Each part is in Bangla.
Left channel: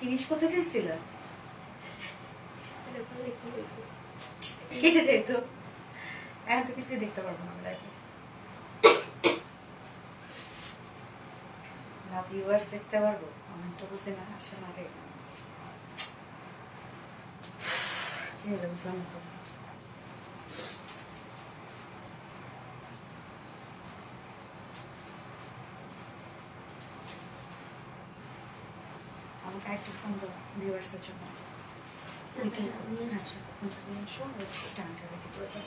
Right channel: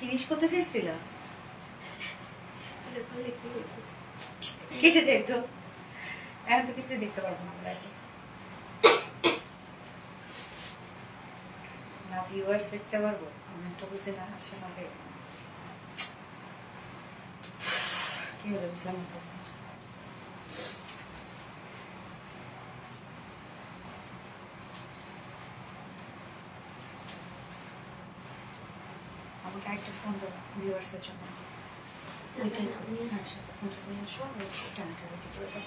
ফিনিশ করতে চাইছিল কেটে যেত এখন তো কিছুই দেখতে পারবো না লাইফে না ভিউয়ার্স দেখতে পারবো কমেন্টটা বুঝে না আসলে আগে কি হলো বুঝলাম তো আমাকে একটা ফোন দাও ভিউয়ার্সের জন্য ফোনটা নিয়ে আসো স্ট্যান্ডটা রেখে করে দাও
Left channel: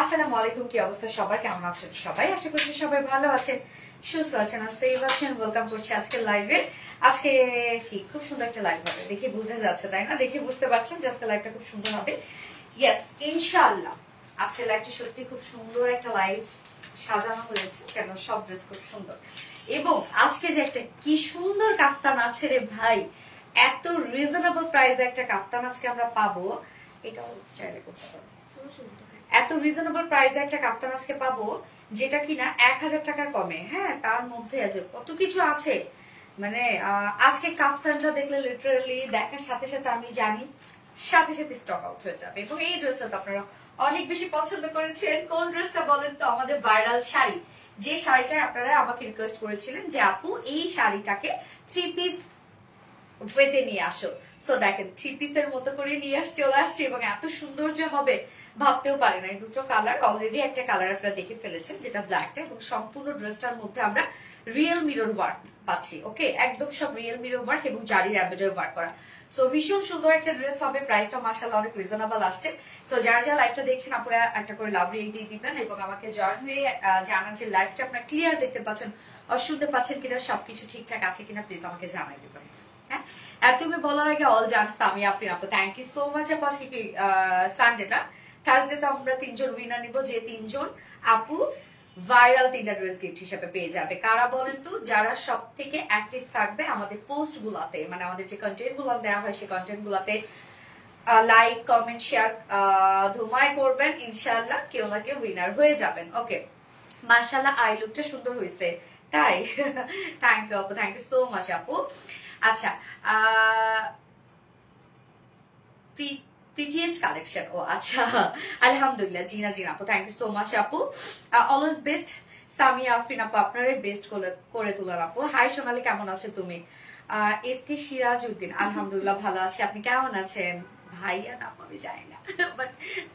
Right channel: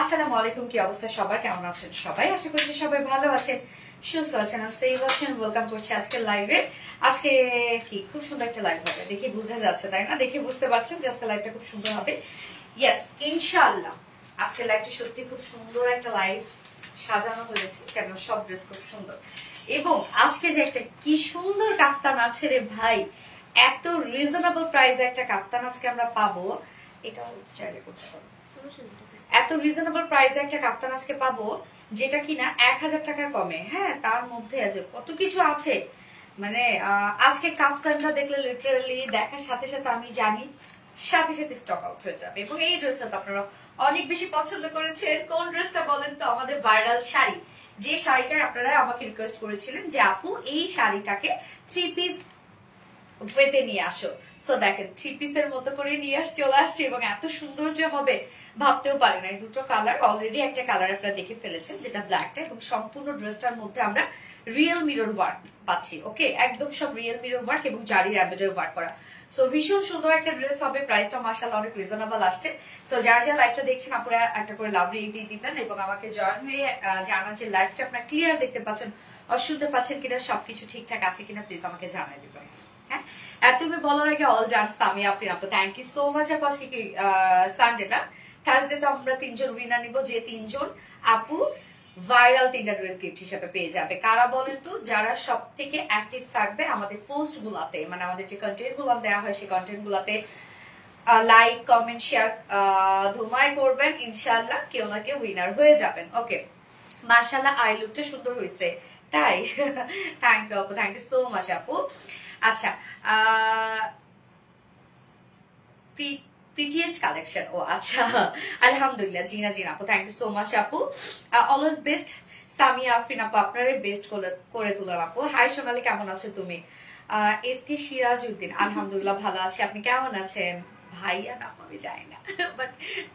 আসসালামু আলাইকুম কি অবস্থা সবার কেমন আছেন সবাই আশা করছি সবাই ভালো আছেন সুস্থ আছেন আর সেফ আছেন ওয়েলকাম করছি আজকে লাইভে আজকে কি খুব সুন্দর একটা লাইভ হবে দেখে বোঝা যাচ্ছে তাই না দেখে বুঝতে পারছেন যে আজকে লাইভটা খুব সুন্দর হবে ইয়েস ইনশাআল্লাহ আজকে লাইভটা সত্যি খুব সুন্দর একটা লাইভ সাজানো হয়েছে কেন সব ড্রেস খুব সুন্দর এবং আজকে যে একটা কি সুন্দর কাফতান আছে রে ভাই এত রিজনেবল প্রাইসে একটা কাফতান আজকে আমরা পাবো এটাও চাইলে করতে পারবো এত রিজনেবল প্রাইসে একটা কাফতান আজকে পাবো যেটা কিনা 1000 টাকার কমে হ্যাঁ তার মধ্যে আছে কত কিছু আছে মানে আজকে কাফতানটা দেখলে লিটারালি দেখার সাথে সাথে আমি জানি সাথে সাথে স্টক আউট হয়ে যাবে এবং এই ড্রেসটা তো আপনারা অনেক বেশি পছন্দ করেছেন কোন ড্রেসটা বলেন তো আমাদের ভাইরাল শাড়ি যে শাড়িটা আপনারা আমাকে রিকোয়েস্ট করেছিলেন যে আপু এই শাড়িটাকে 3 পিস ওয়েতে নিয়ে আসো সো দেখেন 3 পিসের মতো করে নিয়ে চলে আসছে এবং এত সুন্দর যে হবে ভাবতেও পারি না এই দুটো কালার অলরেডি একটা কালার আপনারা দেখে ফেলেছেন যেটা ব্ল্যাকটা এবং সম্পূর্ণ ড্রেসটার মধ্যে আমরা রিয়েল মিরর ওয়ার্ক পাচ্ছি ওকে একদম সব রিয়েল মিরর ওয়ার্ক এবং জারির এমব্রয়ডারি ওয়ার্ক করা সো ভীষণ সুন্দর একটা ড্রেস হবে প্রাইসটা মাশাআল্লাহ অনেক রিজনেবল আসছে সো যারা যারা লাইভটা দেখছেন আপনারা একটা করে লাভ রেট দিয়ে দিবেন এবং আমাকে জয়েন হয়ে জানান যে লাইভটা আপনারা ক্লিয়ার দেখতে পাচ্ছেন আর শুনতে পাচ্ছেন কিনা সবকিছু ঠিকঠাক আছে কিনা প্লিজ আমাকে জানাই দিবেন হ্যাঁ আর তুমি বলার আগে অল ডান সামি আফরিন আপু থ্যাংক ইউ সো মাচ আপু আজকে কি সানডে না থার্সডে তো আমরা 3 জন উইনার নিব যে 3 জন আপু ভাইরাল 3টা ড্রেস গিফট হিসেবে পেয়ে যাবে কারা বলেন তো যারা সব থেকে অ্যাক্টিভ থাকবে আমাদের পোস্ট গুলাতে মানে আমাদের যে কন্টেন্ট গুলো দেওয়া হয় সেই কন্টেন্ট গুলাতে লাইক কমেন্ট শেয়ার ধুমাই করবেন ইনশাআল্লাহ কেউ না কেউ উইনার হয়ে যাবেন ওকে মাশাআল্লাহ আই লুকটা সুন্দর হয়েছে তাই থ্যাংক ইউ আপু থ্যাংক ইউ সো মাচ আপু আচ্ছা prettiest collection ও আচ্ছা আলহামদুলিল্লাহ জিনা জিনা আপু থ্যাংক ইউ সো মাচ আপু অলওয়েজ বেস্ট সামিয়া আফরিন আপু আপনারাই বেস্ট করে তুলেন আপু হাই সোনালি কেমন আছো তুমি এসকে সিরাজউদ্দিন আলহামদুলিল্লাহ ভালো আছি আপনি কেমন আছেন ভাইয়া না আমি জানি না বাট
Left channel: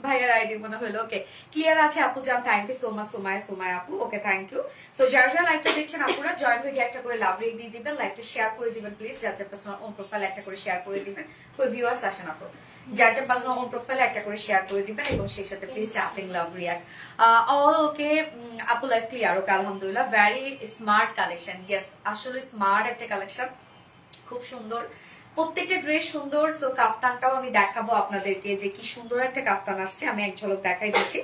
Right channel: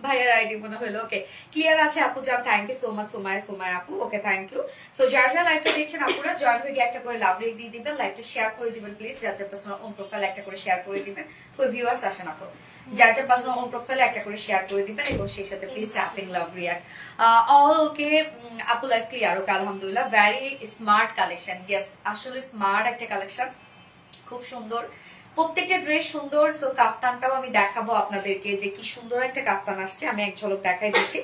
ভাইয়ার আইডি মনে হলো ওকে ক্লিয়ার আছে আপু জান thank you so much Somaya আপু ওকে থ্যাংক ইউ সো যারা যারা লাইভটা দেখছেন আপনারা জয়েন হয়ে একটা করে লাভ রেট দিয়ে দিবেন লাইভটা শেয়ার করে দিবেন প্লিজ যার যার পার্সোনাল ওন প্রোফাইল একটা করে শেয়ার করে দিবেন কোই ভিউয়ার্স আসেন আপু যার যার পার্সোনাল ওন প্রোফাইল একটা করে শেয়ার করে দিবেন এবং সেই সাথে please tapping love react all ওকে আপু লাইভ ক্লিয়ার ওকে আলহামদুলিল্লাহ ভেরি স্মার্ট কালেকশন ইয়েস আসলে স্মার্ট একটা কালেকশন খুব সুন্দর প্রত্যেকটা ড্রেস সুন্দর সো কাফতানটাও আমি দেখাবো আপনাদেরকে যে কি সুন্দর একটা কাফতান আসছে আমি এক ঝলক দেখাই দিচ্ছি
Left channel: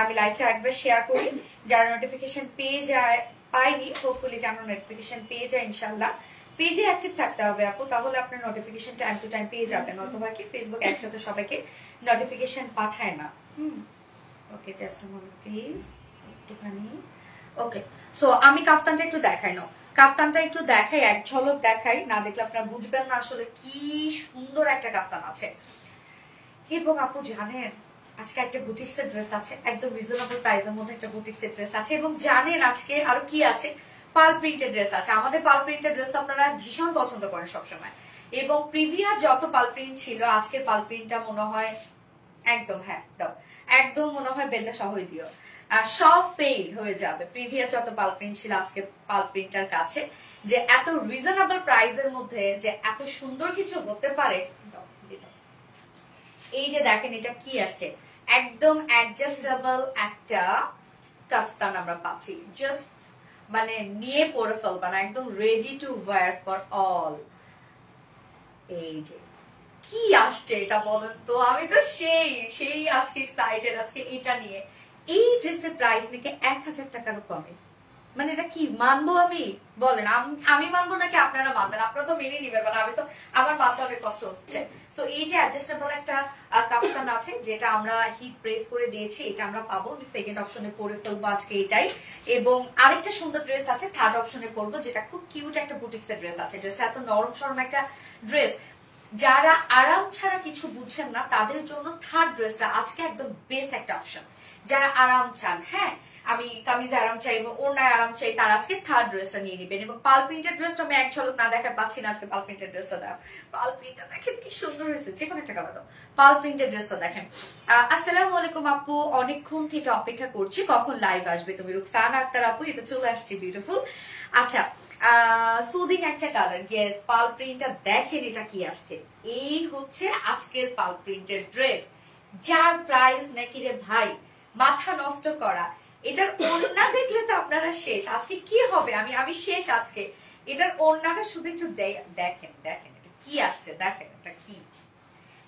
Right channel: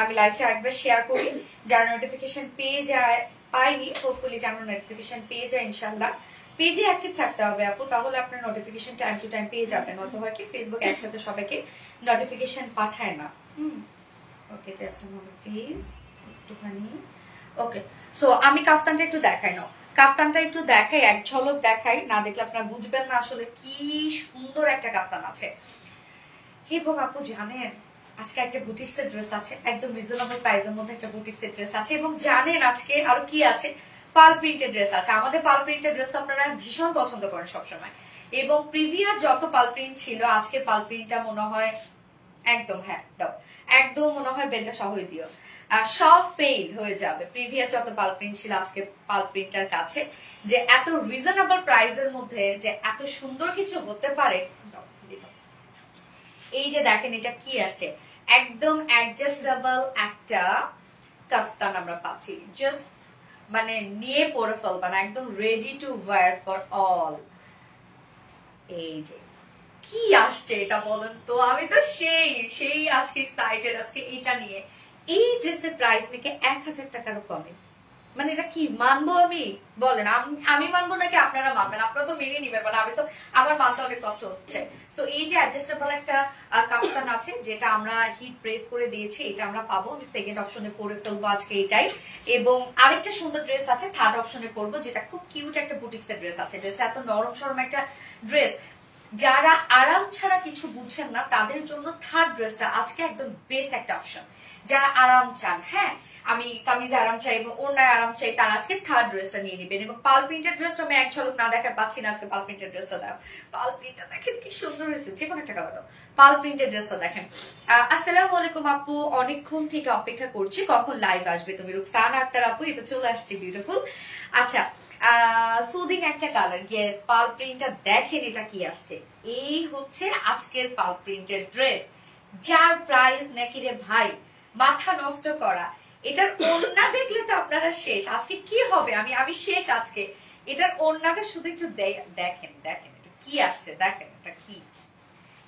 আমি লাইভটা একবার শেয়ার করি যারা নোটিফিকেশন পেয়ে যায় পাইনি হোপফুলি যেন নোটিফিকেশন পেয়ে যায় ইনশাআল্লাহ পেজে অ্যাক্টিভ থাকতে হবে আপু তাহলে আপনার নোটিফিকেশন টাইম টু টাইম পেয়ে যাবেন অথবা কি ফেসবুক একসাথে সবাইকে নোটিফিকেশন পাঠায় না ওকে জাস্ট আ মোমেন্ট প্লিজ একটুখানি ওকে সো আমি কাফতানটা একটু দেখাই নাও কাফতানটা একটু দেখাই এক ঝলক দেখাই না দেখলে আপনারা বুঝবেন না আসলে কি সুন্দর একটা কাফতান আছে এবং আপু জানেন আজকে একটা বুটিক্সের ড্রেস আছে একদম রিজনেবল প্রাইসের মধ্যে একটা বুটিক্সের ড্রেস আছে এবং জানেন আজকে আরো কি আছে পাল প্রিন্টেড ড্রেস আছে আমাদের পাল প্রিন্টেড ড্রেস তো আপনারা ভীষণ পছন্দ করেন সবসময় এবং প্রিভিয়াস যত পাল প্রিন্ট ছিল আজকের পাল প্রিন্টটা মনে হয় একদম হ্যাঁ দাও একদম মনে হয় বেলটা সহই দিও সব ফেল হয়ে যাবে। প্রিভিয়াস যত পাল প্রিন্ট ছিল আজকে পাল প্রিন্টার কাছে যে এত রিজনেবল প্রাইসের মধ্যে যে এত সুন্দর কিছু হতে পারে। এই যে দেখেন এটা কি আসছে, একদম অ্যাডজাস্টেবল একটা কাফতান আমরা পাচ্ছি, জাস্ট মানে নিয়ে পরে ফেলবা না, একদম ready to wire for all. এই যে কি আসছে এটা বলেন তো, আমি তো সেই আজকে এক্সাইটেড আজকে এটা নিয়ে। এই ড্রেসের প্রাইস নাকি 1000 টাকারও কমে, মানে এটা কি মানবো আমি বলেন? আমি মানবো নাকি আপনারা মানবেন? আপনারা তো মেনে নিবেন, মানে আমি তো আমার মানতে অনেক কষ্ট হচ্ছে। তো এই যে অ্যাডজাস্টেবল একটা কাফতান আছে যেটা আমরা হিট প্রেস করে দিয়েছি, এটা আমরা পাবো। আমি সেকেন্ড অপশনে পরে ফেলবো আজকে এটাই। এবং আরেকটা সুন্দর ড্রেস আছে থার্ড অপশনে পরবো, যেটা খুব কিউট একটা বুটিক্স এর ড্রেস আছে। ড্রেসটা এত নরম সরম একটা ড্রেস, যারা আরাম ছাড়া কিছু বুঝছেন না তাদের জন্য থার্ড ড্রেসটা আজকে একদম বেস্ট একটা অপশন। যারা আরাম চান, হ্যাঁ আমি কামিজে আরাম চাই এবং ওড়নায় আরাম চাই, তারা আজকে থার্ড ড্রেসটা নিয়ে নেবেন। এবং পাল প্রিন্টের ড্রেসটা আমি এক ঝলক না দেখা পাচ্ছি না, আজকে পাল প্রিন্টের ড্রেসটা দাও। পাল প্রিন্টটা দেখেন কি সুন্দর হয়েছে, যে কোনো একটা কালার দাও। পাল প্রিন্টের ড্রেসটা দেখেন। আসসালামু আলাইকুম আপু, অনেকক্ষণ থেকে অপেক্ষা করছি কখন লাইভ আসবে তুমি। রুকসানা আক্তার আপু, এটা চলে আসছে, বিউটিফুল। আচ্ছা সুদিং একটা কালার, ইয়েস পাল প্রিন্টটা দেখেন এটা কি আসছে। এই হচ্ছে আজকের পাল প্রিন্টের ড্রেস, যার প্রাইস নাকি রে ভাই মাথা নষ্ট করা। এটার ওড়না দেখলে তো আপনারা শেষ, আজকে কি হবে আমি শেষ আজকে। এটার ওড়নাটা শুধু একটু দেখেন দেখেন এটা কি আসছে, দেখেন এটা কি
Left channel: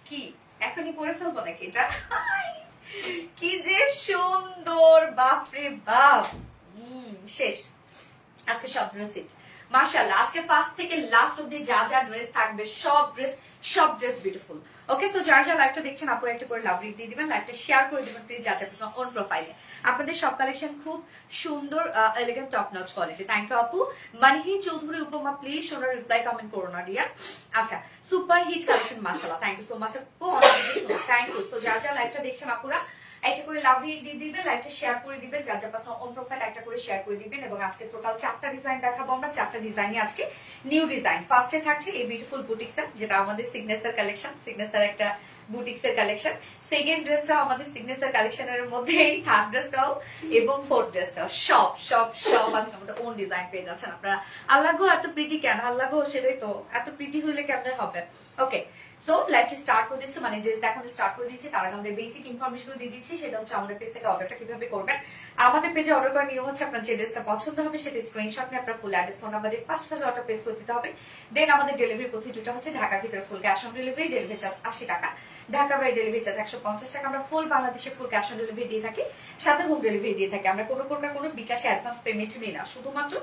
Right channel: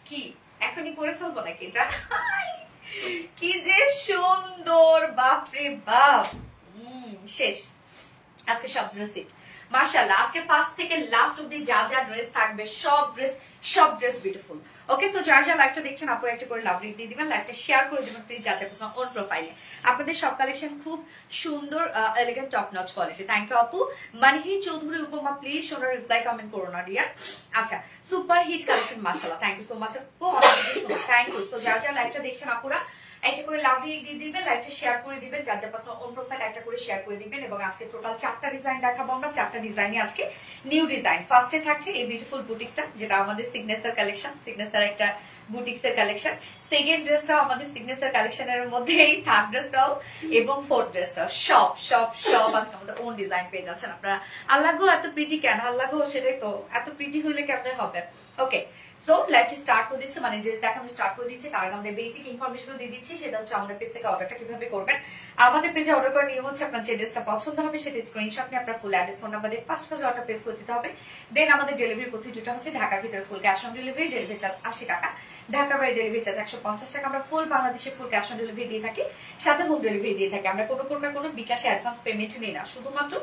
কি এখনই করে ফেলবো নাকি এটা? কি যে সুন্দর, বাপরে বাপ। শেষ আজকে সব ড্রেস হিট মাশাআল্লাহ। আজকে ফার্স্ট থেকে লাস্ট অবধি যা যা ড্রেস থাকবে সব ড্রেস বিউটিফুল। ওকে, সো যারা যারা লাইভটা দেখছেন আপনারা একটা করে লাভ রেট দিয়ে দিবেন, লাইভটা শেয়ার করে দিবেন প্লিজ, যা যা পছন্দ অন প্রোফাইলে। আপনাদের সব কালেকশন খুব সুন্দর, elegant, top notch quality. Thank you আপু। মানহি চৌধুরী উপমা, প্লিজ সোনার রিপ্লাই কমেন্ট করো না ডিয়ার। আচ্ছা, সুপার হিট কালেকশন মাশাআল্লাহ, থ্যাংক ইউ সো মাচ আপু, অনেক সুন্দর, থ্যাংক ইউ। সো যারা যারা লাইভটা দেখছেন আপুরা একটা করে লাভ রেট দিয়ে দিবেন, লাইভটা শেয়ার করে দিবেন, যা যা পছন্দ অন প্রোফাইল একটা করে শেয়ার করে দিবেন। এবং আজকে টোটাল 4টা ডিজাইন দেখাবো আমরা, 4টা ডিজাইনই আজকে নিউ ডিজাইন। ফার্স্টে থাকছে এই বিউটিফুল বুটিক্সটা, যেটা আমাদের সিগনেচার কালেকশন, সিগনেচার একটা বুটিক্সের কালেকশন। সেকেন্ড ড্রেসটাও আমাদের সিগনেচার কালেকশনের মধ্যেই, থার্ড ড্রেসটাও এবং ফোর্থ ড্রেসটাও সব সব সব আজকে আমাদের ওন ডিজাইন পেয়ে যাচ্ছেন আপনারা। আল্লাহ গো এত প্রিটি কেন, আল্লাহ গো সেটাই তো, এত প্রিটি হইলে কেমন হবে। ওকে, সো লাইভটি স্টার্ট করে দিচ্ছি, মানে ড্রেস দেখানো স্টার্ট করে দিচ্ছি। তার আগে আমাদের বেসিক ইনফরমেশন দিয়ে দিচ্ছি, সেটা হচ্ছে আমাদের পেজ থেকে অর্ডারটা কিভাবে করবেন। আমাদের পেজে অর্ডার করার নিয়ম হচ্ছে আপনার যে ড্রেসটা পছন্দ হবে সেটা স্ক্রিনশট নিয়ে আপনার ফুল অ্যাড্রেস ফোন নাম্বার দিয়ে ফার্স্ট অর্ডার প্লেস করে দিতে হবে। দেন আমাদের ডেলিভারি প্রসিডিউরটা হচ্ছে ঢাকার ভিতরে full cash on delivery, delivery charge 80 টাকা, ঢাকা বাইরে ডেলিভারি চার্জ 150 টাকা। আমরা ফুল বাংলাদেশে ফুল ক্যাশ অন ডেলিভারি দিয়ে থাকি, সাথে হোম ডেলিভারি দিয়ে থাকি। আমরা কোনো প্রকার কোনো বিকাশে অ্যাডভান্স পেমেন্ট নিই না, শুধুমাত্র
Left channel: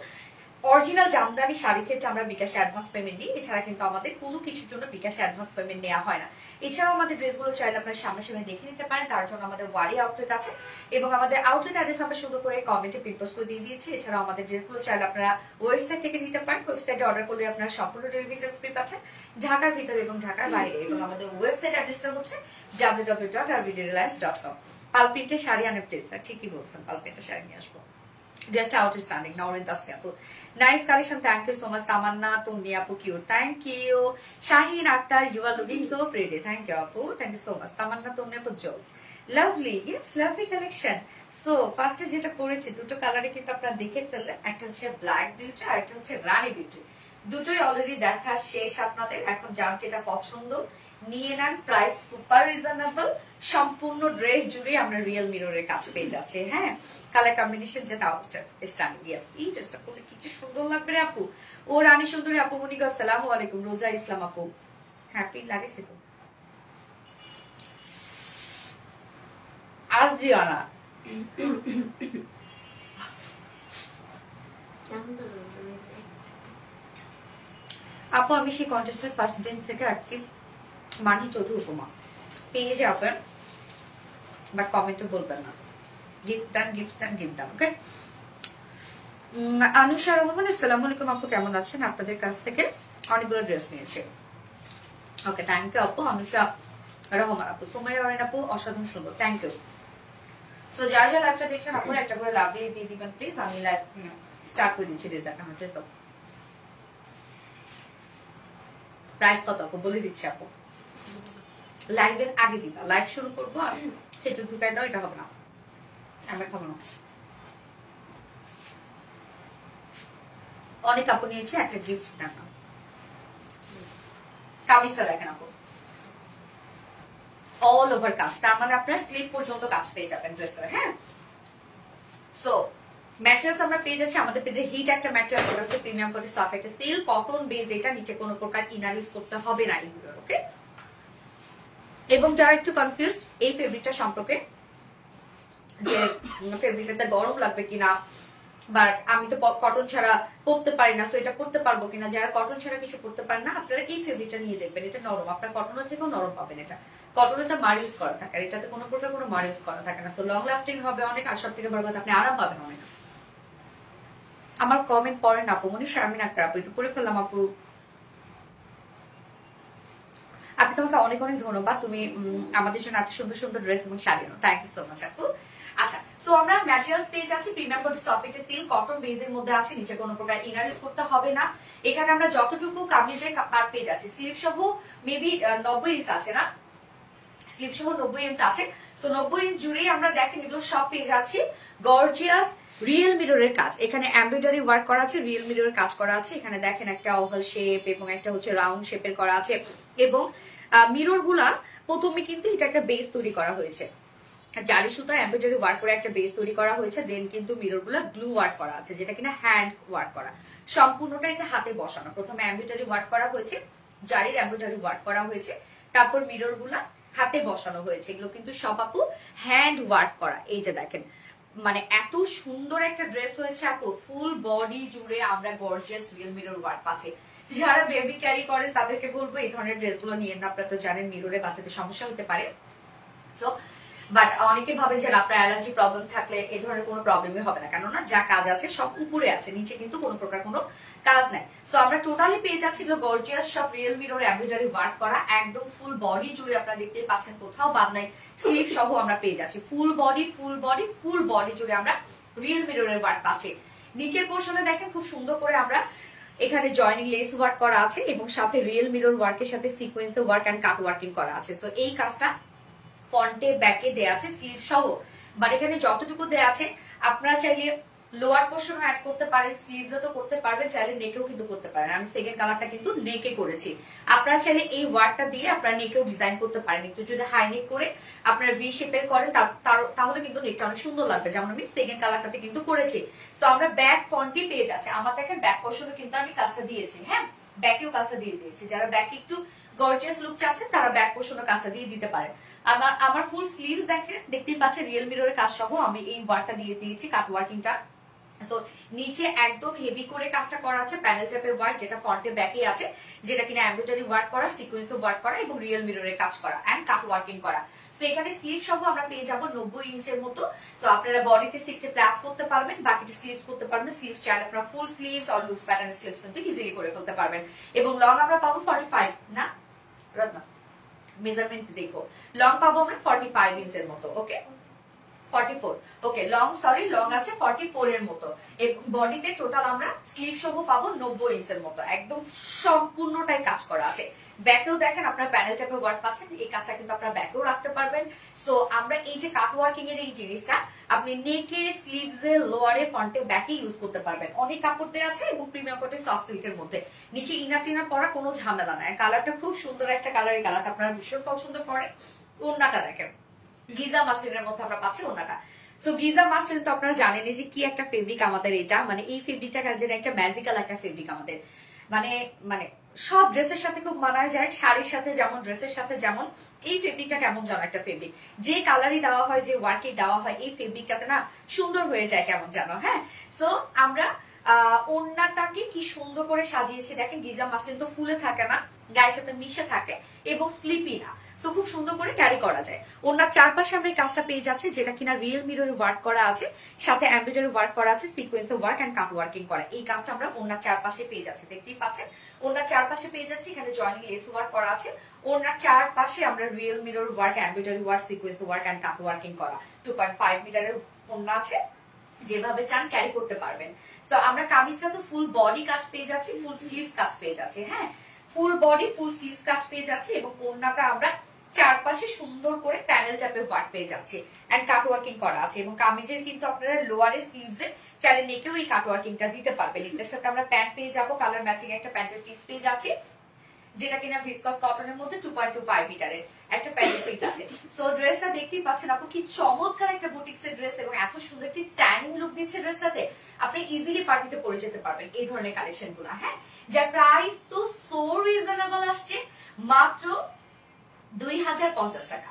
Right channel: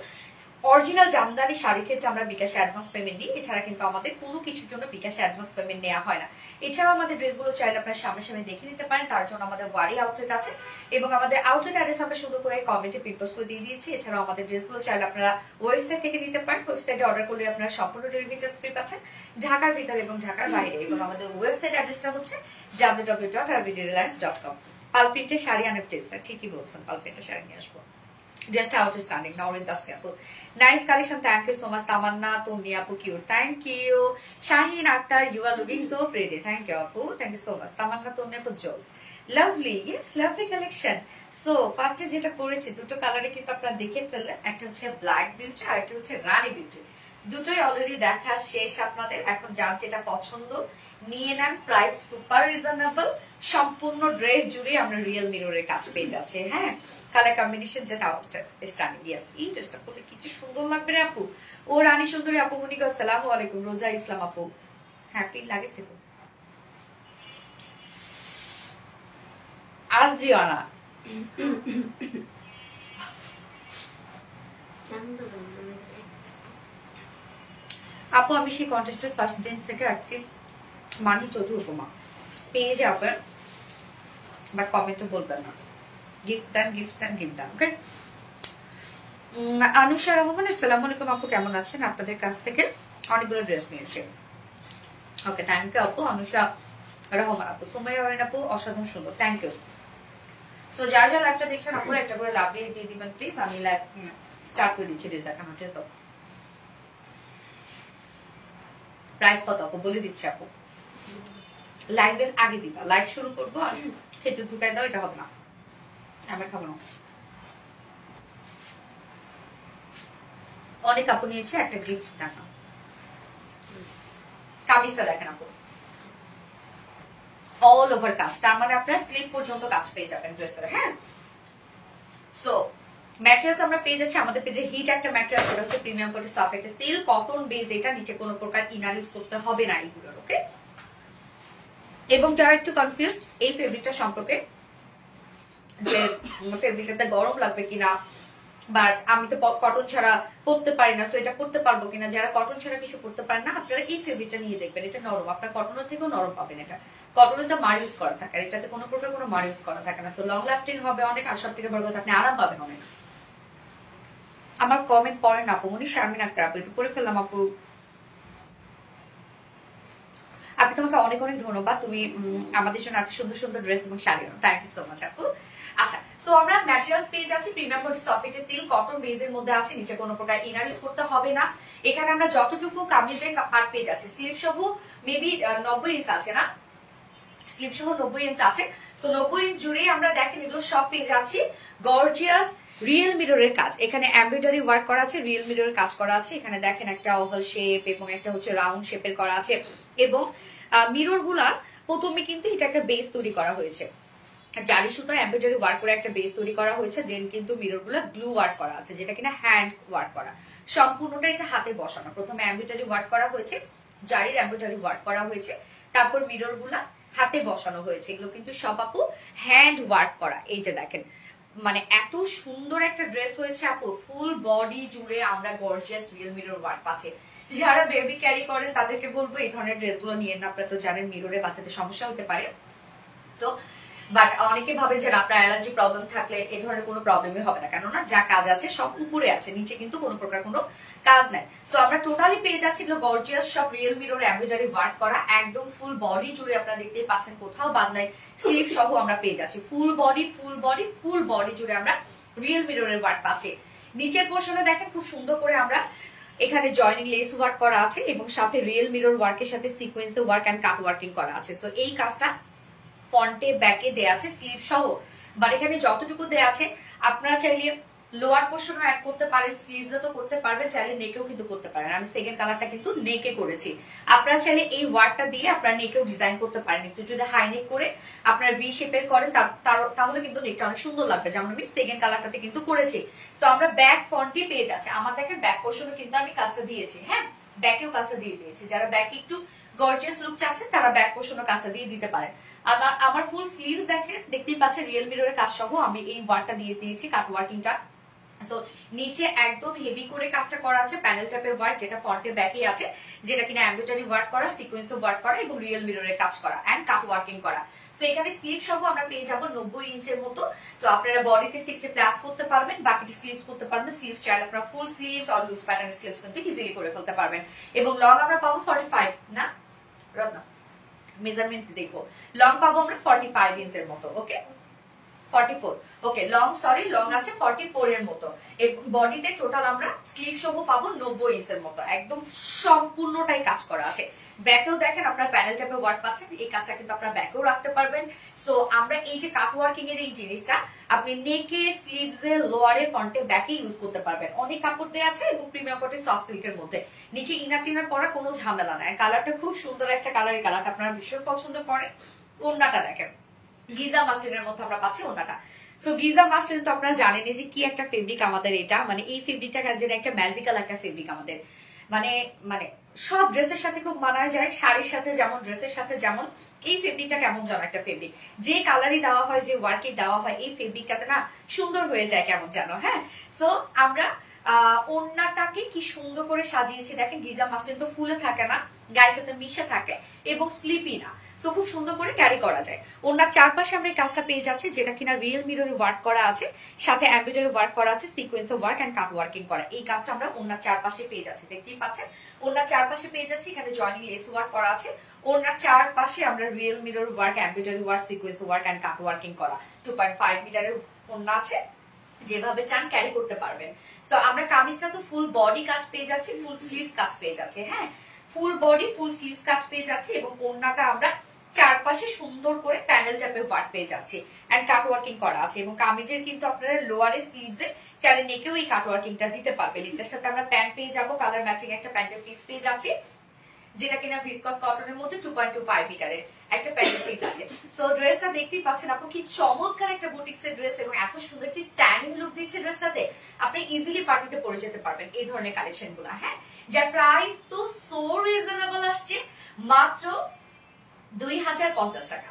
অরিজিনাল জামদানি শাড়ির ক্ষেত্রে আমরা বিকাশে অ্যাডভান্স পেমেন্ট দিই, এছাড়া কিন্তু আমাদের কোনো কিছুর জন্য বিকাশে অ্যাডভান্স পেমেন্ট নেওয়া হয় না। এছাড়াও আমাদের ড্রেসগুলো চাইলে আপনারা সামনে দেখে নিতে পারেন, তার জন্য আমাদের ওয়ারি আউটলেট আছে এবং আমাদের আউটলেট অ্যাড্রেস আমরা সুন্দর করে কমেন্টে পিন পোস্ট করে দিয়ে দিয়েছি। এছাড়াও আমাদের ড্রেসগুলো চাইলে আপনারা ওয়েবসাইট থেকে নিতে পারেন, ওয়েবসাইটে অর্ডার করলে আপনারা সম্পূর্ণ ডেলিভারি চার্জ ফ্রি পাচ্ছেন ঢাকার ভিতরে এবং ঢাকার বাইরে। এবং আমাদের ওয়েবসাইট অ্যাড্রেসটা হচ্ছে www.rvdreliance.com। পালপিন্টের শাড়ি অনেক টেস্ট, ঠিকই বলছেন, পালপিন্টের শাড়ি নিয়ে আসবো। Just outstanding. Naurin Daske apu. Nice collection. Thank you so much. Tamanna Tumni apu, cute. Thank you. Shaheen Akhtar, you are looking so pretty. Thank you apu. Thank you so much. Tamanna Tumni apu, Jose. Lovely. Yes, lovely collection. So first is যেটা পরেছি দুটো কালারে কিন্তু আপনারা দেখে ফেললেন, একটা হচ্ছে ব্ল্যাক বিউটি আর একটা হচ্ছে রানী বিউটি। দুটোই অলরেডি দেখা শেষ আপনাদের। এখন যার যেটা পছন্দ নিয়ে নেন, প্রাইস সুপার রিজনেবল, সম্পূর্ণ ড্রেস জুড়ে আমরা রিয়েল মিররের কাজ পেয়ে যাচ্ছে। হ্যাঁ, কালার কম্বিনেশন যেটা আউটস্ট্যান্ডিং। ইয়েস, এই ড্রেসটা পরলে কিছু সুন্দর লাগবে রে আপু। ও রানী সুন্দরী আপু মনিক, আসসালামু আলাইকুম। রোজা ইসলাম আপু, হ্যাপি লাগেছে তো। আর জিয়ানা আপু, আমি সেই কন্টেস্টের ফার্স্ট দিন থেকে অ্যাক্টিভ। মানহি চৌধুরী উপমা পেয়ে যাবেন, বাট কমেন্টে বলবেন না। গিফট দেন, গিফট দেন, গিফট দেন। ওকে, আনুষা রহমান, আসসালামু আলাইকুম আপু, কেমন আছেন? আপনাদের কাছ থেকে অনেকগুলো ড্রেস নিয়েছে। ওকে, থ্যাংক ইউ আপু। আনুষা রহমান আপু, সুমাইয়া রায়ন আপু, অসাধারণ সুন্দর, থ্যাংক ইউ। সো যারা যারা লাইভটা দেখছেন আপনারা একটা করে লাভ দিয়ে দিবেন প্লিজ। আমি লাইভ স্টার্ট করে দিচ্ছি ড্রেস দেখানো। ড্রেস তো প্রাইস কত আপু বলে দিচ্ছি আপু, লাইভের আগে দিবা, লাইভ শুরু করবো আর সেটা ঢুকাই দাও, এটা হবে না। আমরা খাবো না। অনেক আপু নিয়েছে, একটা গিফট দেখা। কামিজটা দেখেন আপু, অল ওভার কাজ, তার মানে আপনার স্লিপ পর্যন্ত কাজ পেয়ে যাবেন ড্রেসের। হ্যাঁ, সো ম্যাটেরিয়ালস আমরা পেয়ে যাচ্ছি আমাদের পেজে। হিট একটা ম্যাটেরিয়াল, সেটা হচ্ছে প্রিমিয়াম কোয়ালিটি সফট একটা সিল্ক কটন বেস। এটা নিচে কোনো প্রকার ইনার ইউজ করতে হবে না এগুলোর। ওকে, এবং যারা একটু কনফিউজ এই ফেব্রিকটা সম্পর্কে, যে ফেব্রিকটা গরম লাগবে কিনা, বাট আমি তো কটন ছাড়া পরতে পারি না, সো এটা পরতে পারবো কিনা, যারা কটন ছাড়া কিছু পরতে পারেন না, আপনারা এই ফেব্রিকটা নিয়ে দেখবেন। এটা নরম, আপনার কটনের থেকেও নরম পাবেন। এটা কটনের তো মার ইউজ করা থাকে, আর এটাতে কোনো প্রকার কোনো মার ইউজ করা থাকে না, সো লং লাস্টিং হবে অনেক, আর সব থেকে বড় কথা আপনি আরাম পাবেন অনেক। আমার কমেন্ট পড়েন আপু, মনি শারমিন আক্তার আপু, এটা পড়ে ফেললাম আপু। আপনি তোমাকে অনেক অনেক ধন্যবাদ, তুমি আমাদের জন্য এত সুন্দর সুন্দর ড্রেস এবং sari. Thank you so much আপু। আচ্ছা, সো আমরা ম্যাটেরিয়ালস পেয়ে যাচ্ছি premium quality soft silk cotton বেজের মধ্যে আছে, নিচে কোনো প্রকার ইনার ইউজ করতে হবে না। এখানে আমরা যতটুকু কামিজের পার্ট পেয়ে যাচ্ছি, স্লিভ সহ মেবি 90 ইঞ্চ আছে না, স্লিভ সহ 90 ইঞ্চ আছে। সো 90 ইঞ্চ জুড়ে আমরা দেখেন এগুলো সব পেয়ে যাচ্ছি গর্জিয়াস রিয়েল মিররের কাজ। এখানে এমব্রয়ডারি ওয়ার্ক করা আছে, রিয়েল মিররের কাজ করা আছে। এখানে দেখেন একটা ওভাল শেপ এবং একটা হচ্ছে রাউন্ড শেপের করা আছে, এবং মিরর গুলা প্রথমে কিন্তু এটা একটা বেস তৈরি করা হয়েছে, জারি সুতা এমব্রয়ডারি ওয়ার্ক করে একটা বেস তৈরি করা হয়েছে। দেন কিন্তু মিরর গুলা গ্লু ওয়ার্ক করা আছে, যেটা কিনা হ্যান্ড ওয়ার্ক করা, সম্পূর্ণটা এটা হাতে বসানো। প্রথমে এমব্রয়ডারি ওয়ার্ক করা হয়েছে, জারির এমব্রয়ডারি ওয়ার্ক করা হয়েছে, তারপর মিরর গুলা হাতে বসানো হয়েছে। এগুলো কিন্তু সব আপু হ্যান্ড ওয়ার্ক করা। এই যে দেখেন, মানে এত সুন্দর একটা ড্রেস হয়েছে আপু, ফুল বডি জুড়ে আমরা গর্জিয়াস রিয়েল মিরর ওয়ার্ক পাচ্ছি। যারা বেবি ক্যারি করেন তাদেরকে বলবো এই ধরনের ড্রেসগুলো নিয়ে না, আপনারা তো জানেন মিররে বাচ্চাদের সমস্যা হতে পারে। সো বাট অনেকে ভাবেন যে আপনার অ্যালার্জি প্রবলেম থাকলে এই ধরনের কোনো প্রবলেমই হবে না, কেননা যা কাজ আছে সব উপরে আছে, নিচে কিন্তু কোনো প্রকার কোনো কাজ নাই। সো আমরা টোটালি পেয়ে যাচ্ছি গর্জিয়াস সব রিয়েল মিরর এমব্রয়ডারি ওয়ার্ক করা, একদম ফুল বডি জুড়ে আপনারা দেখতেই পাচ্ছেন, কোথাও বাদ নাই। স্লিভ সহ আমরা পেয়ে যাচ্ছি ফুল বডি জুড়ে আমরা রিয়েল মিররের ওয়ার্ক পাচ্ছি। নিচের পোর্শনে দেখেন খুব সুন্দর করে আমরা এখানে জয়নিং লেস ওয়ার্ক করা আছে, এবং সাথে রিয়েল মিরর ওয়ার্কের সাথে sequence work and cut working করা আছে। তো এই কাজটা ফ্রন্টে ব্যাকে দেয়া আছে স্লিভ সহ, বাট এখানে যতটুকু দেয়া আছে আপনারা চাইলে লোয়ার পোর্শনও অ্যাড করতে পারেন, স্লিভসও তো করতে পারবেন, চাইলে নেকেও কিন্তু করতে পারেন। আমি সেকেন্ড কালারটা কিন্তু নেকে করেছি, আপনারা চাইলে এই ওয়ার্কটা দিয়ে আপনারা নেকেও ডিজাইন করতে পারেন। একটু যদি হাই নেক করে আপনারা ভি শেপের করেন তাহলে কিন্তু নেকটা অনেক সুন্দর লাগবে, যেমন আমি সেকেন্ড কালারটাতে কিন্তু করেছি। সো আমরা ব্যাক ফ্রন্টে পেয়ে যাচ্ছি। আমার দেখেন ব্যাক পোর্শনে কিন্তু আমি কাজটা দিয়েছি, হ্যাঁ ব্যাকেও কাজটা দিয়ে দিয়েছি। যারা ব্যাক একটু গর্জিয়াস লুক চাচ্ছেন তারা ব্যাক পোর্শনে কাজটা দিয়ে দিতে পারেন। আমার ফুল স্লিভস দেখেন, দেখতেই পাচ্ছেন রিয়েল মিররের কাজ সহ আমি এই ওয়ার্কটা দিয়ে দিয়েছি, কাট ওয়ার্কিংটা। তো নিচে একদম হেভি করে কাজটা করা আছে, প্যানেল টাইপের ওয়ার্ক, যেটা ফ্রন্টে ব্যাকে আছে, যেটা কিনা এমব্রয়ডারি ওয়ার্ক করা, সিকোয়েন্স ওয়ার্ক করা এবং রিয়েল মিররের কাজ করা এন্ড কাট ওয়ার্কিং করা। তো এখানে স্লিভ সহ আমরা পেয়ে যাবো 90 ইঞ্চের মতো। তো আপনারা বডিতে 60 প্লাস করতে পারবেন, বাকিটি স্লিভস করতে পারবেন। স্লিভস চাইলে আপনারা ফুল স্লিভস আর লুজ প্যাটার্ন স্লিভস কিন্তু ইজিলি করে ফেলতে পারবেন। এবং লং আমরা পাবো 45 না রত্না, মেজারমেন্ট দেখো, লং পাবো আমরা 45 ইঞ্চের মতো। ওকে 44, ওকে লং লং আছে 44 এর মতো। বডিতে টোটাল আমরা স্লিভ সহ পাবো 90 ইঞ্চের মতো, একদম সম্পূর্ণটাই কাজ করা আছে। ব্যাকেও দেখেন আপনার প্যানেল টাইপের ওয়ার্ক পাচ্ছেন, এই কাজটা কিন্তু আপনারা ব্যাকেও রাখতে পারবেন। সো আমরা এই যে কাট ওয়ার্কিং এর এই জিনিসটা আপনি নেকে, স্লিভসে, লোয়ারে, ফ্রন্টে, ব্যাকে ইউজ করতে পারবেন। অনেক কাপড় দেওয়া আছে এবং প্রিমিয়াম কোয়ালিটি সফট সিল্কের মধ্যে, নিচে ইনার টিনার পরা কোনো ঝামেলা নাই। কালারটা খুব সুন্দর একটা কালার, এই কালারটা আপনারা ভীষণ পছন্দ করেন। ওড়নাটা দেখেন গিজা মাসলিনের মধ্যে আমরা পাচ্ছি ওড়নাটা। সো গিজা মাসলিন তো আপনারা জানেন যে কি একটা ফেব্রিক আমাদের এটা, মানে এই ফেব্রিকটা যেন একটা ম্যাজিক্যাল একটা ফেব্রিক আমাদের, মানে মানে সব ড্রেসের সাথে খুব মানায় যায়, শাড়ির সাথে যেমন, ড্রেসের সাথে যেমন। এই ফেব্রিকটা কেমন যেন একটা ফেব্রিক, যে কালারই দেওয়া হয়, যে ওয়ার্কে দেওয়া হয়, এই ফেব্রিকটাতে না সুন্দর হয়ে যায় কেমন যেন। হ্যাঁ, সো আমরা ওড়নাটাকে কি সুন্দর করে সাজিয়েছি দেখেন। গিজা মাসলিন তো ফুলে থাকে না, গায়ের সাথে মিশে থাকে এবং স্লিপি না, তো খুব সুন্দর করে ক্যারি করা যায়। ওনার চারপাশে আমরা এই কাজটা পেয়ে যাচ্ছি, যেটা কিনা রিয়েল মিরর ওয়ার্ক করা আছে, সাথে এমব্রয়ডারি ওয়ার্ক করা আছে, sequence work and cut working করা। এই কাজটা আমরা ওনার চারপাশে পেয়ে যাচ্ছি, দেখতেই পাচ্ছেন ওনার চারপাশে পেয়ে যাচ্ছি। এখানে জয়নিং লেস ওয়ার্ক করা আছে, ওনার চারপাশে আমরা real mirror work, embroidery work, sequence work and cut working করা। 2.5 মিটারের ওড়না আছে, যেভাবে চান ক্যারি করতে পারবেন। তো আমরা কামিজটা তো ফুল বডি কাজ পেয়ে যাচ্ছি, ফুল স্লিভস কাজ পেয়ে যাচ্ছি। হ্যাঁ, ফুল বডি ফুল স্লিভস কাজ পেয়ে যাচ্ছি, এবং ওড়নাটা আমরা চারপাশে সুন্দর করে প্যানেল টাইপের ওয়ার্ক পেয়ে যাচ্ছে এন্ড কাট ওয়ার্কিং করা আছে এবং কামিজের কিন্তু আপনারা লোয়ারে স্লিভসে চাইলে নেকেও এই কাট ওয়ার্কিংটা দিতে পারবেন। এটার সাথে আমরা প্যান্ট পেয়ে যাবো, কালার ম্যাচিং একটা প্যান্টের পিস পেয়ে যাচ্ছি, যেটা কিনা ভিসকস কটনের মধ্যে 2.25 মিটারের একটা প্যান্টের পিস আছে। সো ড্রেসটা দেখতেই পাচ্ছেন আপু কি চমৎকার একটা বুটিক্সের ড্রেস এবং এত সুন্দর একটি স্ট্যান্ডিং লুক দিচ্ছে ড্রেসটাতে। আপনি ইজিলি পার্টিতে পরে যেতে পারবেন এই ধরনের কালেকশন গুলো। হ্যাঁ, যার প্রাইস তো সো রিজনেবল আসছে, মাত্র 2050 টাকা,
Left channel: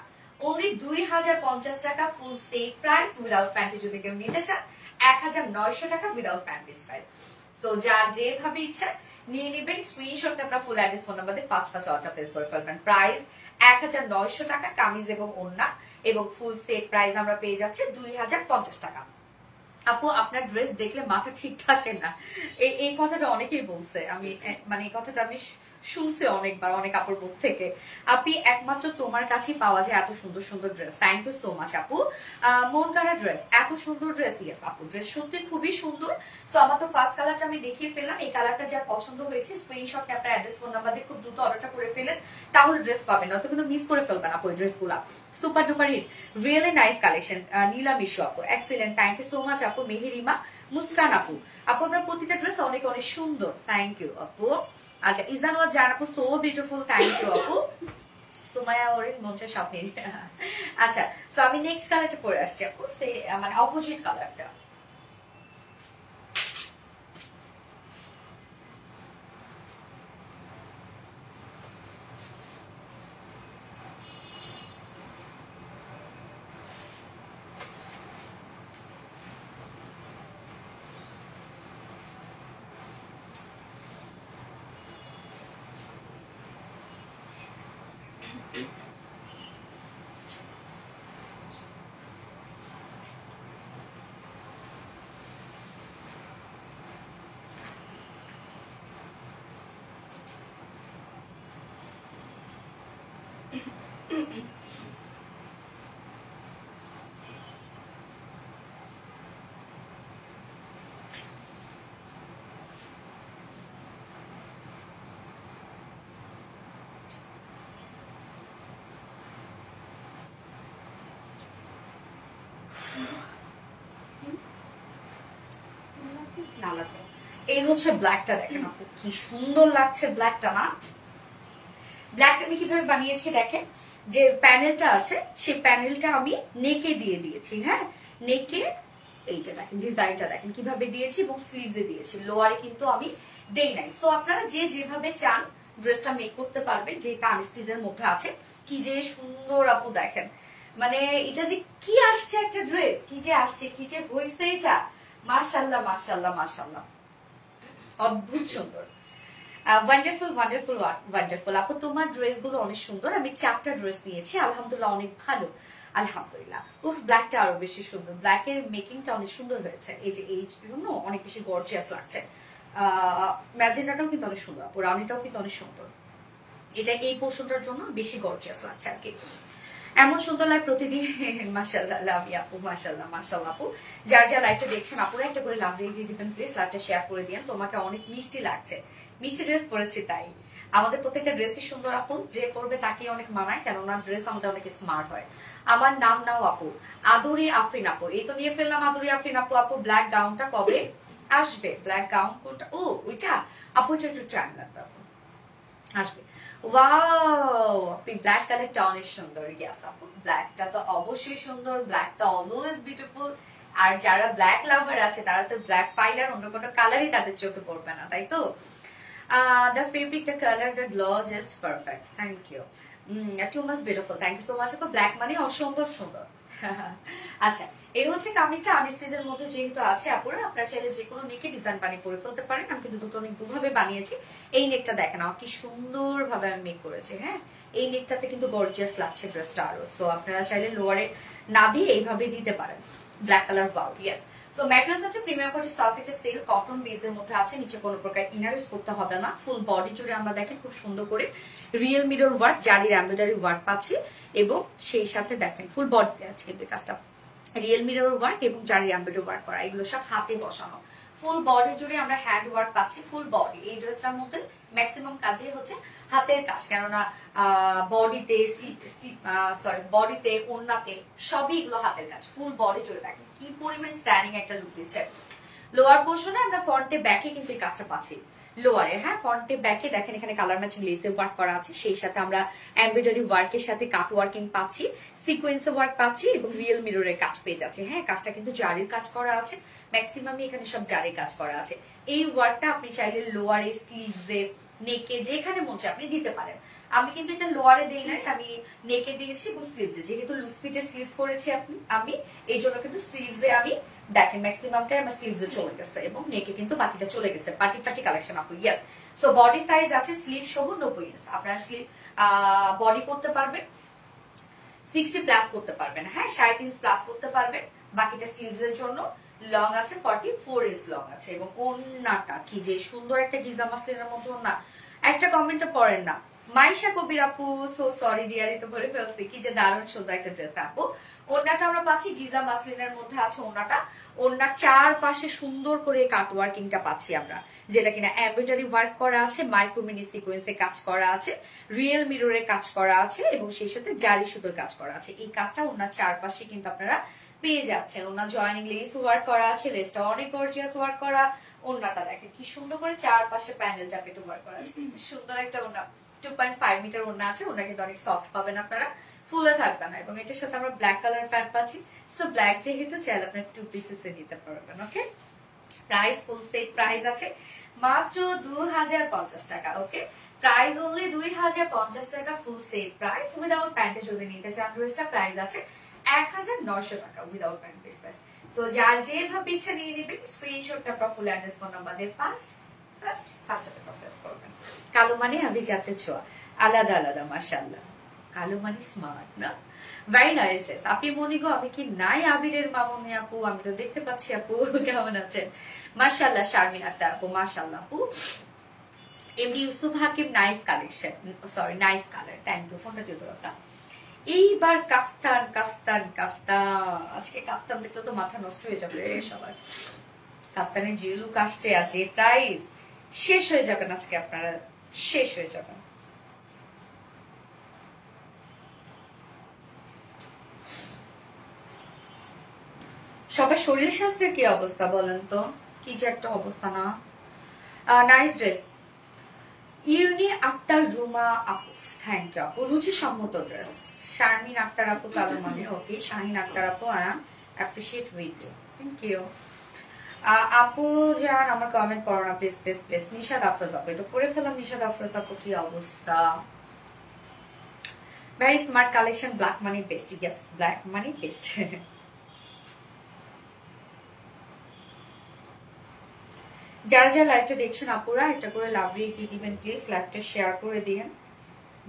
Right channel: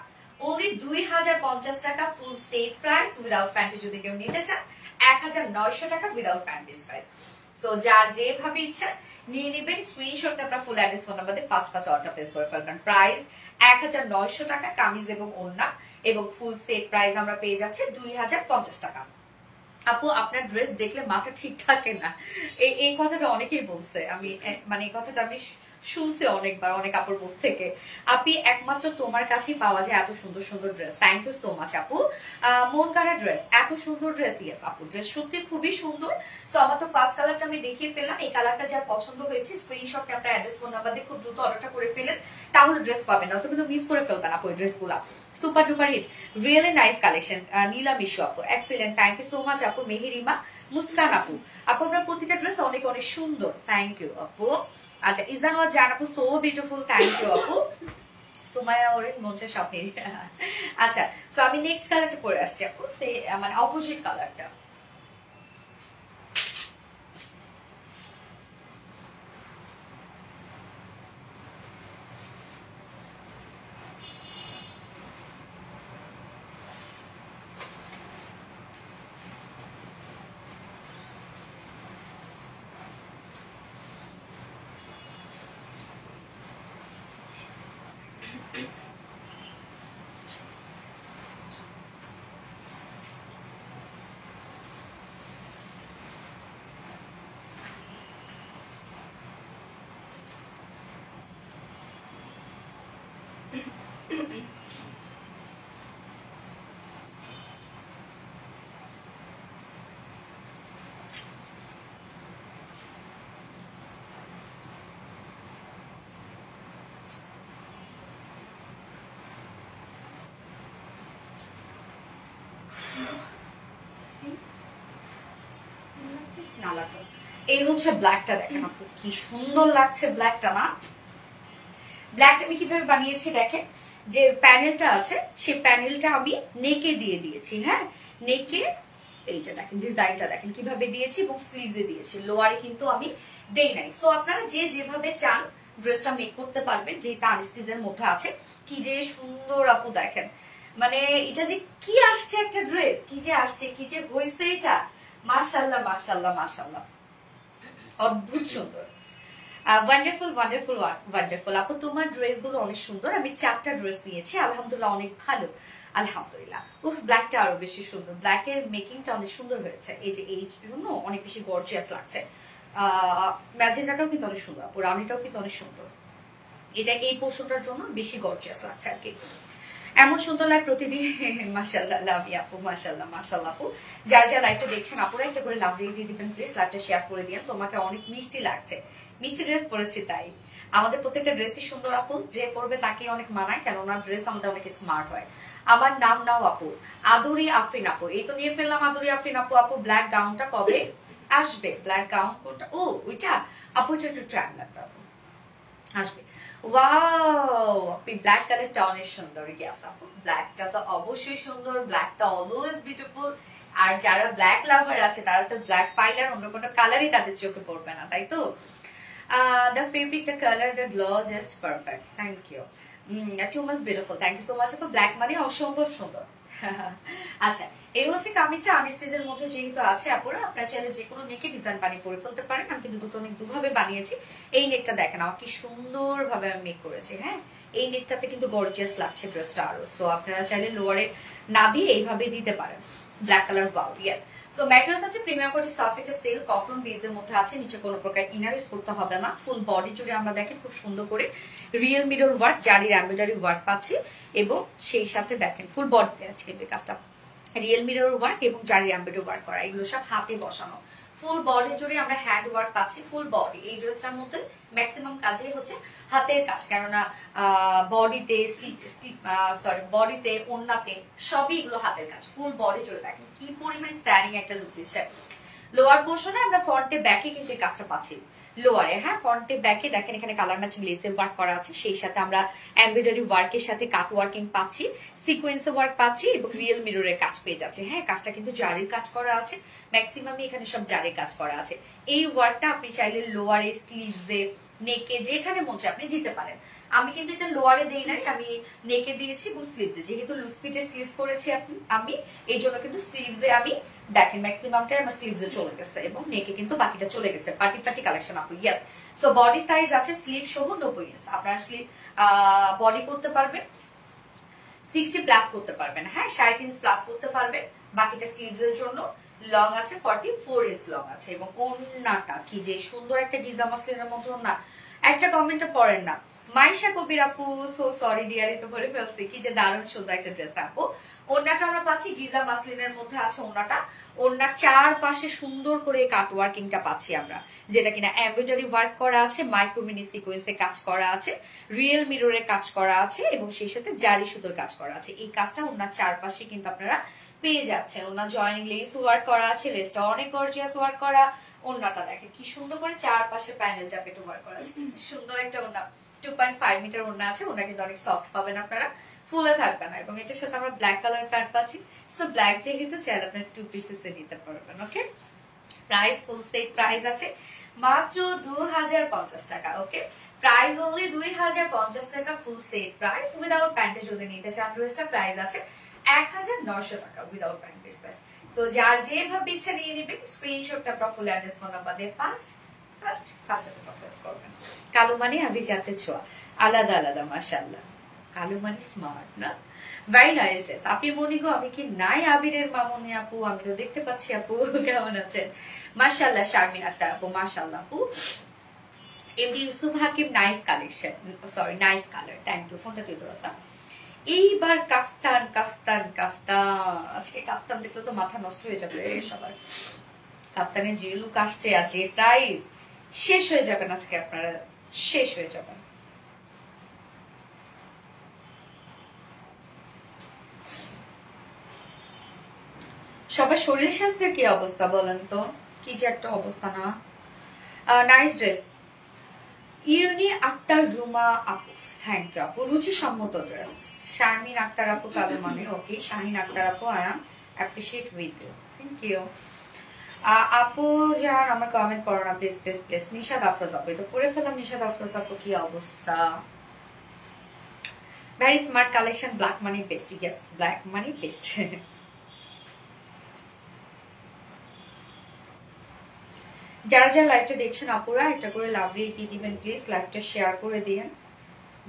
ওনলি 2050 টাকা full set price without panty. যদি কেউ নিতে চান 1900 টাকা উইদাউট প্যান্টিস প্রাইস। সো যার যেভাবে ইচ্ছা নিয়ে নেবেন, স্ক্রিনশট আপনার ফুল অ্যাড্রেস ফোন নাম্বার দিয়ে ফার্স্ট অর্ডার প্লেস করে ফেলবেন। প্রাইস 1900 টাকা, কামিজ এবং ওড়না এবং ফুল সেট প্রাইস আমরা পেয়ে যাচ্ছে 2050 টাকা। আপু আপনার ড্রেস দেখলে মাথা ঠিক থাকে না, এই কথাটা অনেকেই বলছে, আমি মানে এই কথাটা আমি শুনছি অনেকবার অনেক আপুর মুখ থেকে। আপনি একমাত্র তোমার কাছেই পাওয়া যায় এত সুন্দর সুন্দর dress. Thank you so much আপু। মন কারা ড্রেস, এত সুন্দর ড্রেস। ইয়েস আপু, ড্রেস সত্যি খুবই সুন্দর। সো আমার তো ফার্স্ট কালারটা আমি দেখিয়ে ফেললাম, এই কালারটা যার পছন্দ হয়েছে স্ক্রিনশটে আপনার অ্যাড্রেস ফোন নাম্বার দিয়ে খুব দ্রুত অর্ডারটা করে ফেলেন, তাহলে ড্রেস পাবেন, নয়তো কিন্তু মিস করে ফেলবেন আপু এই ড্রেসগুলা। Super duper hit, really nice collection. Nila Mishu আপু, excellent, thank you so much আপু। মেহেরিমা মুস্কান আপু, আপু আপনার প্রতিটা ড্রেস অনেক অনেক সুন্দর, থ্যাংক ইউ আপু। আচ্ছা, ইজানুয়া জান আপু, সো বিউটিফুল, থ্যাংক ইউ আপু। সুমায়া ওরেন মঞ্চে শপিং। আচ্ছা, সো আমি নেক্সট কালারটা পরে আসছি আপু, মানে অপোজিট কালারটা। এই হচ্ছে ব্ল্যাকটা, দেখেন আপু কি সুন্দর লাগছে ব্ল্যাকটা না। ব্ল্যাকটা আমি কিভাবে বানিয়েছি দেখেন, যে প্যানেলটা আছে সেই প্যানেলটা আমি নেকে দিয়ে দিয়েছি। হ্যাঁ, নেকে এইটা দেখেন, ডিজাইনটা দেখেন কিভাবে দিয়েছি এবং স্লিভসে দিয়েছি, লোয়ারে কিন্তু আমি দেই নাই। সো আপনারা যে যেভাবে চান ড্রেসটা মেক করতে পারবেন, যেটা আনস্টিচের মধ্যে আছে। কি যে সুন্দর আপু দেখেন, মানে এটা যে কি আসছে একটা ড্রেস, কি যে আসছে, কি যে হয়েছে এটা, মাশাআল্লাহ মাশাআল্লাহ মাশাআল্লাহ, অদ্ভুত সুন্দর। ওয়ান্ডারফুল ওয়ান্ডারফুল ওয়ান্ডারফুল আপু, তোমার ড্রেস গুলো অনেক সুন্দর। আমি 4টা ড্রেস নিয়েছি, আলহামদুলিল্লাহ অনেক ভালো, আলহামদুলিল্লাহ। উফ, ব্ল্যাকটা আরো বেশি সুন্দর, ব্ল্যাকের মেকিংটা অনেক সুন্দর হয়েছে, এই যে এই জন্য অনেক বেশি গর্জিয়াস লাগছে। ম্যাজেন্ডাটাও কিন্তু অনেক সুন্দর আপু, রাউন্ডিটাও কিন্তু অনেক সুন্দর, এটা এই পোর্শনটার জন্য বেশি গর্জিয়াস লাগছে আর কি। এমন সুন্দর লাগে প্রতিদিন, মাশাআল্লাহ, লাভ ইউ আপু, মাশাআল্লাহ মাশাআল্লাহ আপু। যার যা লাইভটা দেখছেন আপুরা একটা করে লাভ রেট দিয়ে দিবেন প্লিজ, লাইভটা শেয়ার করে দিন। তোমাকে অনেক মিষ্টি লাগছে, মিষ্টি ড্রেস পরেছি তাই। আমাদের প্রত্যেকটা ড্রেসই সুন্দর আপু, যে পরবে তাকে অনেক মানায়, কেননা ড্রেস আমাদের অনেক স্মার্ট হয়। আমার নাম নাও আপু, আদুরি আফরিন আপু, এই তো নিয়ে ফেললাম আদুরি আফরিন আপু। আপু ব্ল্যাক গাউনটা কবে আসবে? ব্ল্যাক গাউন কোনটা? ও ওইটা আপু, এটা একটু টাইম লাগবে আপু, আসবে। ওয়াও, আপনি ব্ল্যাক কালারটা অনেক সুন্দর। ইয়েস আপু, ব্ল্যাকটা তো অবশ্যই সুন্দর, ব্ল্যাকটা অলওয়েজ বিউটিফুল। আর যারা ব্ল্যাক লাভার আছে তারা তো ব্ল্যাক পাইলে আর অন্য কোনো কালারই তাদের চোখে পড়বে না, তাই তো। The fabric, the color, the glow, just perfect. Thank you. Too much beautiful. Thank you so much. আপু ব্ল্যাক মানে অসম্ভব সুন্দর। আচ্ছা, এই হচ্ছে কামিজটা আনস্টিচের মধ্যে যেহেতু আছে আপুরা, আপনারা চাইলে যে কোনো নেকে ডিজাইন বানিয়ে করে ফেলতে পারেন। আমি কিন্তু দুটো নেক দুভাবে বানিয়েছি। এই নেকটা দেখেন আমার কি সুন্দর ভাবে আমি মেক করেছি। হ্যাঁ, এই নেকটাতে কিন্তু গর্জিয়াস লাগছে ড্রেসটা আরো। তো আপনারা চাইলে লোয়ারে না দিয়ে এইভাবে দিতে পারেন। Black colour, wow, yes. তো ম্যাটেরিয়ালস আছে প্রিমিয়াম কোয়ালিটি, সফট, এটা সিল্ক কটন বেজের মধ্যে আছে, নিচে কোনো প্রকার ইনার ইউজ করতে হবে না। ফুল বডি জুড়ে আমরা দেখেন খুব সুন্দর করে রিয়েল মিরর ওয়ার্ক, জারির এমব্রয়ডারি ওয়ার্ক পাচ্ছি এবং সেই সাথে দেখেন ফুল বডিতে আছে কিন্তু কাজটা রিয়েল মিরর ওয়ার্ক এবং জারির এমব্রয়ডারি ওয়ার্ক করা, এগুলো সব হাতে বসানো। ফুল বডি জুড়ে আমরা হ্যান্ড ওয়ার্ক পাচ্ছি, ফুল বডি। এই ড্রেসটার মধ্যে ম্যাক্সিমাম কাজই হচ্ছে হাতের কাজ, কেননা বডিতে বডিতে ওন্নাতে সবই এগুলো হাতের কাজ। ফুল বডি জুড়ে দেখেন কি পরিমাণ স্টাইলিং একটা লুক দিচ্ছে। লোয়ার পোর্শনে আমরা ফ্রন্টে ব্যাকে কিন্তু এই কাজটা পাচ্ছি, লোয়ারে হ্যাঁ ফ্রন্টে ব্যাকে দেখেন এখানে কালার ম্যাচিং লেসে ওয়ার্ক করা আছে, সেই সাথে আমরা এমব্রয়ডারি ওয়ার্কের সাথে কাট ওয়ার্কিং পাচ্ছি, সিকোয়েন্স ওয়ার্ক পাচ্ছি এবং রিয়েল মিররের কাজ পেয়ে যাচ্ছে। হ্যাঁ কাজটা কিন্তু জারির কাজ করা আছে, ম্যাক্সিমামই এখানে সব জারির কাজ করা আছে। এই ওয়ার্কটা আপনি চাইলে লোয়ারে, স্লিভসে, নেকে যেখানে মন চায় আপনি দিতে পারেন। আমি কিন্তু এটা লোয়ারে দেই নাই, আমি নেকে দিয়েছি এবং স্লিভসে, যেহেতু লুজ ফিটের স্লিভস করেছি আমি এই জন্য কিন্তু স্লিভসে আমি দেখেন ম্যাক্সিমামটাই আমার স্লিভসে চলে গেছে এবং নেকে কিন্তু বাকিটা চলে গেছে। পার্টি পার্টি কালেকশন আপু, ইয়েস। সো বডি সাইজ আছে স্লিভ সহ 90 ইঞ্চ, আপনারা স্লিভ বডি করতে পারবেন 60 প্লাস করতে পারবেন, হ্যাঁ 60 ইঞ্চ প্লাস করতে পারবেন। বাকিটা স্লিভস এর জন্য লং আছে 44 ইঞ্চ লং আছে। এবং ওন্নাটা কি যে সুন্দর একটা গিজা মাসলিনের মতো না, একটা কমেন্টে পড়েন না মাইশা কবির আপু, সো সরি ডিয়ারি তো করে ফেলছি, কি যে দারুণ সুন্দর একটা ড্রেস আপু। ওন্নাটা আমরা পাচ্ছি গিজা মাসলিনের মধ্যে আছে ওন্নাটা, ওন্নার চারপাশে সুন্দর করে কাট ওয়ার্কিংটা পাচ্ছি আমরা, যেটা কিনা এমব্রয়ডারি ওয়ার্ক করা আছে, মাইক্রো মিনি সিকোয়েন্সে কাজ করা আছে, রিয়েল মিররে কাজ করা আছে এবং সেই সাথে জারি সুতোর কাজ করা আছে। এই কাজটা ওন্নার চারপাশে কিন্তু আপনারা পেয়ে যাচ্ছেন। ওন্নার জয়েনিং লেস ওয়ার্ক করা আছে, লেসটা অনেক গর্জিয়াস ওয়ার্ক করা। ওন্নাটা দেখেন কি সুন্দর করে চারপাশে প্যানেল জাপেট ওয়ার্ক করা আছে, সুন্দর একটা ওন্না, 2.5 মিটার ওন্না আছে। ওন্না কিন্তু অনেক সফট পাবেন আপনারা, ফুলে থাকবে না। এবং এটার সাথে আমরা ব্ল্যাক কালার প্যান্ট পাচ্ছি, সো ব্ল্যাক যেহেতু চাইলে আপনার 2 পিসেস এ নিতে পারবেন। ওকে, প্রাইস ফুল সেট প্রাইস আছে মাত্র 2050 টাকা। ওকে, প্রাইস অনলি 2050 টাকা, ফুল সেট প্রাইস। উইদাউট প্যান্টে যদি নিতে চান ড্রেসটা প্রাইস আছে 1900 টাকা উইদাউট প্যান্ট পিস প্রাইস। তো যার যেভাবে ইচ্ছা নিয়ে নেবেন, স্ক্রিনশটটা আপনার ফুল অ্যাড্রেস ফোন নাম্বার দিয়ে ফার্স্ট করবেন। কালো মানে আমি যাতে ছোঁয়া, আলাদা আলাদা মাশাআল্লাহ। কালো মানে স্মার্ট না, ভেরি নাইস ড্রেস। আপনি মনি গো, আমি কি নাই আবিরের মামনি আপু? আমি তো দেখতে পাচ্ছি আপু, কেমন আছেন? মাশাআল্লাহ শারমিন আক্তার আপু, মাশাআল্লাহ আপু। MD Yusuf Hakim, nice collection, sorry nice colour, thank you. ফোনটা তুই করো। এইবার কাফতান কাফতান কাফতান, আজকে কাফতান দেখলে তো মাথা নষ্ট হয়ে যাবে সবার। কাফতানের যে লুক আসছে আর যে প্রাইস, শেষ হয়ে যাবেন আজকে আপনারা, শেষ হয়ে যাবেন। সবার শরীর স্বাস্থ্যের কি অবস্থা বলেন তো? কি যে একটা অবস্থা না। Nice dress. ইরনি আক্তার রুমা আপু, থ্যাংক ইউ আপু। রুচি সম্মত ড্রেস। শারমিন আক্তার আপু, কালো মানে ওকে। শাহিন আক্তার আপু, I am appreciate with you, thank you আপু। যান আমার কমেন্ট পড়ো না please please please. Nishad Afroz আপু, তো পড়ে ফেলাম। নিশাদ আফরোজ আপু, কি অবস্থা? Very smart collection, black money best. Yes, black money best. যারা যারা লাইভটা দেখছেন আপুরা, একটা করে লাভ রেট দিয়ে দিবেন প্লিজ, লাইভটা শেয়ার করে দিয়েন।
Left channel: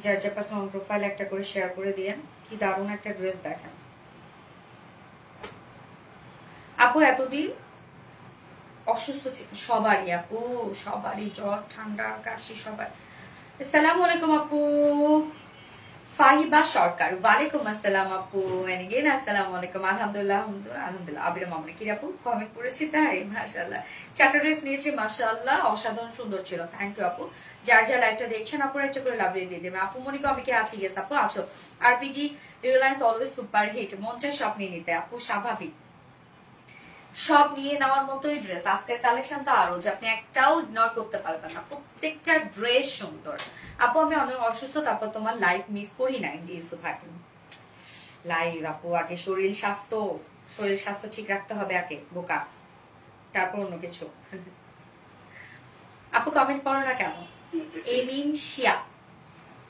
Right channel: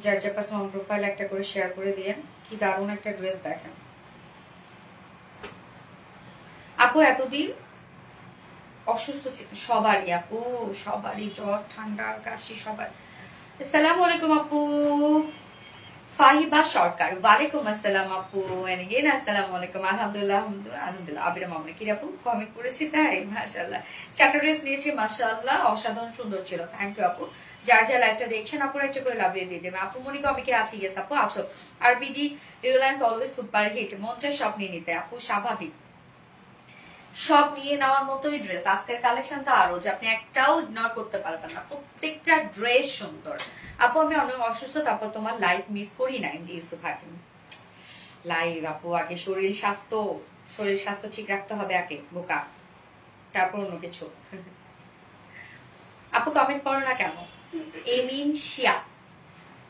যার যার পার্সোনাল প্রোফাইল একটা করে শেয়ার করে দিয়েন। কি দারুণ একটা ড্রেস দেখেন আপু। এতদিন অসুস্থ ছিল সবারই আপু, সবারই জ্বর ঠান্ডা কাশি সবার। আসসালামু আলাইকুম আপু। ফাহিবা সরকার, ওয়ালাইকুম আসসালাম আপু। এগেন আসসালামু আলাইকুম। আলহামদুলিল্লাহ আলহামদুলিল্লাহ। আবিরা মামনি কি আপু কমেন্ট করেছি তাই, মাশাআল্লাহ। চারটা ড্রেস নিয়েছি, মাশাআল্লাহ অসাধারণ সুন্দর ছিল, থ্যাংক ইউ আপু। যার যার লাইভটা দেখছেন আপুরা একটা করে লাভ দিয়ে দেবেন। আপু মনিকা আমি কি আছি? ইয়েস আপু আছো। RBD Reliance always super hit, মন চায় সব নিয়ে নিতে আপু, স্বাভাবিক সব নিয়ে নেওয়ার মতোই ড্রেস। আজকের কালেকশন তো আরো যে আপনি একটাও ইগনোর করতে পারবেন না, প্রত্যেকটা ড্রেস সুন্দর আপু। আমি অনেক অসুস্থ, তারপর তোমার লাইভ মিস করি না ইউসুফ হাকিম লাইভ আপু। আগে শরীর স্বাস্থ্য ঠিক রাখতে হবে আগে বোকা, তারপর অন্য কিছু। আপু কমেন্ট করো না কেন? এমিন শিয়া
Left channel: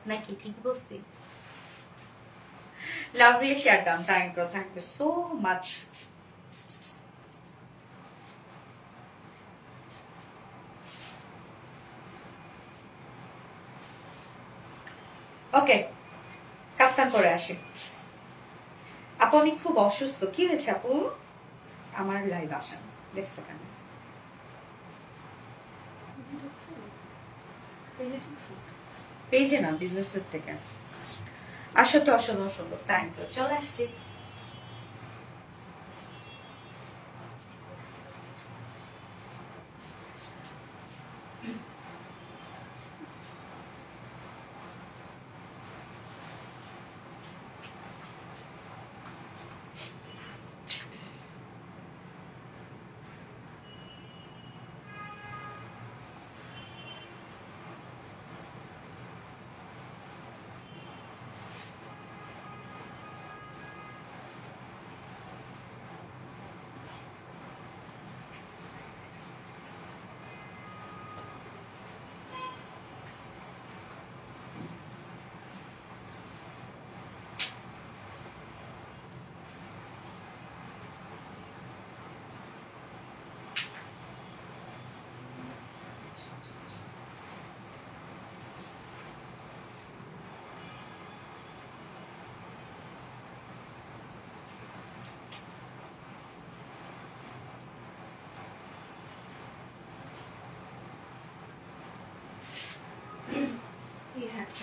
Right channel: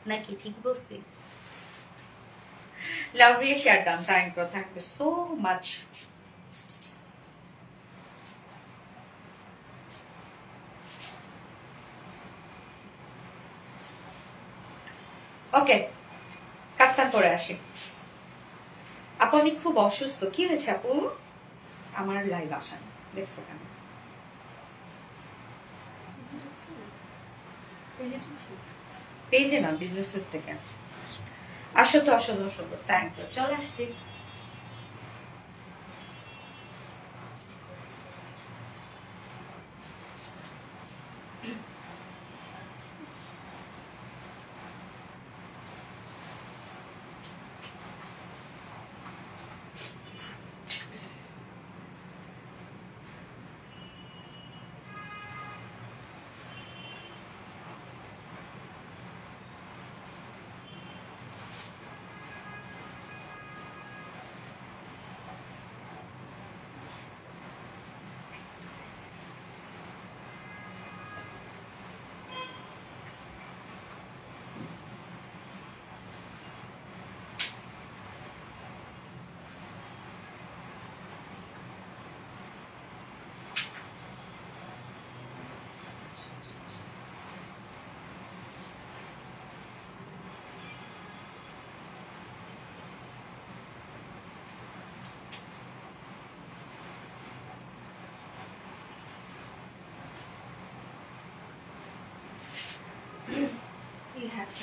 নাকি ঠিক বলছি? লাভ রিয়ে share done, thank you so much. Okay, kaftan পরে আসি আপু। আমি খুব অসুস্থ। কি হয়েছে আপু? আমার লাইভ আসেন, দেখছো কেন? পেজে না, বিজনেস থেকে আসো তো, অসুন্দর থ্যাংক ইউ। চলে আসছি।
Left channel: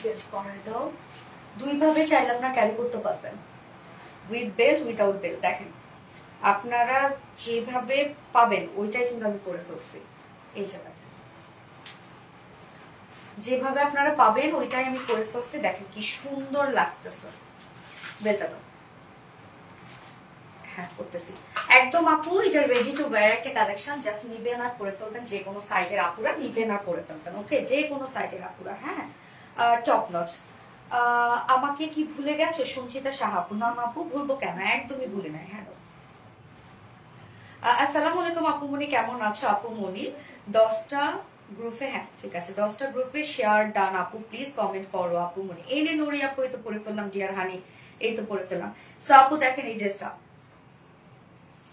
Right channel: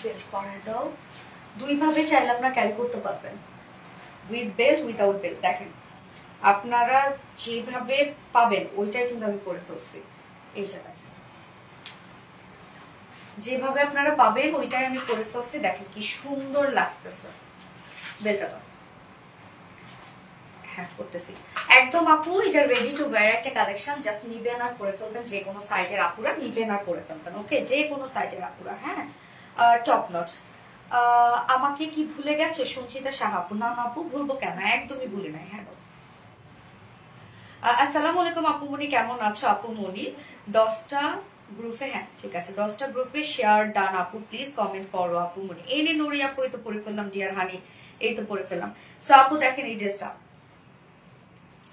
বের করে দাও। দুই ভাবে চাইলে আপনারা ক্যারি করতে পারবেন, উইথ বেল্ট উইথাউট বেল্ট। দেখেন আপনারা যেভাবে পাবেন ওইটাই কিন্তু আমি করে ফেলছি। এই জায়গায় যেভাবে আপনারা পাবেন ওইটাই আমি করে ফেলছি। দেখেন কি সুন্দর লাগতেছে বেলটা। হ্যাঁ করতেছি একদম আপু, এটা রেডি টু ওয়্যার একটা কালেকশন। জাস্ট নিবেন আর পরে ফেলবেন, যে কোনো সাইজের আপুরা নিবেন আর পরে ফেলবেন। ওকে, যে কোনো সাইজের আপুরা। হ্যাঁ, টপ নচ। আমাকে কি ভুলে গেছে সঞ্চিতা সাহা আপু? না আপু, ভুলবো কেন, একদমই ভুলে নাই। হ্যাঁ, আসসালামু আলাইকুম আপু মনি, কেমন আছো আপু মনি? 10টা গ্রুপে, হ্যাঁ ঠিক আছে, 10টা গ্রুপে শেয়ার ডান আপু, প্লিজ কমেন্ট করো আপু মনি। এই নে নুরি আপু, এই তো পরে ফেললাম। ডিয়ার হানি, এই তো পরে ফেললাম। সো আপু দেখেন এই ড্রেসটা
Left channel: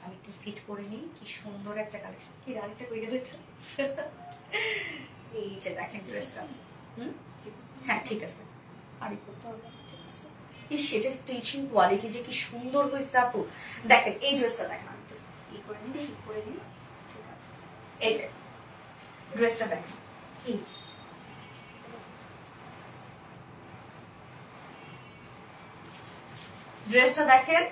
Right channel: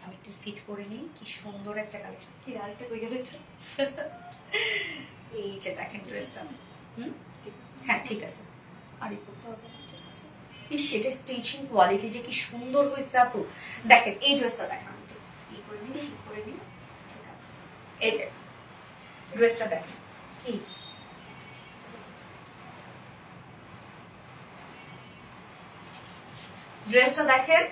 আমি একটু ফিট করে নিই, কি সুন্দর একটা কালেকশন। কি আরেকটা কই গেল এটা? এই যে দেখেন ড্রেসটা। হ্যাঁ ঠিক আছে, আর এই করতে হবে না, ঠিক আছে। এই সেটা স্টিচিং কোয়ালিটি যে কি সুন্দর হয়েছে আপু। দেখেন এই ড্রেসটা দেখেন, এই করে নিই, ঠিক করে নিই, ঠিক আছে। এই যে ড্রেসটা দেখেন, কি ড্রেসটা দেখেন।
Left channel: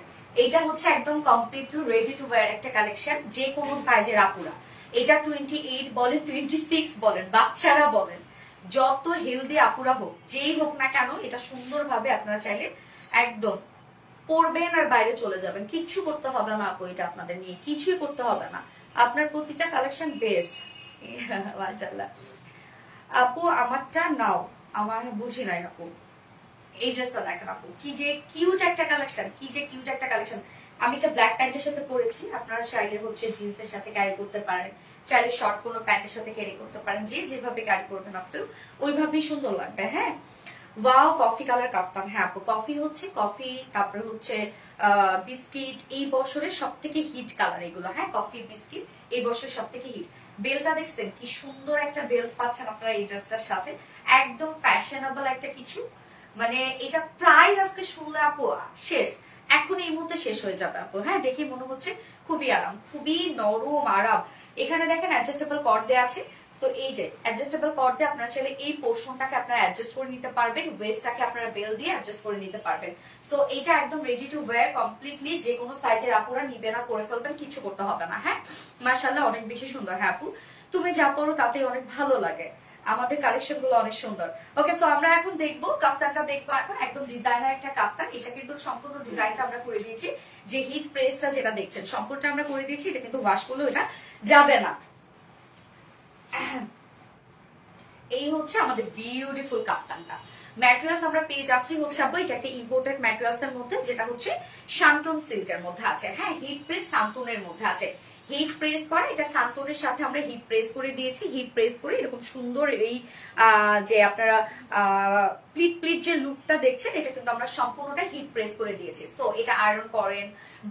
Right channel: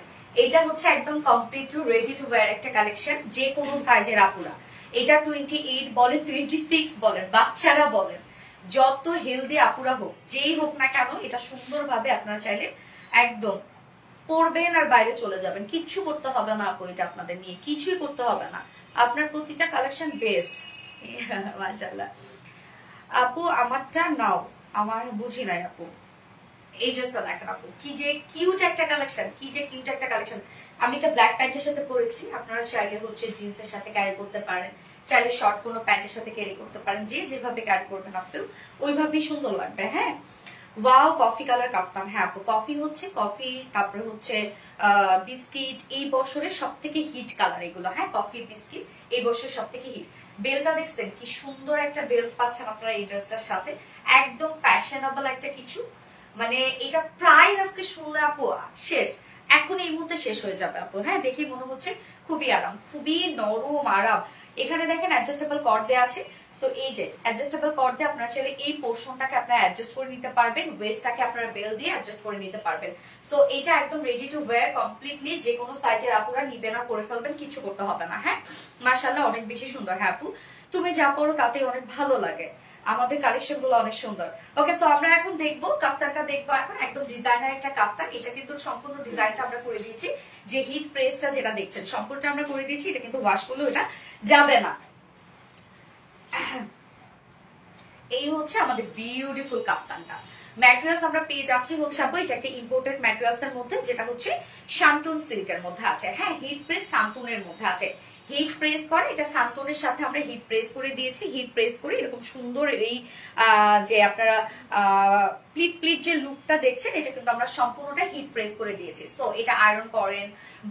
এটা হচ্ছে একদম কমপ্লিটলি রেডি টু ওয়্যার একটা কালেকশন, যে কোনো সাইজের আপুরা। এটা 28 বলেন, 26 বলেন, বাচ্চারা বলেন, যত হেলদি আপুরা হোক, যেই হোক না কেন, এটা সুন্দরভাবে আপনারা চাইলে একদম পরবেন আর বাইরে চলে যাবেন। কিচ্ছু করতে হবে না আপু, এটা আপনাদের নিয়ে কিছুই করতে হবে না। আপনার প্রতিটা কালেকশন বেস্ট। মাশাআল্লাহ আপু, আমারটা নাও। আমার বুঝি নাই আপু। এই ড্রেসটা দেখেন আপু, কি যে কিউট একটা কালেকশন, কি যে কিউট একটা কালেকশন। আমি এটা ব্ল্যাক প্যান্টের সাথে পরেছি, আপনারা চাইলে হচ্ছে জিন্সের সাথে ক্যারি করতে পারেন, চাইলে শর্ট কোনো প্যান্টের সাথে ক্যারি করতে পারেন, যে যেভাবে ক্যারি করবেন আপনি ওইভাবেই সুন্দর লাগবে। হ্যাঁ, ওয়াও কফি কালার কাফতান। হ্যাঁ আপু, কফি হচ্ছে কফি, তারপরে হচ্ছে বিস্কিট, এই বছরের সব থেকে হিট কালার এগুলো। হ্যাঁ, কফি বিস্কিট এই বছরের সব থেকে হিট। বেলটা দেখছেন কি সুন্দর একটা বেল্ট পাচ্ছেন আপনারা এই ড্রেসটার সাথে, একদম ফ্যাশনেবল একটা কিছু। মানে এটা প্রাইস আজকে শুনলে আপু শেষ, এখন এই মুহূর্তে শেষ হয়ে যাবে আপু। হ্যাঁ, দেখে মনে হচ্ছে খুবই আরাম, খুবই নরম আরাম। এখানে দেখেন অ্যাডজাস্টেবল কর্ড দেওয়া আছে। তো এই যে অ্যাডজাস্টেবল কর্ড দিয়ে আপনারা চাইলে এই পোর্শনটাকে আপনারা অ্যাডজাস্ট করে নিতে পারবেন, ওয়েস্টটাকে আপনারা বেল দিয়ে অ্যাডজাস্ট করে নিতে পারবেন। সো এটা একদম রেডি টু ওয়্যার কমপ্লিটলি, যে কোনো সাইজের আপুরা নিবেন আর পরে ফেলবেন, কিছু করতে হবে না। হ্যাঁ, মাশাআল্লাহ অনেক বেশি সুন্দর। হ্যাঁ আপু, তুমি যা পরো তাতে অনেক ভালো লাগে, আমাদের কালেকশন গুলো অনেক সুন্দর। ওকে, সো আমরা এখন দেখবো কাফতানটা, দেখবো এখন একদম ডিজাইনার একটা কাফতান। এটা কিন্তু সম্পূর্ণ ডিজাইনটা আমরা করে দিয়েছি, যে হিট প্রেসটা যেটা দেখছেন সম্পূর্ণটা আমরা করে দিয়েছি। এটা কিন্তু ওয়াশ করলেও এটা যাবে না। এই হচ্ছে আমাদের বিউটিফুল কাফতানটা। ম্যাটেরিয়ালস আমরা পেয়ে যাচ্ছি হচ্ছে আপু, এটা একটা ইম্পোর্টেড ম্যাটেরিয়ালস এর মধ্যে, যেটা হচ্ছে শান্তন সিল্কের মধ্যে আছে। হ্যাঁ, হিট প্রেস শান্তনের মধ্যে আছে, হিট প্রেস করে। এটা শান্তনের সাথে আমরা হিট প্রেস করে দিয়েছি, হিট প্রেস করে এরকম সুন্দর এই যে আপনারা প্লিট প্লিট যে লুকটা দেখছেন, এটা কিন্তু আমরা সম্পূর্ণটা হিট প্রেস করে দিয়েছি। তো এটা আয়রন করেন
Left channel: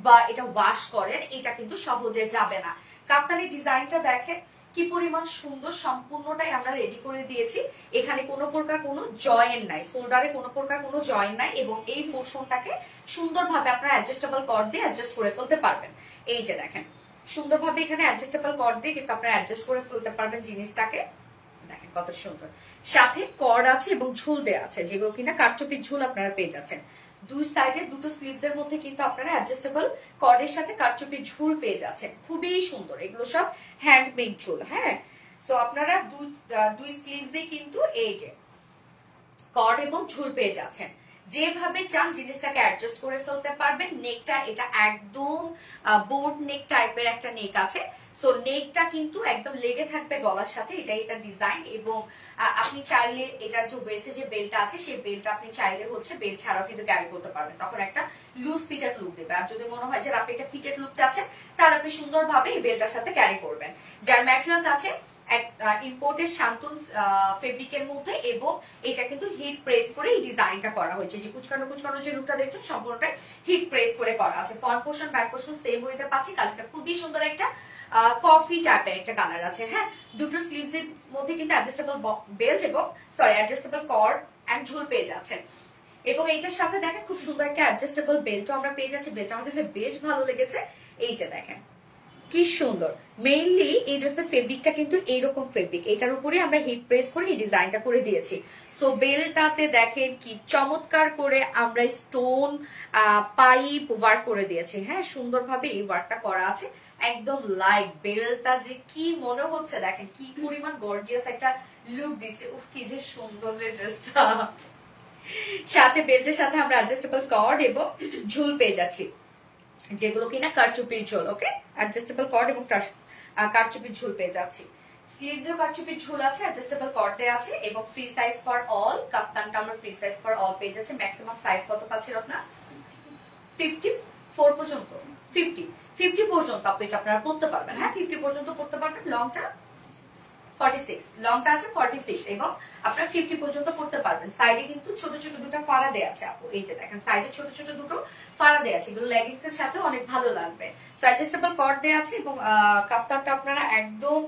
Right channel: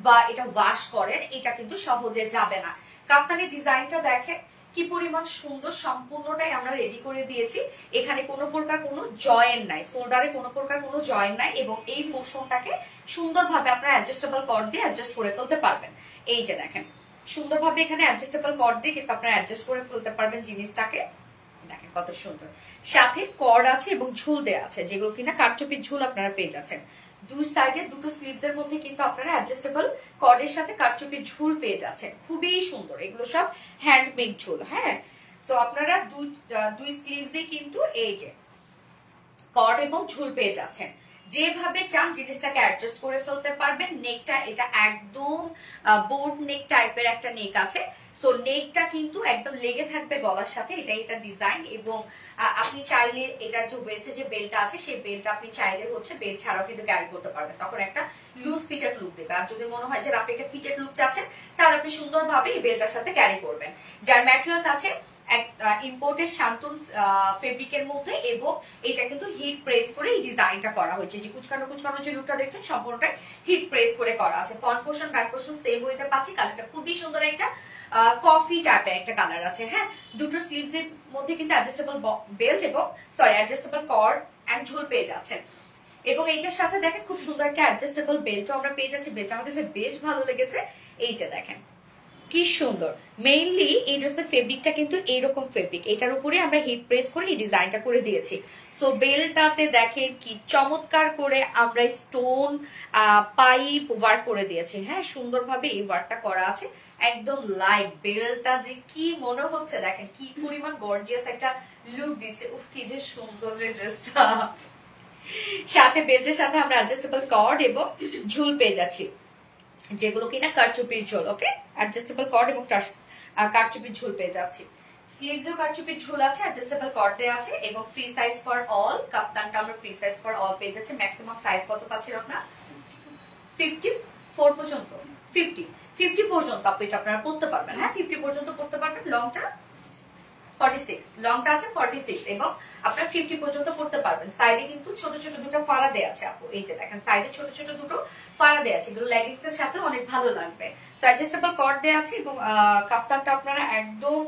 বা এটা ওয়াশ করেন, এটা কিন্তু সহজে যাবে না। কাফতানের ডিজাইনটা দেখেন কি পরিমাণ সুন্দর, সম্পূর্ণটাই আমরা রেডি করে দিয়েছি। এখানে কোনো প্রকার কোনো জয়েন নাই, শোল্ডারে কোনো প্রকার কোনো জয়েন নাই, এবং এই পোর্শনটাকে সুন্দরভাবে আপনারা অ্যাডজাস্টেবল কর্ড দিয়ে অ্যাডজাস্ট করে ফেলতে পারবেন। এই যে দেখেন সুন্দরভাবে এখানে অ্যাডজাস্টেবল কর্ড দিয়ে কিন্তু আপনারা অ্যাডজাস্ট করে ফেলতে পারবেন জিনিসটাকে। দেখেন কত সুন্দর, সাথে কর্ড আছে এবং ঝুল দেওয়া আছে, যেগুলো কিনা কারচুপির ঝুল আপনারা পেয়ে যাচ্ছেন। দুই সাইডে দুটো স্লিভস এর মধ্যে কিন্তু আপনারা অ্যাডজাস্টেবল কর্ডের সাথে কারচুপির ঝুল পেয়ে যাচ্ছেন, খুবই সুন্দর। এগুলো সব হ্যান্ডমেড ঝুল। হ্যাঁ, তো আপনারা দুই স্লিভস এ কিন্তু এই যে কর্ড এবং ঝুল পেয়ে যাচ্ছেন, যেভাবে চান জিনিসটাকে অ্যাডজাস্ট করে ফেলতে পারবেন। নেকটা এটা একদম বোট নেক টাইপের একটা নেক আছে। সো নেকটা কিন্তু একদম লেগে থাকবে গলার সাথে, এটা ডিজাইন। এবং আপনি চাইলে এটার যে ওয়েস্টে যে বেল্টটা আছে, সেই বেল্টটা আপনি চাইলে হচ্ছে বেল্ট ছাড়াও কিন্তু ক্যারি করতে পারবেন, তখন একটা লুজ ফিটেড লুক দেবে। আর যদি মনে হয় যে আপনি একটা ফিটেড লুক চাচ্ছেন, তাহলে আপনি সুন্দরভাবে এই বেল্টটার সাথে ক্যারি করবেন। যার ম্যাটেরিয়ালস আছে ইম্পোর্টেড শান্তন ফেব্রিকের মধ্যে, এবং এটা কিন্তু হিট প্রেস করে এই ডিজাইনটা করা হয়েছে। যে কুচকানো কুচকানো যে লুকটা দেখছেন, সম্পূর্ণটাই হিট প্রেস করে করা আছে। Front portion back portion same ওয়েতে পাচ্ছি। কালারটা খুবই সুন্দর, একটা কফি টাইপের একটা কালার আছে। হ্যাঁ, দুটো স্লিভস এর মধ্যে কিন্তু অ্যাডজাস্টেবল বেল্ট এবং অ্যাডজাস্টেবল কর্ড এন্ড ঝুল পেয়ে যাচ্ছেন। এবং এইটার সাথে দেখেন খুব সুন্দর একটা অ্যাডজাস্টেবল বেল্টও আমরা পেয়ে যাচ্ছি। বেল্ট আমার কাছে বেশ ভালো লেগেছে। এই যে দেখেন কি সুন্দর। মেইনলি এই ড্রেসের ফেব্রিকটা কিন্তু এইরকম ফেব্রিক, এটার উপরে আমরা হিট প্রেস করে এই ডিজাইনটা করে দিয়েছি। সো বেলটাতে দেখেন কি চমৎকার করে আমরা স্টোন পাইপ ওয়ার্ক করে দিয়েছি। হ্যাঁ, সুন্দরভাবে এই ওয়ার্কটা করা আছে, একদম লাইট। বেলটা যে কি মনে হচ্ছে দেখেন, কি পরিমাণ গর্জিয়াস একটা লুক দিচ্ছে। উফ, কি যে সুন্দর ড্রেসটা। সাথে বেল্টের সাথে আমরা অ্যাডজাস্টেবল কর্ড এবং ঝুল পেয়ে যাচ্ছি, যেগুলো কিনা কারচুপির ঝোল। ওকে, অ্যাডজাস্টেবল কর্ড এবং কারচুপির ঝোল পেয়ে যাচ্ছি। স্লিভসেও কারচুপির ঝোল আছে, অ্যাডজাস্টেবল কর্ডে আছে এবং ফ্রি সাইজ ফর অল। কাফতানটা আমরা ফ্রি সাইজ ফর অল পেয়ে যাচ্ছি। ম্যাক্সিমাম সাইজ কত পাচ্ছি রত্না? 54 পর্যন্ত। 50 পর্যন্ত আপনি এটা আপনারা পড়তে পারবেন। হ্যাঁ, 50 পর্যন্ত পড়তে পারবেন। লংটা 46, লংটা আছে 46 এবং আপনারা 50 পর্যন্ত পড়তে পারবেন। সাইডে কিন্তু ছোট ছোট দুটো ফাড়া দেয়া আছে আপু, এই যে দেখেন সাইডে ছোট ছোট দুটো ফাড়া দেয়া আছে, এগুলো লেগিংস এর সাথে অনেক ভালো লাগবে। সো অ্যাডজাস্টেবল কর্ড দেয়া আছে এবং কাফতানটা আপনারা একদম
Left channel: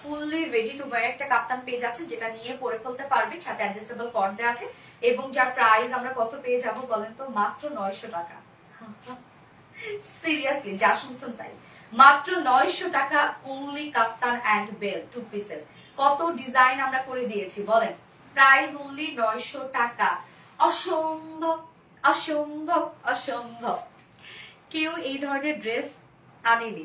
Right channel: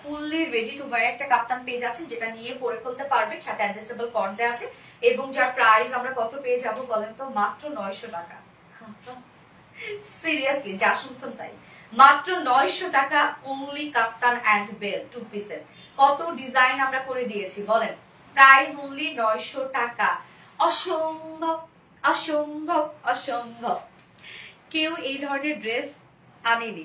ফুললি রেডি টু ওয়্যার একটা কাফতান পেয়ে যাচ্ছেন, যেটা নিয়ে পরে ফেলতে পারবেন। সাথে অ্যাডজাস্টেবল কর্ড দেয়া আছে এবং যার প্রাইস আমরা কত পেয়ে যাব বলেন তো? মাত্র 900 টাকা। সিরিয়াসলি যা শুনছেন তাই, মাত্র 900 টাকা। Only kaftan and bell 2 pieces. কত ডিজাইন আমরা করে দিয়েছি বলেন, প্রাইস অনলি 900 টাকা। অসম্ভব অসম্ভব অসম্ভব। কেউ এই ধরনের ড্রেস আনেনি।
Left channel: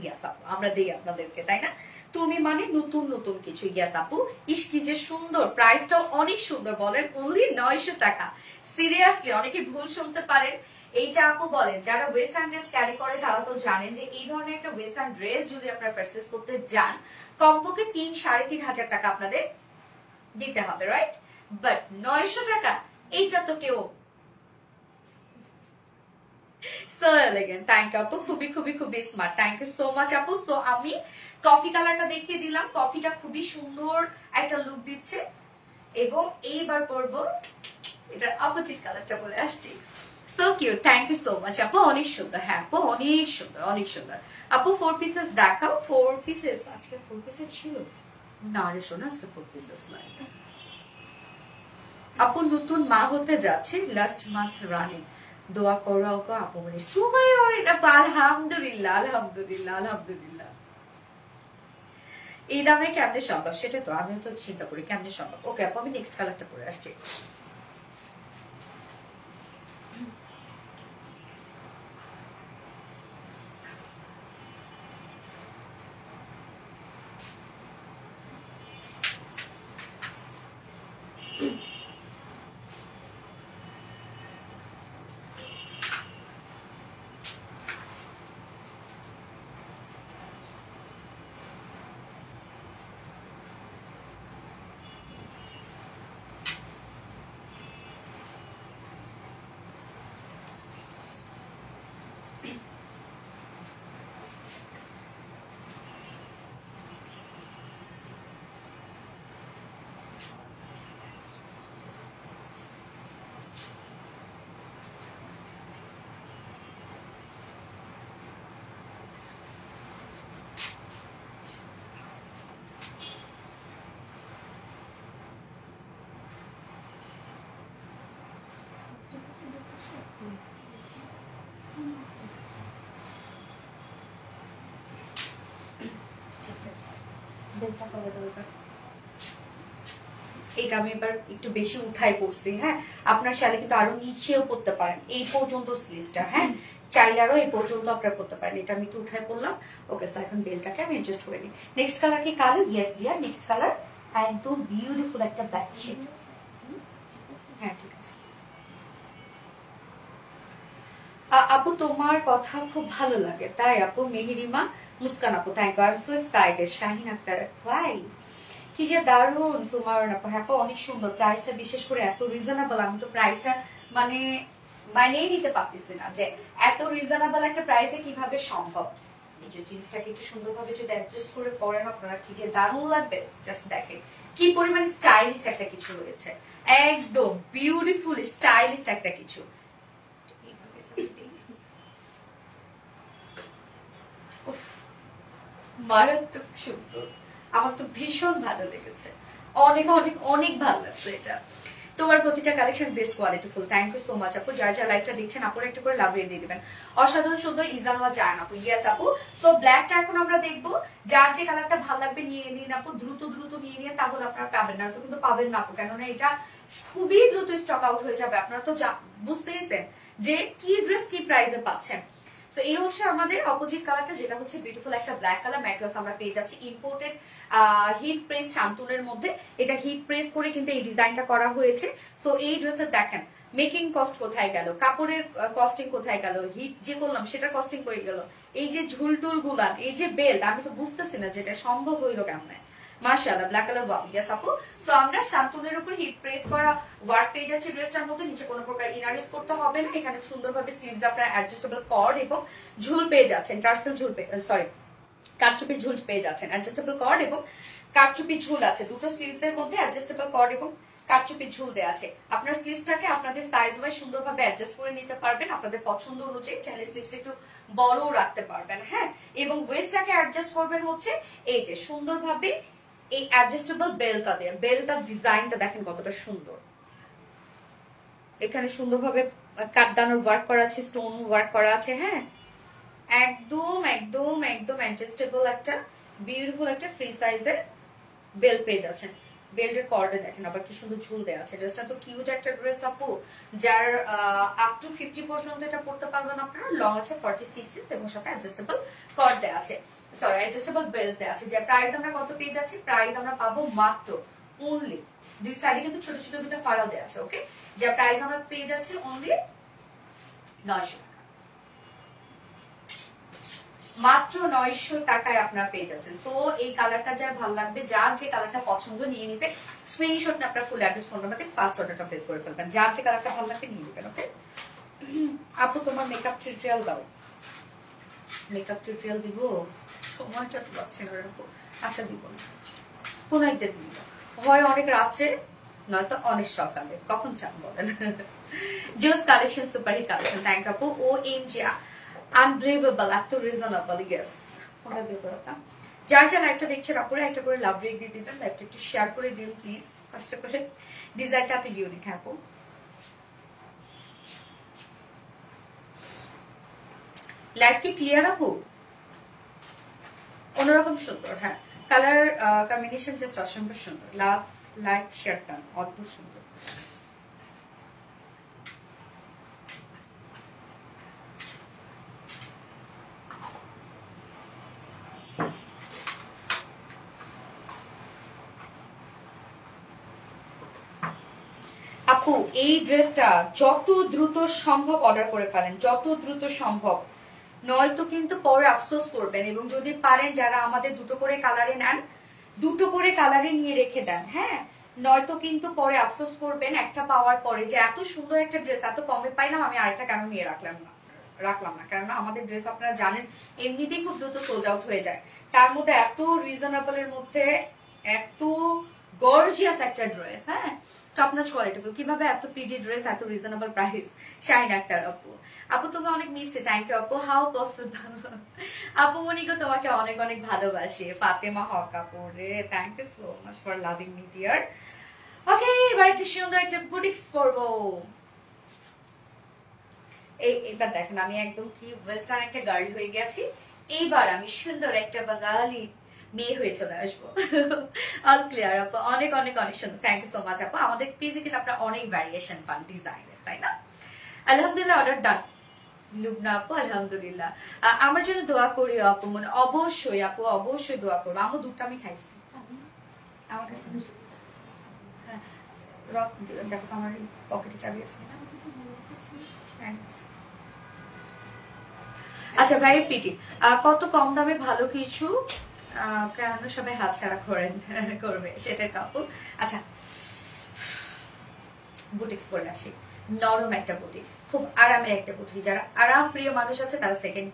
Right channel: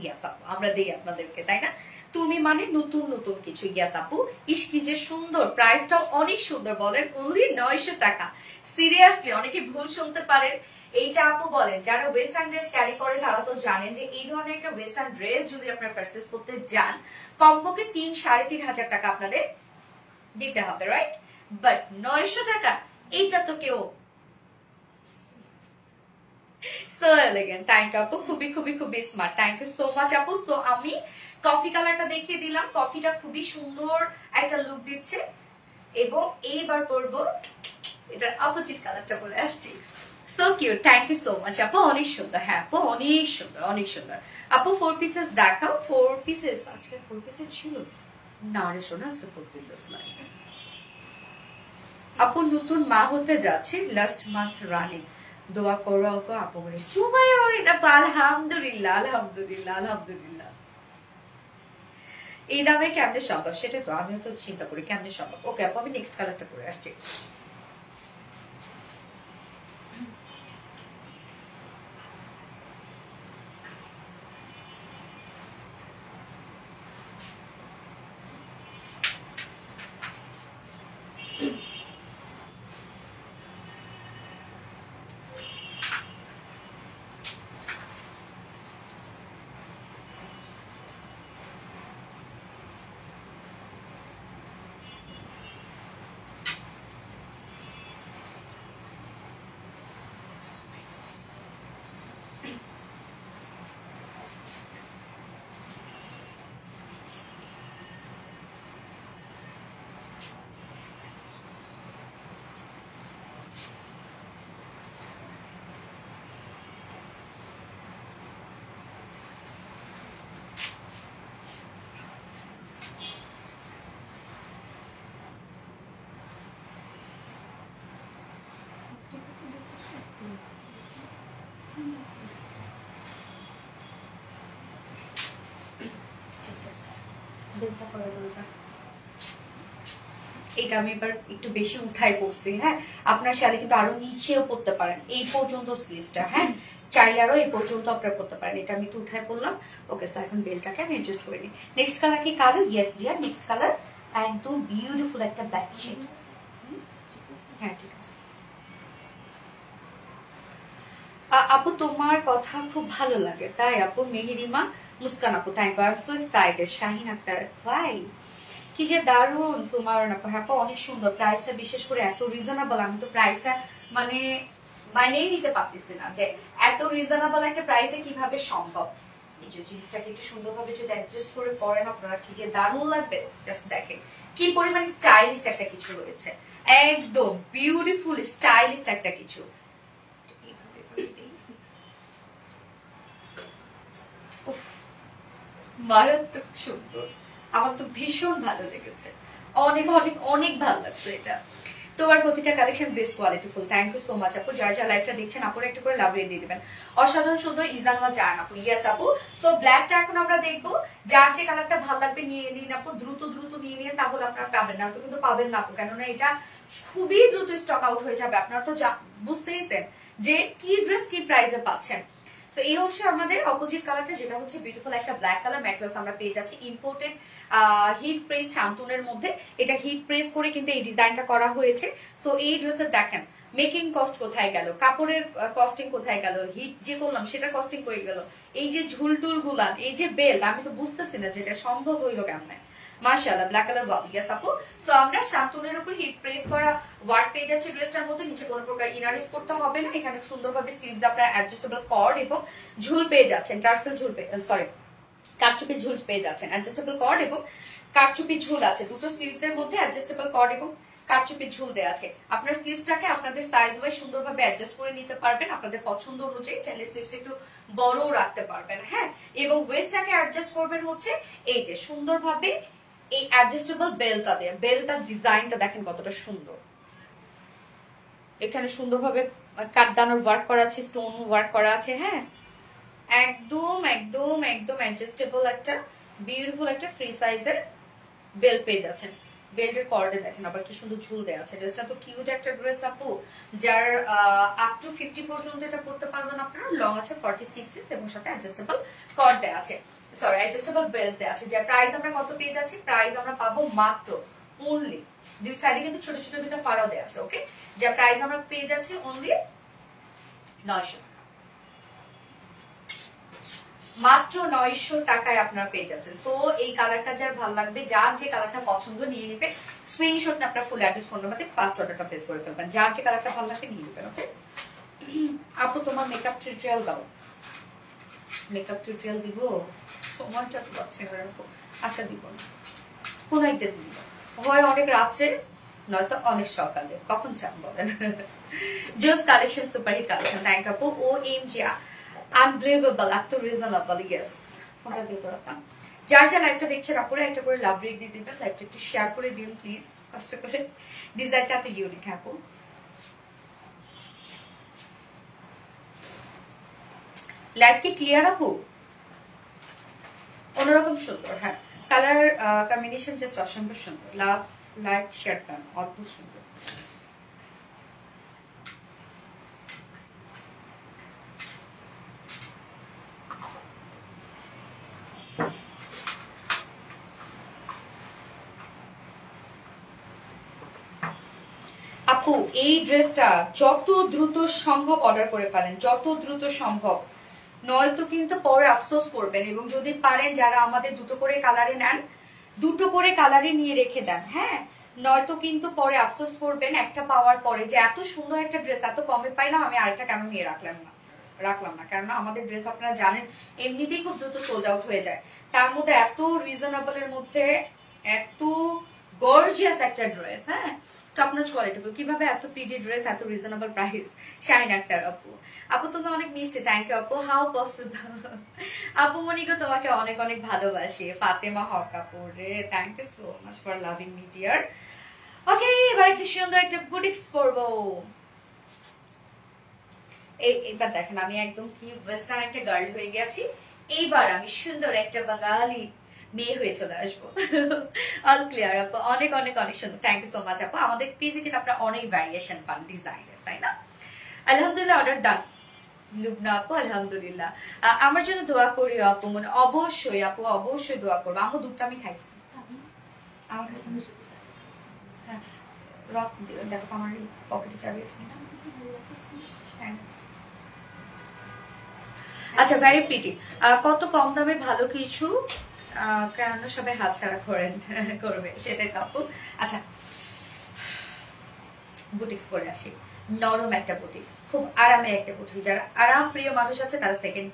ইয়াস আপু, আমরা দিই আপনাদেরকে, তাই না? তুমি মানে নতুন নতুন কিছু। ইয়াস আপু, ইস কি যে সুন্দর, প্রাইসটাও অনেক সুন্দর। বলেন অনলি 900 টাকা। সিরিয়াসলি অনেকে ভুল শুনতে পারেন। এইটা আপু বলেন, যারা ওয়েস্টার্ন ড্রেস ক্যারি করে তারা তো জানেন যে এই ধরনের একটা ওয়েস্টার্ন ড্রেস যদি আপনারা পারচেজ করতে যান, কমপক্ষে 3-3.5 টাকা আপনাদের দিতে হবে, রাইট? বাট 900 টাকা, এইটা তো কেউ। সো এলিগেন্ট, থ্যাংক ইউ আপু, খুবই খুবই খুবই smart, thank you so much আপু। সো আমি কফি কালারটা দেখিয়ে দিলাম, কফিটা খুবই সুন্দর একটা লুক দিচ্ছে। এবং এইবার পরবো এটা অপোজিট কালারটা বলে আসছি। So cute, thank you so much আপু, অনেক সুন্দর। হ্যাঁ আপু, অনেক সুন্দর অনেক সুন্দর। আপু 4 পিসেস দেখাও। 4 পিসেস আজকে 4 পিসেস ছিল না রে শোনা, আজকে 4 পিসেস নাই আপু। নতুন মা হতে যাচ্ছে, লাস্ট মান্থ রানিং, দোয়া করো আপু। মানে সুবাই আলহামদুলিল্লাহ আলহামদুলিল্লাহ আলহামদুলিল্লাহ। এই দামে কেমনে সম্ভব? সেটা তো আমিও তো চিন্তা করি কেমনে সম্ভব। ওকে আপু, আমি নেক্সট কালারটা পরে আসছি। এটা আমি এবার একটু বেশি উঠাই করছি। হ্যাঁ, আপনার শালে কিন্তু আরো নিচেও পড়তে পারেন, এই পর্যন্ত স্লিভসটা। হ্যাঁ, চাইলে আরো এই পর্যন্ত আপনারা পড়তে পারেন। এটা আমি একটু উঠাই পড়লাম। ওকে, সো এখন বেলটাকে আমি অ্যাডজাস্ট করে নিই। নেক্সট কালার কি কালো? ইয়েস ডিয়ার, নেক্সট কালার একদম বিউটিফুল একটা ব্ল্যাক শেড। হ্যাঁ ঠিক আছে আপু, তোমার কথা খুব ভালো লাগে তাই আপু। মেহেরিমা মুস্কান আপু, thank you, I am so excited. Shahin Akter, ভাই কি যে দারুন। সুমারন আপু, হ্যাঁ অনেক সুন্দর। প্রাইসটা বিশেষ করে এত রিজনেবল, আমি তো প্রাইসটা মানে মানেই নিতে পারতেছি না যে এত রিজনেবল একটা প্রাইসে কিভাবে সম্ভব। এই যে জিনিসটাকে একটু সুন্দরভাবে যদি অ্যাডজাস্ট করে পরেন আপনারা, কি যে দারুণ লাগবে। জাস্ট দেখেন কি পরিমাণ স্টাইলিশ একটা কিছু রয়েছে, একদম বিউটিফুল স্টাইলিশ একটা কিছু। মারাত্মক সুন্দর, আমার তো ভীষণ ভালো লেগেছে, অনেক অনেক অনেক ভালো লাগছে এটা। তোমার প্রতিটা কালেকশন বেস্ট কোয়ালিটিফুল। থ্যাংক ইউ সো মাচ আপু। যারা যারা লাইভটা দেখছেন আপুর একটা করে লাভ দিয়ে দিবেন। অসাধারণ সুন্দর ইজানওয়া জান আপু। ইয়েস আপু। সো ব্ল্যাকটা এখন আমরা দেখবো, যার যে কালারটা ভালো লাগবে নিয়ে নিন আপু, দ্রুত দ্রুত নিয়ে নিন, তাহলে আপনারা পাবেন না তো কিন্তু পাবেন না আপু, কেননা এটা খুবই দ্রুত স্টক আউট হয়ে যাবে। আপনারা তো বুঝতেইছেন যে কি ড্রেস কি প্রাইসে পাচ্ছেন। তো এই হচ্ছে আমাদের অপোজিট কালারটা, যেটা হচ্ছে বিউটিফুল একটা ব্ল্যাক কালার ম্যাট্রেস আমরা পেয়ে যাচ্ছি ইম্পোর্টেড হিট প্রেস শান্তনের মধ্যে। এটা হিট প্রেস করে কিন্তু এই ডিজাইনটা করা হয়েছে। সো এই ড্রেসের দেখেন মেকিং কস্ট কোথায় গেল, কাপড়ের কস্টিং কোথায় গেল, হিট যে করলাম সেটার কস্টিং কই গেল, এই যে ঝুলটুল গুলান, এই যে বেল্ট, আমি তো বুঝতেছি না যেটা সম্ভব হইলো কেমন। মাশাআল্লাহ ব্ল্যাক কালার ওয়াও। ইয়েস আপু। সো আমরা শান্তনের উপর হিট প্রেস করা ওয়ার্ক পেয়ে যাচ্ছি ড্রেসটার মধ্যে। নিচে কোনো প্রকার ইনার ইউজ করতে হবে না। এখানে সুন্দরভাবে স্লিভস আপনার অ্যাডজাস্টেবল কর্ড এবং ঝুল পেয়ে যাচ্ছেন, টার্সেল ঝুল সরি কারচুপি ঝুল পেয়ে যাচ্ছেন, অ্যাডজাস্টেবল কর্ড এবং কারচুপি ঝুল আছে দুটো স্লিভস এর মধ্যে। অ্যাডজাস্টেবল কর্ড এবং কারচুপি ঝুল দেওয়া আছে। আপনার স্লিভসটাকে আপনাদের সাইজ ওয়াইজ সুন্দরভাবে অ্যাডজাস্ট করে নিতে পারবেন আপনাদের পছন্দ অনুযায়ী। চাইলে স্লিভস একটু বড়ও রাখতে পারবেন, হ্যাঁ। এবং ওয়েস্টটাকে অ্যাডজাস্ট করবেন হচ্ছে এই যে সুন্দরভাবে এই অ্যাডজাস্টেবল বেল্টটা দিয়ে। বেল্টটার ডিজাইনটা দেখেন কতটা সুন্দর। এখানে সুন্দরভাবে কাঠদানোর ওয়ার্ক করা আছে, স্টোন ওয়ার্ক করা আছে, হ্যাঁ। একদম একদম একদম অ্যাডজাস্টেবল একটা বিউটিফুল একটা ফ্রি সাইজের বেল্ট পেয়ে যাচ্ছেন। বেল্টের কর্ডে দেখেন আবার কি সুন্দর ঝুল দেওয়া আছে। ড্রেসটা তো কিউট একটা ড্রেস আপু, যার আপ টু 50 পর্যন্ত এটা পড়তে পারবেন আপনারা। লং আছে 46 ইঞ্চ এবং সাথে অ্যাডজাস্টেবল কর্ড দেওয়া আছে, সরি অ্যাডজাস্টেবল বেল্ট দেওয়া আছে। যার প্রাইস আমরা কত পেয়ে যাচ্ছি, প্রাইস আমরা পাবো মাত্র অনলি, দুই সাইডে কিন্তু ছোট ছোট দুটো ফাড়াও দেওয়া আছে, ওকে। যার প্রাইস আমরা পেয়ে যাচ্ছি অনলি 900 টাকা, মাত্র 900 টাকায় আপনারা পেয়ে যাচ্ছেন। তো এই কালারটা যার ভালো লাগবে, যার যে কালারটা পছন্দ নিয়ে নেবে, স্ক্রিনশট না আপনার ফুল অ্যাড্রেস ফোন নাম্বারে ফার্স্ট অর্ডারটা প্লেস করে ফেলবেন। যার যে কালারটা ভালো লাগবে নিয়ে নেবেন, ওকে। আপু তোমার মেকআপ টিউটোরিয়াল দাও। মেকআপ টিউটোরিয়াল দিব, সময়টা তো পাচ্ছি না আপু। আচ্ছা দিব না, কোন একদিন দিব, হয় অনেক রাত্রে নয়তো অনেক সকালে, কখন চান বলেন। জোস কালেকশন, সুপারহিট কালেকশন। থ্যাংক আপু। ও এম জি আনবিলিভেবল, এত রিজনেবল। ইয়েস, ফোনটা দিয়ে করাতাম। যার যা লাইভটা দেখছেন আপনারা একটা করে লাভ রেক দিয়ে দিবেন, লাইভটা একটু শেয়ার করে দিন প্লিজ, কষ্ট করে। ডিজাইনটা এত ইউনিক আপু। লাইভ কি ক্লিয়ার আপু? অন্যরকম সুন্দর, হ্যাঁ। কালার কম্বিনেশন জাস্ট অসম্ভব সুন্দর। লাভ লাইক শেয়ার ডান, অদ্ভুত সুন্দর। আপু এই ড্রেসটা যত দ্রুত সম্ভব অর্ডার করে ফেলেন, যত দ্রুত সম্ভব, নয়তো কিন্তু পরে আফসোস করবেন। এবং যদি পারেন যারা আমাদের দুটো করে কালারে নেন, দুটো করে কালারে নিয়ে রেখে দেন, হ্যাঁ। নয়তো কিন্তু পরে আফসোস করবেন একটা পাওয়ার পরে, যে এত সুন্দর একটা ড্রেস এত কমে পাইলাম, আমি আরেকটা কেন নিয়ে রাখলাম না। কেননা আমাদের ড্রেস আপনারা জানেন এমনিতেই খুব দ্রুত সোল্ড আউট হয়ে যায়। তার মধ্যে এত রিজনেবলের মধ্যে এত গর্জিয়াস একটা ড্রেস, হ্যাঁ, টপ নচ কোয়ালিটিফুল। কিভাবে এত পিডি ড্রেস, এত রিজনেবল প্রাইস। শাইন আক্তার আপু, আপু তুমি অনেক মিষ্টি, থ্যাংক ইউ আপু। হাউ পসিবল আপু মনিকে তোমাকে অনেক অনেক ভালোবাসি। ফাতেমা হক আপু রে, thank you so much for loving me dear. Okay, এবার একটু সুন্দর একটা বুটিক্স পরবো। এবার দেখেন আমি একদম কিউট ওয়েস্টার্ন একটা গার্ল হয়ে গেছি। এইবার আমি সুন্দর একটা বাঙালি মেয়ে হয়ে চলে আসবো। অল ক্লিয়ার আপু, অনেক অনেক অনেক সুন্দর। থ্যাংক ইউ সো মাচ আপু। আমাদের পেজে কিন্তু আপনারা অনেক ভ্যারিয়েশন পান ডিজাইনের, তাই না? আলহামদুলিল্লাহ অর্ডার ডান লুবনা আপু, আলহামদুলিল্লাহ। আমার জন্য দোয়া করি আপু, মানে অবশ্যই আপু, অবশ্যই দোয়া করবো। আপু দুধটা আমি খাইছি, আমার কাছে হ্যাঁ রক দেখো আমার পকেটে চাবি আছে। আচ্ছা, ভেরি প্রিটি। কত কম দামে ভালো কিছু কেন সবাই হাতছাড়া করবে সেটাই তো আপু। আচ্ছা, বুটিক্স পরে আসি। নরম একটা বুটিক্স, খুব আরামের একটা বুটিক্স। যারা আরাম প্রিয় মানুষ আছে তারা সেকেন্ড,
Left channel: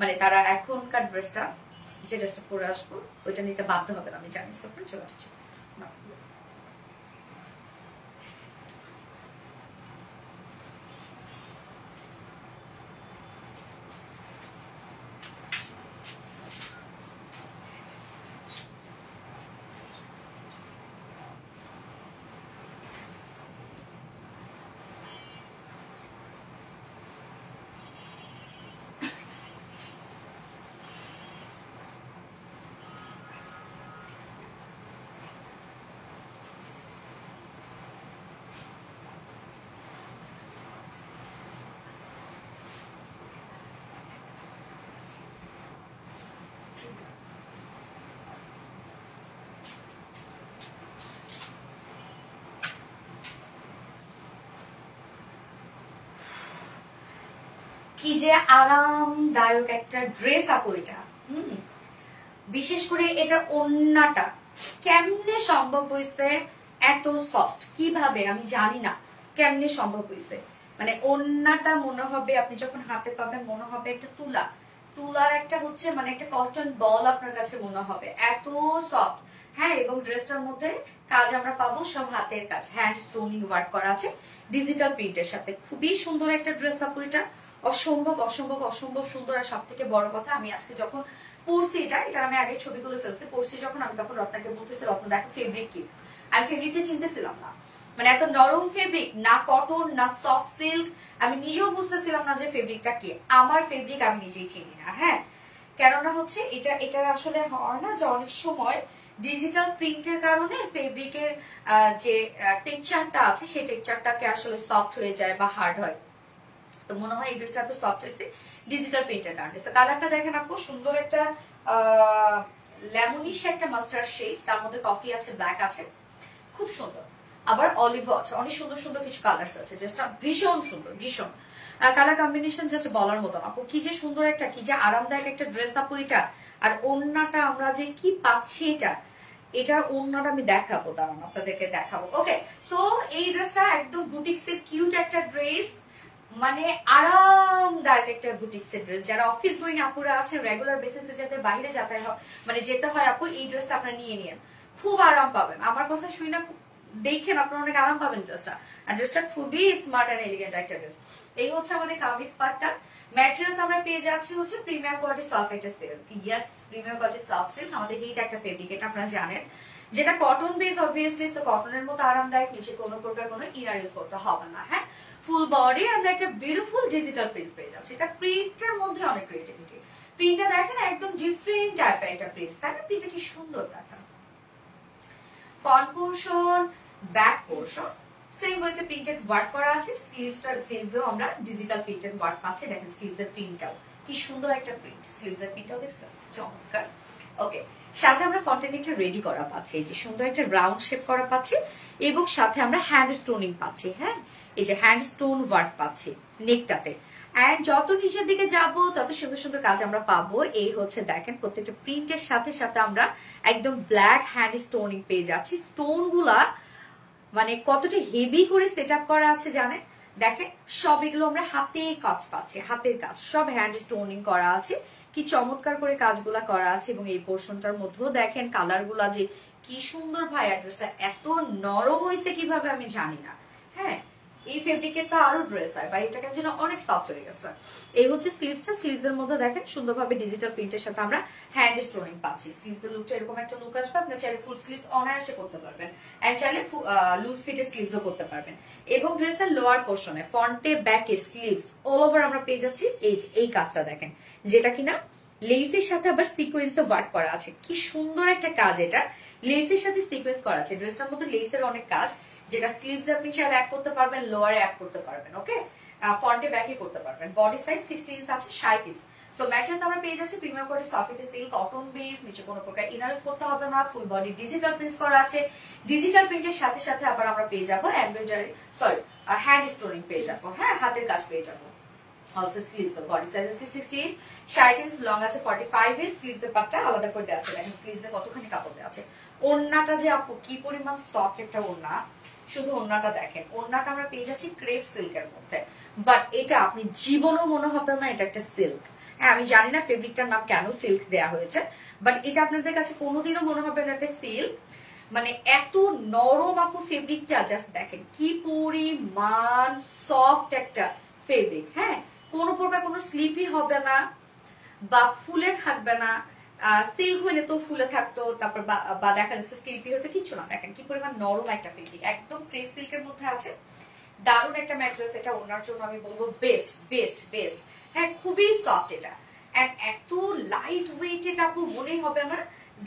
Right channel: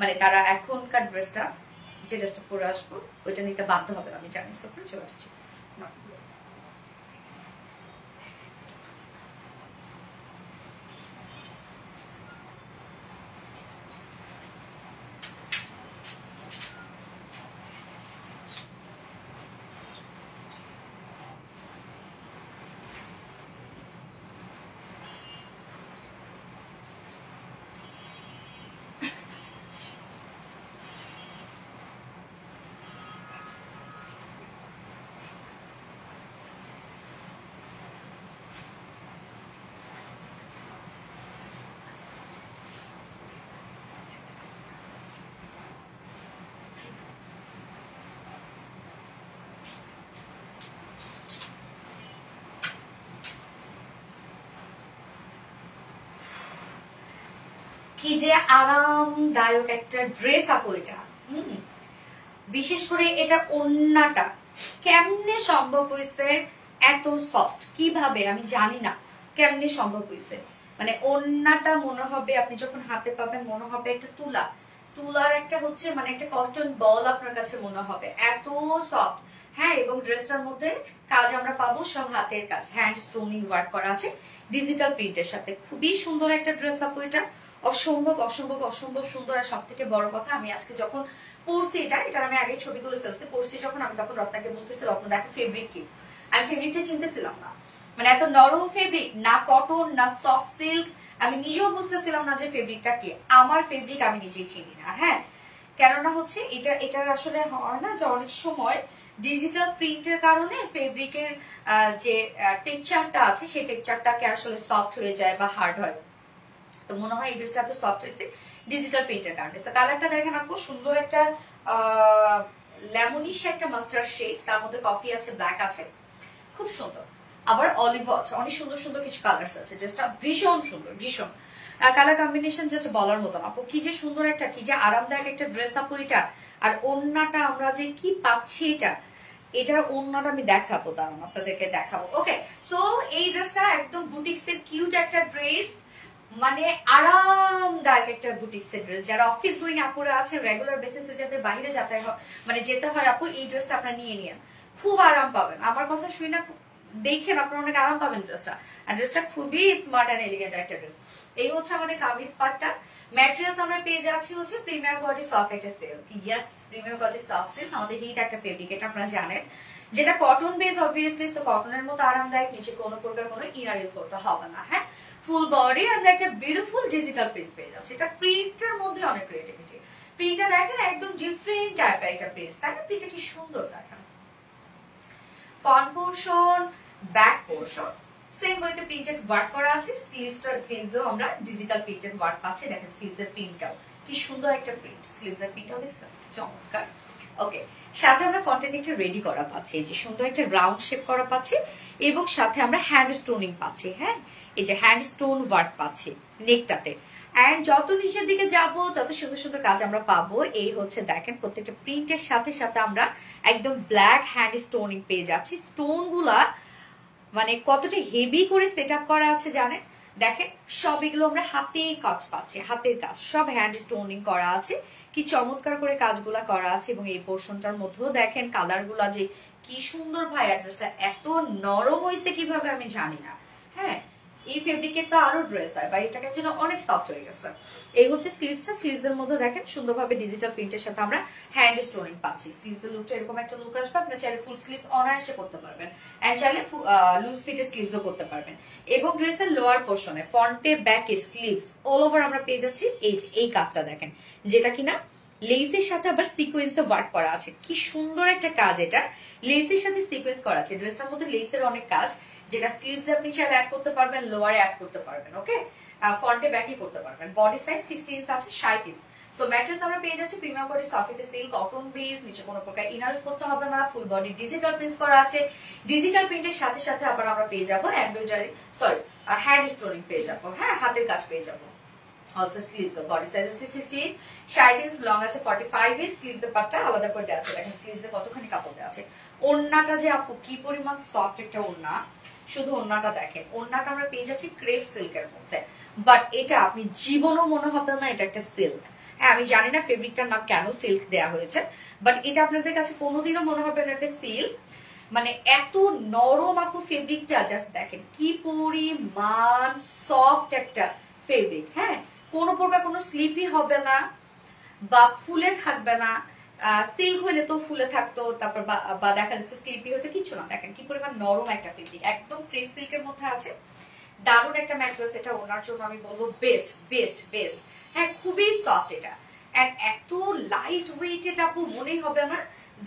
মানে তারা এখনকার ড্রেসটা, যে ড্রেসটা পরে আসবো ওইটা নিতে বাধ্য হবে। আমি জানি, সব চলে আসছি। কি যে আরামদায়ক একটা ড্রেস আপু এটা। বিশেষ করে এটা ওড়নাটা কেমনে সম্ভব হয়েছে এত সফট, কিভাবে আমি জানি না কেমনে সম্ভব হয়েছে। মানে ওড়নাটা মনে হবে আপনি যখন হাতে পাবেন মনে হবে একটা তুলার একটা হচ্ছে মানে একটা কটন বল আপনার কাছে মনে হবে, এত সফট। হ্যাঁ, এবং ড্রেসটার মধ্যে কাজ আমরা পাবো সব হাতের কাজ, হ্যান্ড স্টোনিং ওয়ার্ক করা আছে ডিজিটাল প্রিন্টের সাথে। খুবই সুন্দর একটা ড্রেস আপু এটা, অসম্ভব অসম্ভব অসম্ভব সুন্দর। আর সব থেকে বড় কথা, আমি আজকে যখন পরছি এটার আমি আগে ছবি তুলে ফেলছি, পরছি যখন আমি তখন রত্নাকে বলতেছি রত্ন দেখো ফেব্রিক কি। আমি ফেব্রিকটা চিনতেছিলাম না, মানে এত নরম ফেব্রিক, না কটন না সফট সিল্ক, আমি নিজেও বুঝতেছিলাম না যে ফেব্রিকটা কি। আমার ফেব্রিক আমি নিজেই চিনি না। হ্যাঁ, কেননা হচ্ছে এটা আসলে হয় না যে অনেক সময় ডিজিটাল প্রিন্টের কারণে ফেব্রিকের যে টেক্সচারটা আছে সেই টেক্সচারটাকে আসলে সফট হয়ে যায় বা হার্ড হয়। তো মনে হয় এই ড্রেসটা এত সফট হয়েছে ডিজিটাল প্রিন্টের কারণে। কালারটা দেখেন আপু, সুন্দর একটা লেমনিশ একটা মাস্টার্ড শেড, তার মধ্যে কফি আছে, ব্ল্যাক আছে, খুব সুন্দর। আবার অলিভ আছে, অনেক সুন্দর সুন্দর কিছু কালার আছে। ড্রেসটা ভীষণ সুন্দর, ভীষণ কালার কম্বিনেশন জাস্ট বলার মতন আপু। কি যে সুন্দর একটা, কি যে আরামদায়ক একটা ড্রেস আপু এটা। আর ওড়নাটা আমরা যে কি পাচ্ছি এটার ওড়নাটা আমি দেখাবো, দাঁড়ান আপনাদেরকে দেখাবো। ওকে, সো এই ড্রেসটা একদম বুটিক্সের কিউট একটা ড্রেস, মানে আরামদায়ক একটা বুটিক্সের ড্রেস। যারা অফিস গোয়িং আপুরা আছে, রেগুলার বেসিসে যাতে বাইরে মানে যেতে হয় আপু, এই ড্রেসটা আপনারা নিয়ে নিন, খুব আরাম পাবেন। আমার কথা শুই না, দেখেন আপনারা অনেক আরাম পাবেন ড্রেসটা। আর ড্রেসটা খুবই স্মার্ট এন্ড এলিগেন্ট একটা ড্রেস। এই হচ্ছে আমাদের কামিজ পার্টটা। ম্যাটেরিয়ালস আমরা পেয়ে যাচ্ছি হচ্ছে প্রিমিয়াম কোয়ালিটি সফট একটা silk. Yes, premium quality soft silk, আমাদের হিট একটা ফেব্রিক, এটা আপনারা জানেন, যেটা কটন বেস অবভিয়াসলি। তো কটনের মতো আরামদায়ক, নিচে কোনো প্রকার কোনো ইনার ইউজ করতে হবে না। হ্যাঁ, ফুল বডি আমরা একটা বিউটিফুল ডিজিটাল প্রিন্ট পেয়ে যাচ্ছি। এটা প্রিন্টের মধ্যে অনেক ক্রিয়েটিভিটি। প্রিন্টটা দেখেন একদম ডিফারেন্ট টাইপের একটা প্রিন্ট, তাই না? প্রিন্টটা কি সুন্দর দেখেন। Front portion, back portion same ওয়েতে প্রিন্টেড ওয়ার্ক করা আছে। স্লিভসেও আমরা ডিজিটাল প্রিন্টেড ওয়ার্ক পাচ্ছি। দেখেন স্লিভস এর প্রিন্টটাও কি সুন্দর একটা প্রিন্ট, স্লিভস এর প্রিন্টটাও দেখছেন, চমৎকার। ওকে, সাথে আমরা ফ্রন্টের দিকটা রেডি করা পাচ্ছি, এই যে সুন্দর একটা রাউন্ড শেপ করা পাচ্ছি, এবং সাথে আমরা হ্যান্ড স্টোনিং পাচ্ছি। হ্যাঁ, এই যে হ্যান্ড স্টোন ওয়ার্ক পাচ্ছি নেকটাতে। এন্ড যত নিচের দিকে যাব তত সুন্দর সুন্দর কাজ আমরা পাবো। এই হচ্ছে দেখেন প্রত্যেকটা প্রিন্টের সাথে সাথে আমরা একদম ব্ল্যাক হ্যান্ড স্টোনিং পেয়ে যাচ্ছি। স্টোন গুলা মানে কতটা হেভি করে সেট আপ করা আছে জানেন। দেখেন সব এগুলো আমরা হাতে কাজ পাচ্ছি, হাতের কাজ, সব হ্যান্ড স্টোনিং করা আছে। কি চমৎকার করে কাজগুলা করা আছে। এবং এই পোর্শনটার মধ্যেও দেখেন কালার গুলা যে কি সুন্দর। ভাই অ্যাড্রেসটা এত নরম হয়েছে কিভাবে আমি জানি না। হ্যাঁ, এই ফেব্রিকের তো আরো ড্রেস হয়, বা এটা কেন অনেক সফট হয়ে গেছে। এই হচ্ছে স্লিভসটা, স্লিভসের মধ্যে দেখেন সুন্দরভাবে ডিজিটাল প্রিন্টের সাথে আমরা হ্যান্ড স্টোনিং পাচ্ছি। স্লিভসের লুকটা এরকম একটা লুক আসবে। আপনি চাইলে ফুল স্লিভস অনায়াসে করতে পারবেন, এন্ড চাইলে লুজ ফিটের স্লিভসও করতে পারবেন। এবং ড্রেসের লোয়ার পোর্শনে ফ্রন্টে ব্যাকে স্লিভস অল ওভার আমরা পেয়ে যাচ্ছি এই কাজটা দেখেন, যেটা কিনা লেসের সাথে আবার সিকোয়েন্সে ওয়ার্ক করা আছে। কি সুন্দর একটা কাজ, এটা লেসের সাথে সিকোয়েন্স করা আছে। ড্রেসটার মধ্যে লেসের অনেক কাজ, যেটা স্লিভস আপনি চাইলে অ্যাড করতে পারবেন, লোয়ারে অ্যাড করতে পারবেন। ওকে, ফ্রন্টে ব্যাকে করতে পারবেন। বডি সাইজ 60 ইঞ্চ আছে, 60 ইঞ্চ। সো ম্যাটেরিয়ালস আমরা পেয়ে যাচ্ছি premium quality soft silk, cotton base, নিচে কোনো প্রকার ইনার ইউজ করতে হবে না। ফুল বডি ডিজিটাল প্রিন্ট করা আছে। ডিজিটাল প্রিন্টের সাথে সাথে আবার আমরা পেয়ে যাবো এমব্রয়ডারি, হ্যান্ড স্টোনিং পেয়ে যাবো। হ্যাঁ, হাতের কাজ পেয়ে যাবো। Also sleeves, body size is 60, 60 inch, long আছে 45 inch। স্লিভস এর পাটটা আলাদা করে দেওয়া আছে। দেখেন স্লিভস এ কতখানি কাপড় দেওয়া আছে। ওড়নাটা যে আপু কি পরিমাণ সফট একটা ওড়না, শুধু ওড়নাটা দেখেন। ওড়নাটা আমরা পেয়ে যাচ্ছি ক্রেপ সিল্কের মধ্যে, বাট এটা আপনি জীবনও মনে হবে না এটা একটা সিল্ক। হ্যাঁ, আমি জানি না ফেব্রিকটার নাম কেন সিল্ক দেওয়া হয়েছে, বাট এটা আপনাদের কাছে কোনোদিনও মনে হবে না একটা সিল্ক। মানে এত নরম আপু ফেব্রিকটা, জাস্ট দেখেন কি পরিমাণ সফট একটা ফেব্রিক। হ্যাঁ, কোনো প্রকার কোনো স্লিপি হবে না বা ফুলে থাকবে না। সিল্ক হইলে তো ফুলে থাকতো, তারপর বা দেখা যাচ্ছে স্লিপি হতে কিছু না। দেখেন কি পরিমাণ নরম একটা ফেব্রিক, একদম ক্রেপ সিল্কের মধ্যে আছে। দারুণ একটা ম্যাটেরিয়ালস, এটা ওনার জন্য আমি বলবো বেস্ট বেস্ট বেস্ট। হ্যাঁ, খুবই সফট এটা, এত লাইট ওয়েট, এটা আপু মনেই হবে না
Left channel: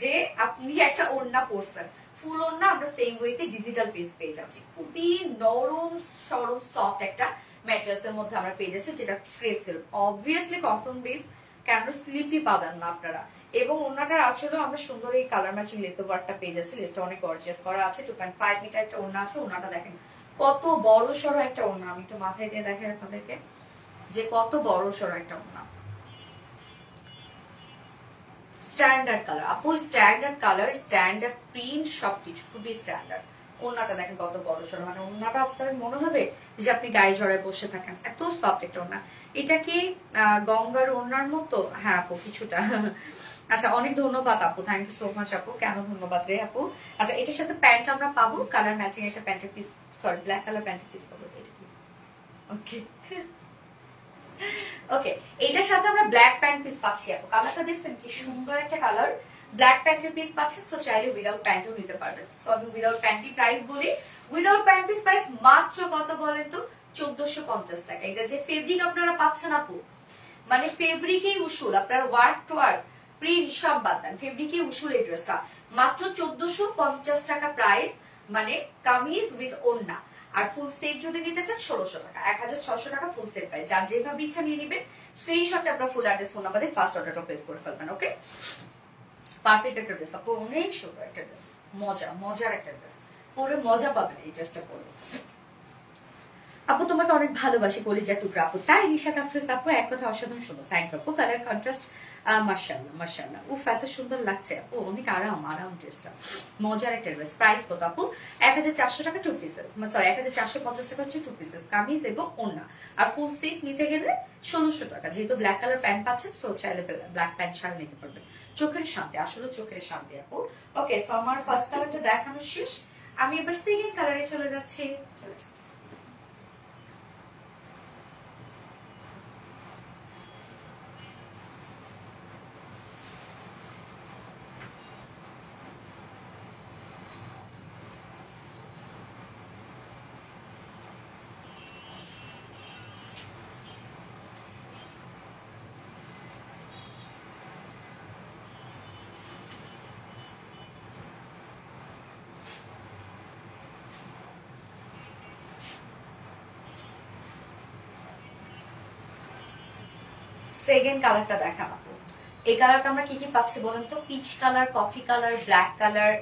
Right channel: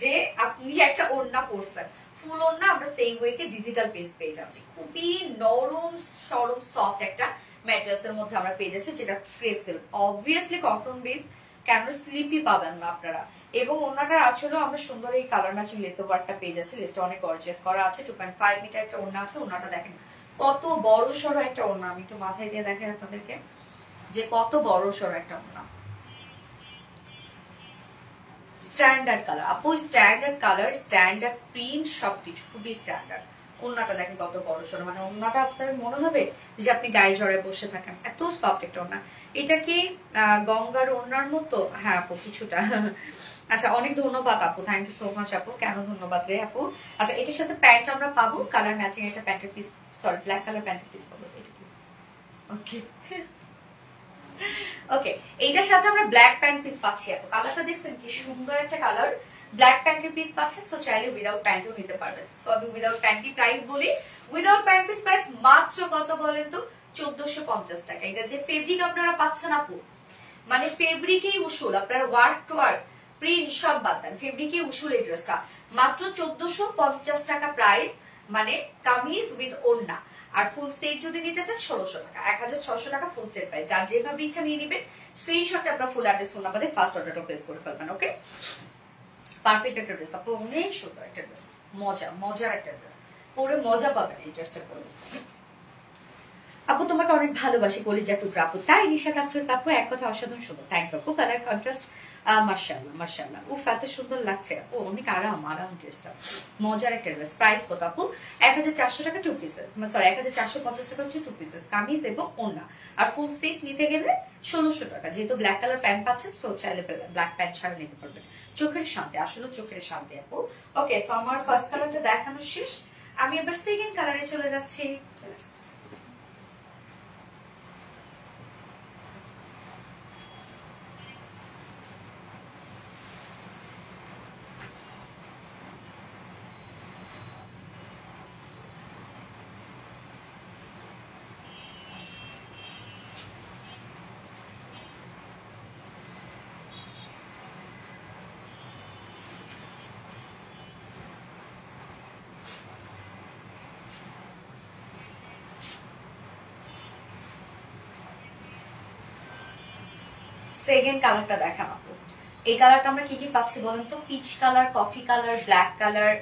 যে আপনি একটা ওড়না পরছেন। ফুল ওড়না আমরা সেম ওয়েতে ডিজিটাল প্রিন্ট পেয়ে যাচ্ছি। খুবই নরম সরম সফট একটা ম্যাটেরিয়ালস এর মধ্যে আমরা পেয়ে যাচ্ছি, যেটা crepe silk, obviously cotton base, কেন স্লিপি পাবেন না আপনারা। এবং ওড়নাটার আসলেও আমরা সুন্দর এই কালার ম্যাচিং লেস ওয়ার্কটা পেয়ে যাচ্ছি। লেসটা অনেক গর্জিয়াস করা আছে। 2.5 মিটার একটা ওড়না আছে। ওড়নাটা দেখেন কত বড় সড়ো একটা ওড়না। আমি একটু মাথায় দিয়ে দেখাই আপনাদেরকে, যে কত বড় সড় একটা ওড়না। স্ট্যান্ডার্ড কালার আপু, স্ট্যান্ডার্ড কালার, স্ট্যান্ডার্ড প্রিন্ট, সবকিছু খুবই স্ট্যান্ডার্ড। ওড়নাটা দেখেন কত বড় সড়, মানে ওড়নাটা আপনার মনে হবে যে আপনি গায়ে জড়ায় বসে থাকেন, এত সফট একটা ওড়না। এটা কি গঙ্গার ওড়নার মতো? হ্যাঁ আপু কিছুটা। আচ্ছা অনেক ধন্যবাদ আপু, থ্যাংক ইউ সো মাচ আপু। কেন ধন্যবাদ রে আপু। আচ্ছা এটার সাথে প্যান্ট আমরা পাবো, কালার ম্যাচিং একটা প্যান্টের পিস, সরি ব্ল্যাক কালার প্যান্টের পিস পাবো। এটা কি ওকে ওকে, এইটার সাথে আমরা ব্ল্যাক প্যান্ট পিস পাচ্ছি আপু। কালারটা দেখছেন কি সুন্দর একটা কালার, ব্ল্যাক প্যান্টের পিস পাচ্ছেন। সো চাইলে উইদাউট প্যান্টও নিতে পারবেন। সো আমি উইদাউট প্যান্টই প্রাইস বলি। উইদাউট প্যান্ট পিস প্রাইস মাত্র কত বলেন তো? 1450 টাকা। এটা যে ফেব্রিক আপনারা পাচ্ছেন আপু, মানে ফেব্রিকেই উসুল, আপনার ওয়ার্ক টু ওয়ার্ক প্রিন্ট সব বাদ দেন, ফেব্রিকেই উসুল এই ড্রেসটা। মাত্র 1450 টাকা প্রাইস, মানে কামিজ উইথ ওড়না। আর ফুল সেট যদি নিতে চান 1600 টাকা, 1600 টাকা ফুল সেট প্রাইস। যার যেভাবে ইচ্ছা নিয়ে নেবেন, স্ক্রিনশটে আপনার ফুল অ্যাড্রেস ফোন নাম্বারে ফার্স্ট অর্ডারটা প্লেস করে ফেলবেন। ওকে, পারফেক্ট একটা ড্রেস আপু, অনেক সুন্দর একটা ড্রেস, মজার একটা ড্রেস, পুরো মজা পাবেন এই ড্রেসটা পরে। আপু তোমাকে অনেক ভালোবাসি কলিজা টুকরা আপু। তাই নিশাত আফরোজ আপু, এক কথা অসাধারণ সুন্দর, থ্যাংক ইউ আপু। কালার কন্ট্রাস্ট মাশাআল্লাহ মাশাআল্লাহ, উফ এত সুন্দর লাগছে আপু, অনেক আরাম ড্রেসটা, মজার একটা ড্রেস। প্রাইস কত আপু? 1400 টাকা 2 পিসেস, সরি 1450 টাকা হচ্ছে 2 পিসেস কামিজ এবং ওড়না। আর ফুল সেট নিতে গেলে 1600 টাকা। যেহেতু ব্ল্যাক কালার প্যান্ট পাচ্ছেন, সো চাইলে ব্ল্যাক প্যান্ট ছাড়া নিতে পারবেন। চোখের শান্তি, আসলে চোখের শান্তি আপু। ওকে, সো আমার ফার্স্ট কালারটা দেখানো শেষ, আমি এবার সেকেন্ড কালারে চলে যাচ্ছি। চলে আসছি। সেকেন্ড কালারটা দেখান আপু। এই কালারটা আমরা কি কি পাচ্ছি বলেন তো? Peach colour, coffee colour, black colour,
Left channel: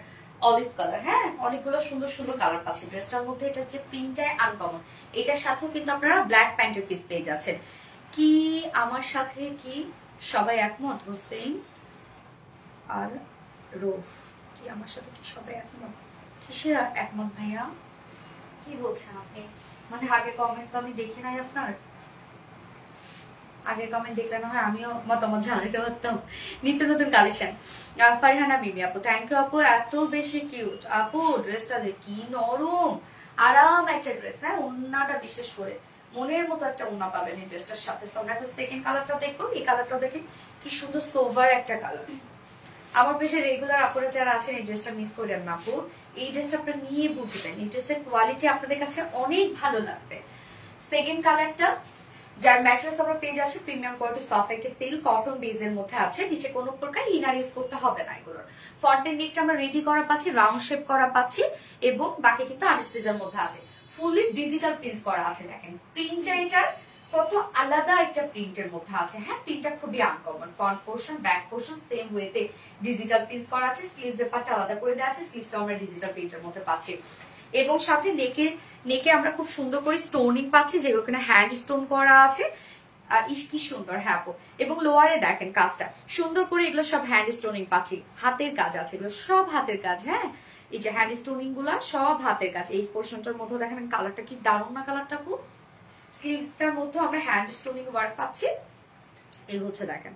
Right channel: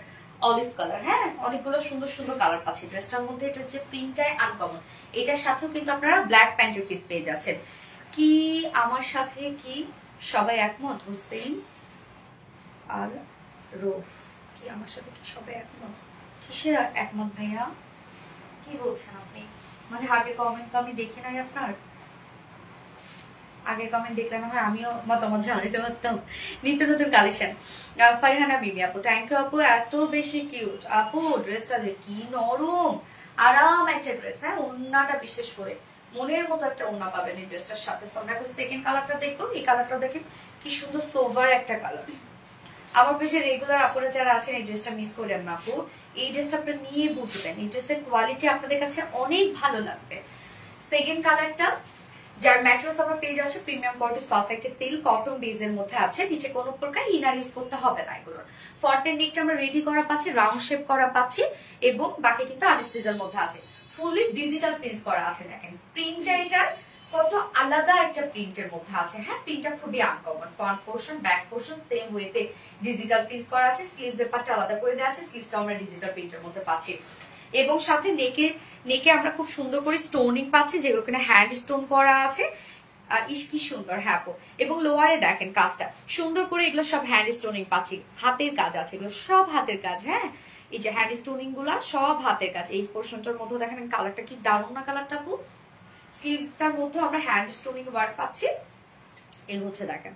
olive colour, হ্যাঁ অনেকগুলো সুন্দর সুন্দর কালার পাচ্ছি। ড্রেসটার মধ্যে এটার যে প্রিন্টটাই আনকমন। এটার সাথেও কিন্তু আপনারা ব্ল্যাক প্যান্টের পিস পেয়ে যাচ্ছেন। কি আমার সাথে কি সবাই একমত? হোসেন আর রোফ, কি আমার সাথে কি সবাই একমত? কিসের একমত ভাইয়া, কি বলছেন আপনি? মানে আগের কমেন্ট তো আমি দেখি নাই আপনার, আগের কমেন্ট দেখলে না হয় আমিও মতামত জানাতে পারতাম। নিত্য নতুন কালেকশন। ফারহানা বিবি আপু, থ্যাংক ইউ আপু, এত বেশি কিউট আপু। ড্রেসটা যে কি নরম, আরাম একটা ড্রেস। হ্যাঁ ওড়নাটা বিশেষ করে মনের মতো একটা ওড়না পাবেন এই ড্রেসটার সাথে। আমরা এখন সেকেন্ড কালারটা দেখবো। এই কালারটা দেখেন কি সুন্দর সোভার একটা কালার। আমার পেছে রেগুলার আপুরা যারা আছেন এই ড্রেসটা মিস করেন না আপু। এই ড্রেসটা আপনারা নিয়ে বুঝবেন, এই ড্রেসের কোয়ালিটি আপনাদের কাছে অনেক ভালো লাগবে। সেকেন্ড কালারটা, যার ম্যাট্রেস আমরা পেয়ে যাচ্ছে প্রিমিয়াম কোয়ালিটি সফট একটা সিল্ক কটন বেজের মধ্যে আছে। নিচে কোনো প্রকার ইনার ইউজ করতে হবে না এগুলোর। ফ্রন্টের নেকটা আমরা রেডি করা পাচ্ছি, রাউন্ড শেপ করা পাচ্ছি, এবং বাকি কিন্তু আনস্টিচের মধ্যে আছে। ফুললি ডিজিটাল প্রিন্ট করা আছে। দেখেন প্রিন্টটা এটার কত আলাদা একটা প্রিন্টের মধ্যে আছে। হ্যাঁ প্রিন্টটা খুবই uncommon. Front portion back portion same ওয়েতে ডিজিটাল প্রিন্ট করা আছে। স্লিভস এর পার্টটা আলাদা করে দেওয়া আছে, স্লিভসটা আমরা ডিজিটাল প্রিন্টের মধ্যে পাচ্ছি। এবং সাথে নেকে আমরা খুব সুন্দর করে স্টোনিং পাচ্ছি, যেগুলো কিনা হ্যান্ড স্টোন করা আছে। কি সুন্দর, হ্যাঁ। এবং লোয়ারে দেখেন কাজটা সুন্দর করে, এগুলো সব হ্যান্ড স্টোনিং পাচ্ছি, হাতের কাজ আছে, এগুলো সব হাতের কাজ। হ্যাঁ এই যে হ্যান্ড স্টোনিং গুলা সব হাতের কাজ। এই পোর্শনটার মধ্যে দেখেন কালারটা কি দারুণ না কালারটা আপু। স্লিভসটার মধ্যে আমরা হ্যান্ড স্টোনিং ওয়ার্ক পাচ্ছি। এই হচ্ছে দেখেন।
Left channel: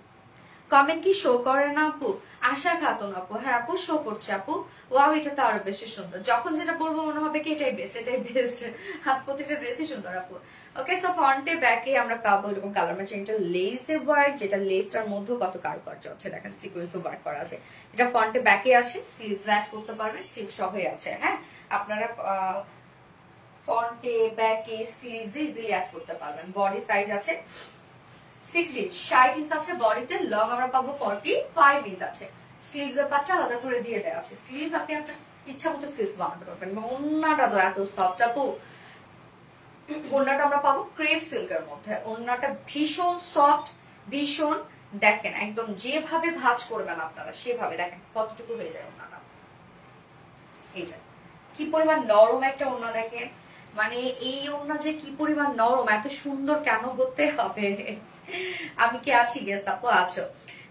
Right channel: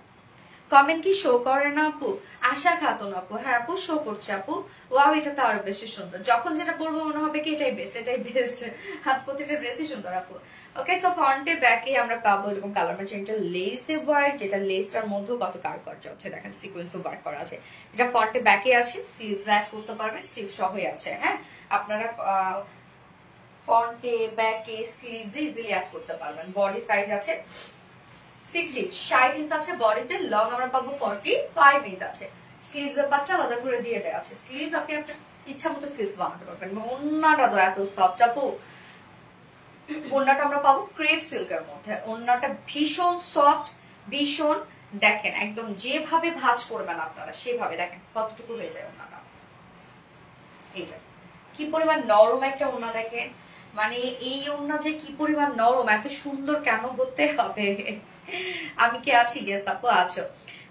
কমেন্ট কি শো করে না আপু? আশা খাতুন আপু, হ্যাঁ আপু শো করছে আপু। ওয়াও এটা তো আরো বেশি সুন্দর, যখন যেটা পরবো মনে হবে কি এটাই বেস্ট, এটাই বেস্ট। হাত প্রতিটা ড্রেসই সুন্দর আপু। ওকে, সো ফ্রন্টে ব্যাকে আমরা পাবো এরকম কালার ম্যাচিং একটা লেসে ওয়ার্ক, যেটা লেসটার মধ্যে কত কারুকার্য হচ্ছে দেখেন, সিকোয়েন্স ওয়ার্ক করা আছে। এটা ফ্রন্টে ব্যাকে আছে, স্লিভস অ্যাড করতে পারবেন, স্লিভ সহই আছে। হ্যাঁ আপনারা ফ্রন্টে ব্যাকে স্লিভস ইজিলি অ্যাড করতে পারবেন। বডি সাইজ আছে 60 ইঞ্চ আছে বডিতে, লং আমরা পাবো 45 ইঞ্চ আছে। স্লিভস এর পাটটা আলাদা করে দিয়ে দেওয়া আছে। স্লিভস আপনি আপনার ইচ্ছা মতো স্লিভস বানাতে পারবেন। ওড়নাটা তো এত সফট আপু। ওড়নাটা আমরা পাবো ক্রেপ সিল্কের মধ্যে। ওড়নাটা ভীষণ সফট, ভীষণ দেখেন একদম যেভাবে ভাঁজ করবেন আপনারা সেভাবে দেখেন কতটুকু হয়ে যায় ওড়নাটা। এই যে কি পরিমাণ নরম একটা ওড়না দেখেন, মানে এই ওড়না যে কি পরিমাণ নরম, এত সুন্দর কেন হতে হবে? আমি কি আছি? গেস আপু আছো।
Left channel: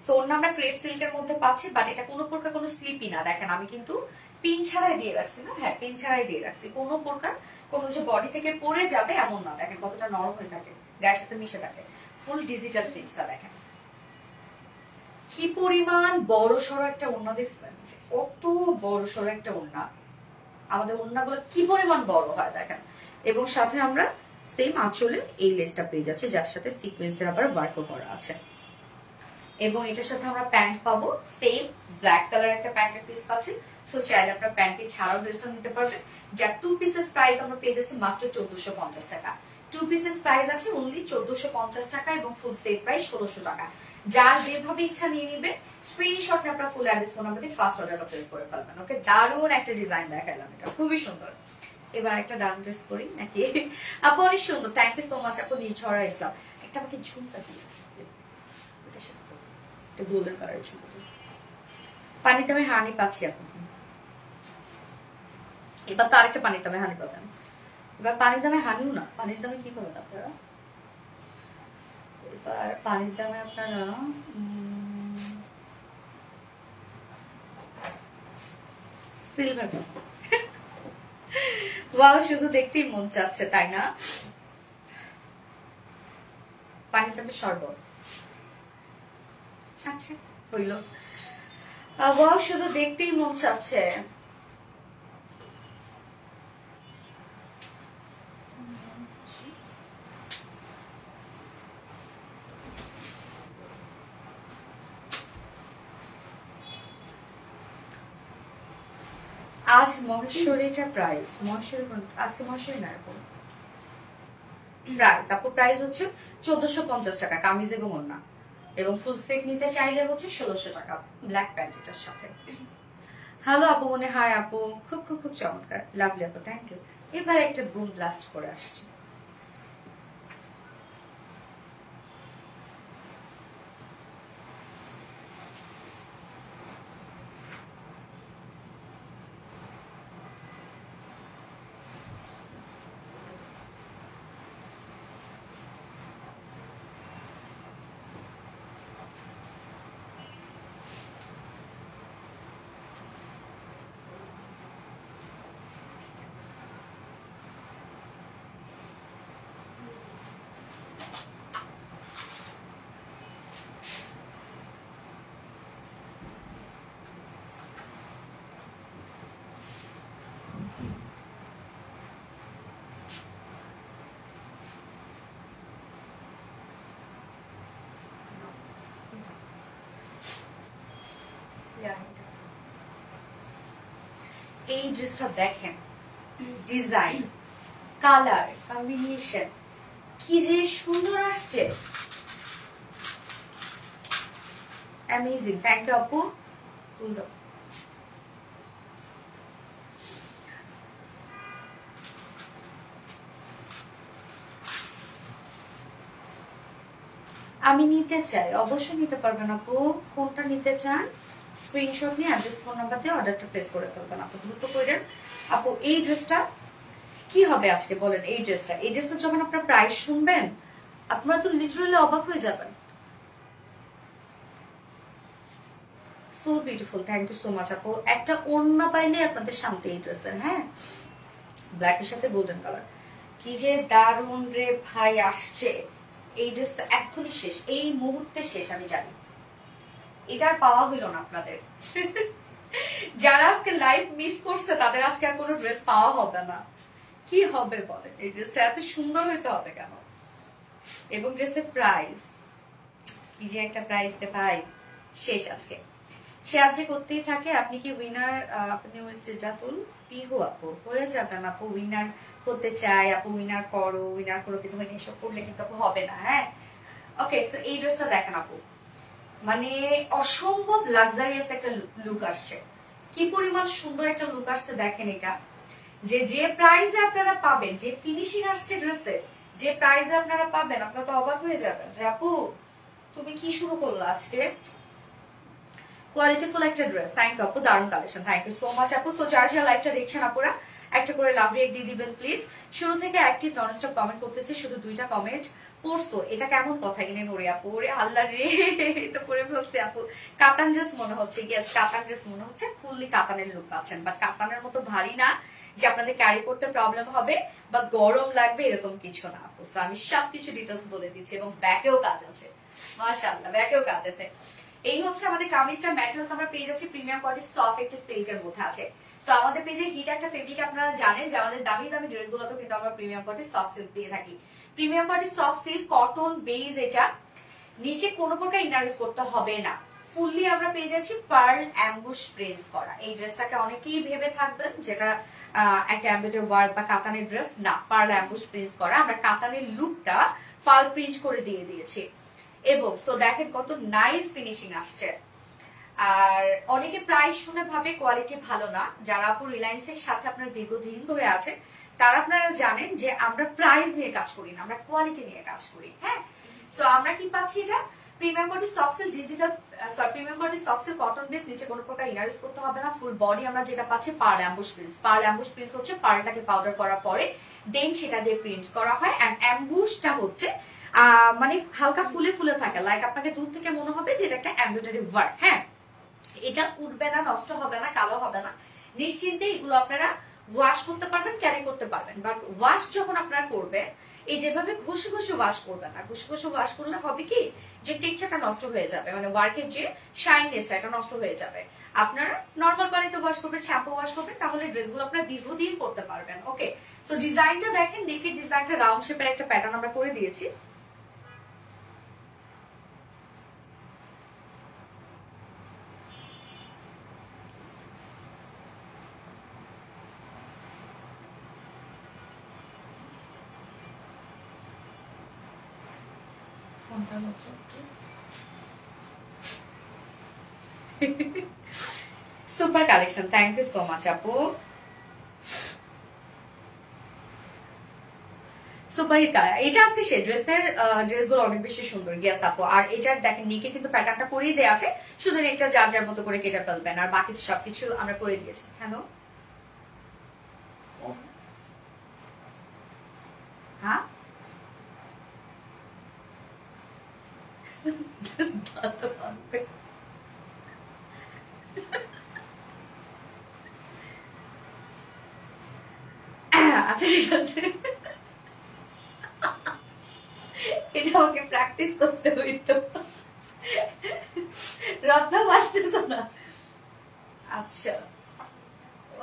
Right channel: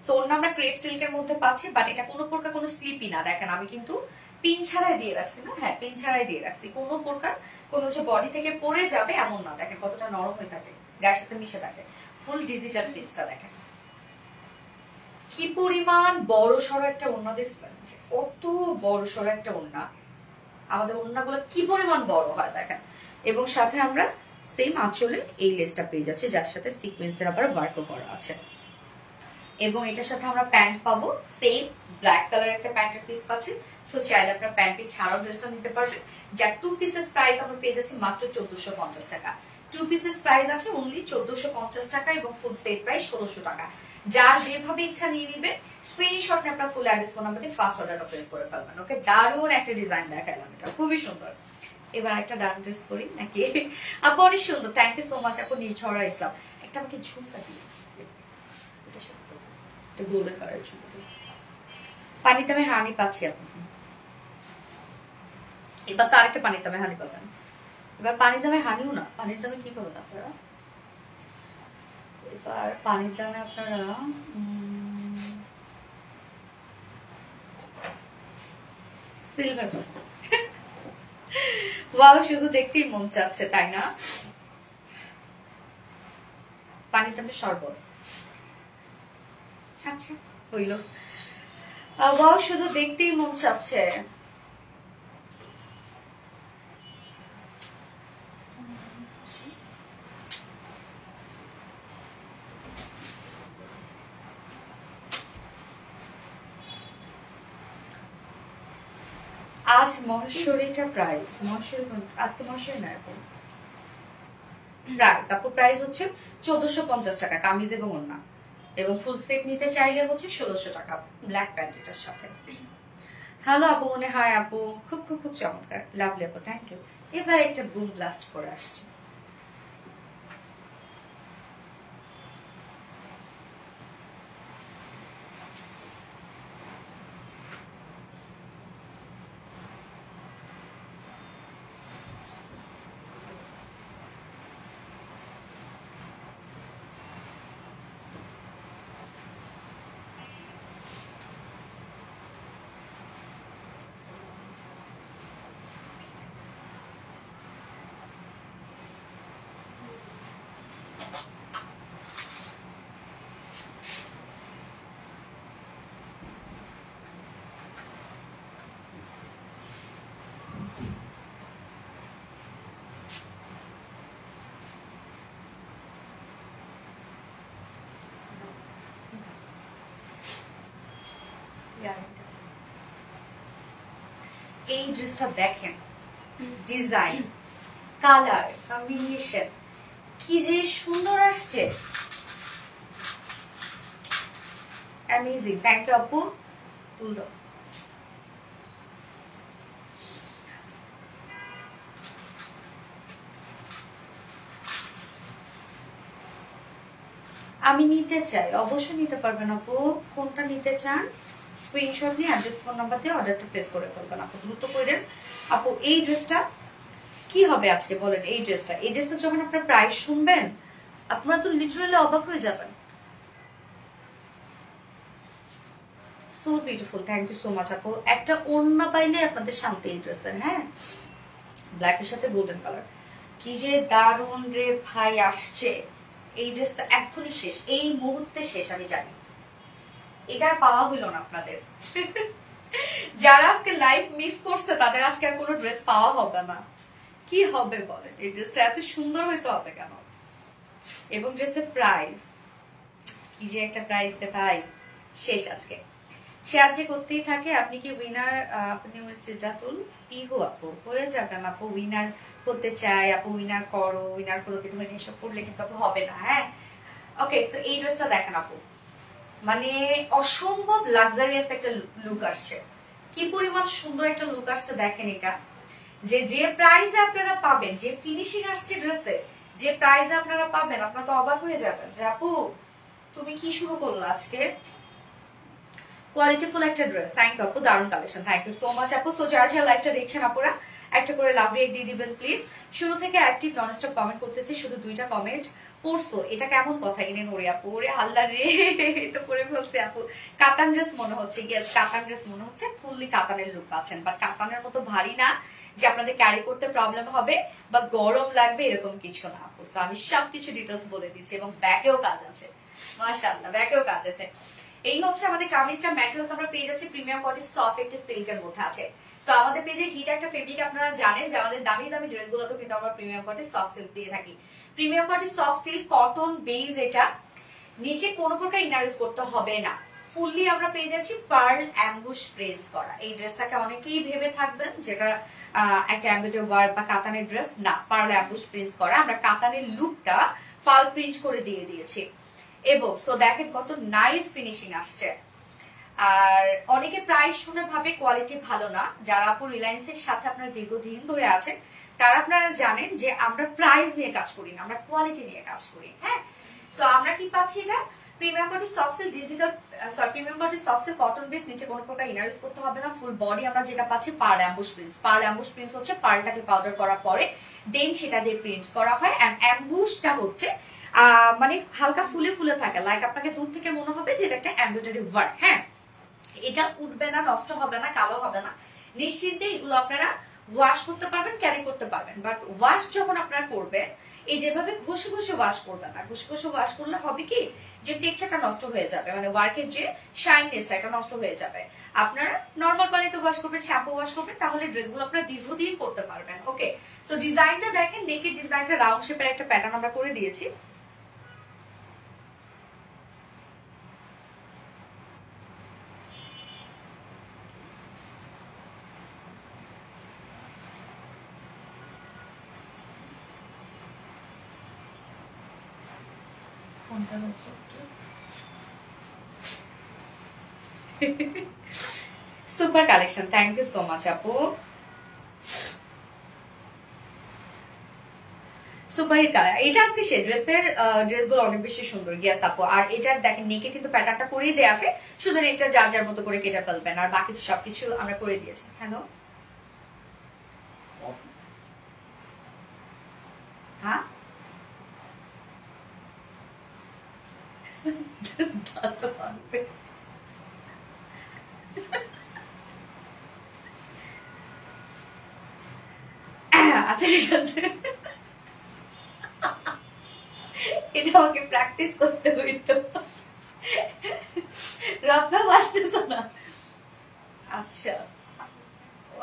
তো ওড়না আমরা ক্রেপ সিল্কের মধ্যে পাচ্ছি, বাট এটা কোনো প্রকার কোনো স্লিপি না। দেখেন আমি কিন্তু পিন ছাড়াই দিয়ে রাখছি না, হ্যাঁ পিন ছাড়াই দিয়ে রাখছি, কোনো প্রকার কোনো যে বডি থেকে পড়ে যাবে এমন না। দেখেন কতটা নরম হয়ে থাকে, গায়ের সাথে মিশে থাকে। ফুল ডিজিটাল প্রিন্টসটা দেখেন কি পরিমাণ বড় সড়ো একটা ওড়না, দেখছেন কত বড় সড়ো একটা ওড়না। আমাদের ওড়নাগুলো কি পরিমাণ বড় হয় দেখেন। এবং সাথে আমরা সেম আঁচলে এই লেসটা পেয়ে যাচ্ছি, যার সাথে সিকোয়েন্সের আবার ওয়ার্কও করা আছে। এবং এটার সাথে আমরা প্যান্ট পাবো, সেম ব্ল্যাক কালার একটা প্যান্টের পিস পাচ্ছি। সো চাইলে আপনারা প্যান্ট পিস ছাড়াও ড্রেসটা নিতে পারবেন। যার 2 পিসেস প্রাইস আমরা পেয়ে যাচ্ছি মাত্র 1450 টাকা। 2 পিসেস প্রাইস আছে অনলি 1450 টাকা এবং ফুল সেট প্রাইস 1600 টাকা। যার যেভাবে ইচ্ছা নিয়ে নেবেন, স্ক্রিনশট নিয়ে আপনার ফুল অ্যাড্রেস ফোন নাম্বার দিয়ে ফার্স্ট অর্ডারটা প্লেস করে ফেলবেন। ওকে, দারুণ একটা ডিজাইন দেখালাম, এটা খুবই সুন্দর। এবার একটা দারুণ ড্রেস করি নাকি? আপু অনেক সুন্দর, থ্যাংক ইউ সো মাচ আপু। নির্ঝরা ইসলাম একটা আমাকে ঝুমকা দিয়ে, এটার সাথে গোল্ডেন কালারের ঝুমকা। পানিতে আমি হানি পাচ্ছি এখন। এবার তো আরেকটা পানির দামে হানি পাবেন। এবার পানির দামে হানিও না, পানির দামে কি পাবেন আপনারা? এবার পানির দামে আপনারা সিলভার পাবেন। ওয়াও, শুধু দেখতেই মন চাচ্ছে তাই না? পানির দামে শরবত, আচ্ছা হইল। ওয়াও, শুধু দেখতেই মন চাচ্ছে। আজ মহেশ্বরীটা প্রাইস, মহেশ্বরী আজকে মহেশ্বরী না এখন প্রাইস আপু, প্রাইস হচ্ছে 1450 টাকা কামিজ এবং ওড়না, এবং ফুল সেট নিতে চাইলে হচ্ছে 1600 টাকা ব্ল্যাক প্যান্ট এটার সাথে। হ্যালো আপু, মনে হয় আপু খুব খুব খুব চমৎকার, লাভলি আপু, থ্যাংক ইউ। এবার একটা বুম ব্লাস্ট করে আসছি। এই ড্রেসটা দেখেন, ডিজাইন, কালার কম্বিনেশন কি যে সুন্দর আসছে, অ্যামেজিং। থ্যাংক ইউ আপু। আমি নিতে চাই, অবশ্যই নিতে পারবেন আপু। কোনটা নিতে চান স্ক্রিনশট নিয়ে অ্যাড্রেস ফোন নাম্বার দিয়ে অর্ডারটা প্লেস করে ফেলবেন আপু, দ্রুত করেন আপু। এই ড্রেসটা কি হবে আজকে বলেন? এই ড্রেসটা যখন আপনার প্রাইস শুনবেন আপনারা তো লিটারালি অবাক হয়ে যাবেন। So beautiful, thank you so much আপু। একটা ওড়না পাইলে আপনাদের শান্তি এই ড্রেসের। হ্যাঁ, ব্ল্যাকের সাথে গোল্ডেন কালার, কি যে দারুণ রে ভাই আসছে। এই ড্রেসটা এখনই শেষ, এই মুহূর্তে শেষ, আমি জানি। এটা পাওয়া হইল না আপনাদের। যারা আজকে লাইভ মিস করছে তাদের আজকে আর কোনো ড্রেস পাওয়া হবে না। কি হবে বলেন? এই ড্রেসটা এত সুন্দর হইতে হবে কেন? এবং ড্রেসের প্রাইস কি যে একটা প্রাইস রে ভাই, শেষ আজকে। সে আজকে করতেই থাকে। আপনি কি উইনার? আপনি জাতুল পিহু আপু হয়ে যাবেন আপু। উইনার হতে চাই আপু, উইনার করো, উইনার করো, কিন্তু এসব করলে কিন্তু আপু হবে না। হ্যাঁ, ওকে। সো এই ড্রেসটা দেখেন আপু, মানে অসম্ভব লাক্সারিয়াস একটা লুক আসছে। কি পরিমাণ সুন্দর একটা লুক আসছে দেখেন। এটা যে প্রাইসে আপনারা পাবেন, যে ফিনিশিং আসছে ড্রেসে, যে প্রাইসে আপনারা পাবেন, আপনারা তো অবাক হয়ে যাবেন যে আপু তুমি কি শুরু করলো আজকে। কোয়ালিটিফুল একটা ড্রেস। থ্যাংক ইউ আপু, দারুণ collection, thank you so much আপু। সো যারা যারা লাইভটা দেখছেন আপুরা একটা করে লাভ রিয়েক্ট দিয়ে দিবেন প্লিজ। শুরু থেকে অ্যাক্টিভ ননস্টপ কমেন্ট করতেছি, শুধু 2টা কমেন্ট পড়ছো, এটা কেমন কথা কিনে নড়ে আপু, ওরে আল্লাহ রে তো পরে ফেলছে আপু। কাতান ড্রেস মনে হচ্ছে, ইয়েস কাতান ড্রেস মনে হচ্ছে, ফুললি কাতানের লুক পাচ্ছেন, বাট কাতানের মতো ভারী না যে আপনাদের ক্যারি করতে প্রবলেম হবে বা গরম লাগবে এরকম কিছু না আপু। আমি সবকিছু ডিটেলস বলে দিচ্ছি এবং ব্যাকেও কাজ আছে, মাশাআল্লাহ ব্যাকেও কাজ আছে। এই হচ্ছে আমাদের কামিজটার ম্যাটেরিয়ালস, আমরা পেয়ে যাচ্ছি প্রিমিয়াম কোয়ালিটি সফট একটা সিল্কের মধ্যে আছে। সো আমাদের পেজে হিট একটা ফেব্রিক, আপনারা জানেন যে আমাদের দামি দামি ড্রেসগুলোতে কিন্তু আমরা প্রিমিয়াম কোয়ালিটি সফট সিল্ক দিয়ে থাকি। Premium quality soft silk cotton base, এটা নিচে কোনো প্রকার ইনারেস করতে হবে না, ফুললি আমরা পেয়ে যাচ্ছি পার্ল অ্যাম্বুশ প্রিন্স করা। এই ড্রেসটাকে অনেকেই ভেবে থাকবেন যেটা একটা অ্যাম্বুজার ওয়ার্ক বা কাতানের ড্রেস, না, পার্ল অ্যাম্বুশ প্রিন্স করা। আমরা কাতানের লুকটা পার্ল প্রিন্ট করে দিয়ে দিয়েছি এবং সো দেখেন কত নাইস ফিনিশিং আসছে। আর অনেকে প্রাইস শুনে ভাবে কোয়ালিটি ভালো না, যারা আপু রিলায়েন্সের সাথে আপনার দীর্ঘদিন ধরে আছেন তারা আপনারা জানেন যে আমরা প্রাইস নিয়ে কাজ করি না, আমরা কোয়ালিটি নিয়ে কাজ করি। হ্যাঁ, সো আমরা কি পাচ্ছি, এটা premium quality soft silk digital, premium quality soft silk cotton base, নিচে কোনো প্রকার ইনার করতে হবে না, ফুল বডি আমরা যেটা পাচ্ছি pearl emboss prints. Pearl emboss prints হচ্ছে পার্লটাকে পাউডার করার পরে দেন সেটা দিয়ে প্রিন্টস করা হয়, এন্ড অ্যাম্বুশটা হচ্ছে মানে হালকা ফুলে ফুলে থাকে, লাইক আপনাকে দূর থেকে মনে হবে যে এটা একটা এমব্রয়ডারি ওয়ার্ক। হ্যাঁ, এটা উঠবে না, নষ্ট হবে না, কালো হবে না, নিশ্চিন্তে এগুলো আপনারা ওয়াশ করতে পারবেন, ক্যারি করতে পারবেন। বাট ওয়াশ যখন আপনারা করবেন, এই যেভাবে ঘষে ঘষে ওয়াশ করবেন না, ঘষে ঘষে ওয়াশ করলে হবে কি যে টেক্সচারটা নষ্ট হয়ে যাবে, মানে ওয়ার্কের যে শাইননেসটা এটা নষ্ট হয়ে যাবে। আপনারা নর্মাল পানিতে ওয়াশ করবেন, শ্যাম্পু ওয়াশ করবেন, তাহলে ড্রেসগুলো আপনারা দীর্ঘদিন করতে পারবেন। ওকে, সো ডিজাইনটা দেখেন, নেকের ডিজাইনটা রাউন্ড শেপের একটা প্যাটার্ন আমরা করে দিয়েছি। Super collection, thank you so much আপু, সুপার হিট কালার। এটা আজকে সে ড্রেসগুলো অনেক বেশি সুন্দর, গিয়াস আপু। আর এটার দেখেন নেকে কিন্তু প্যাটার্নটা করেই দেওয়া আছে, শুধু নেকটা যার যার মতো করে কেটে ফেলবেন, আর বাকি সবকিছু আমরা করে দিয়েছি। হ্যালো, হ্যাঁ আচ্ছা ঠিক আছে, এটা আমাকে প্র্যাকটিস করতে হইতো, রত্না বাঁচতেছ না। আচ্ছা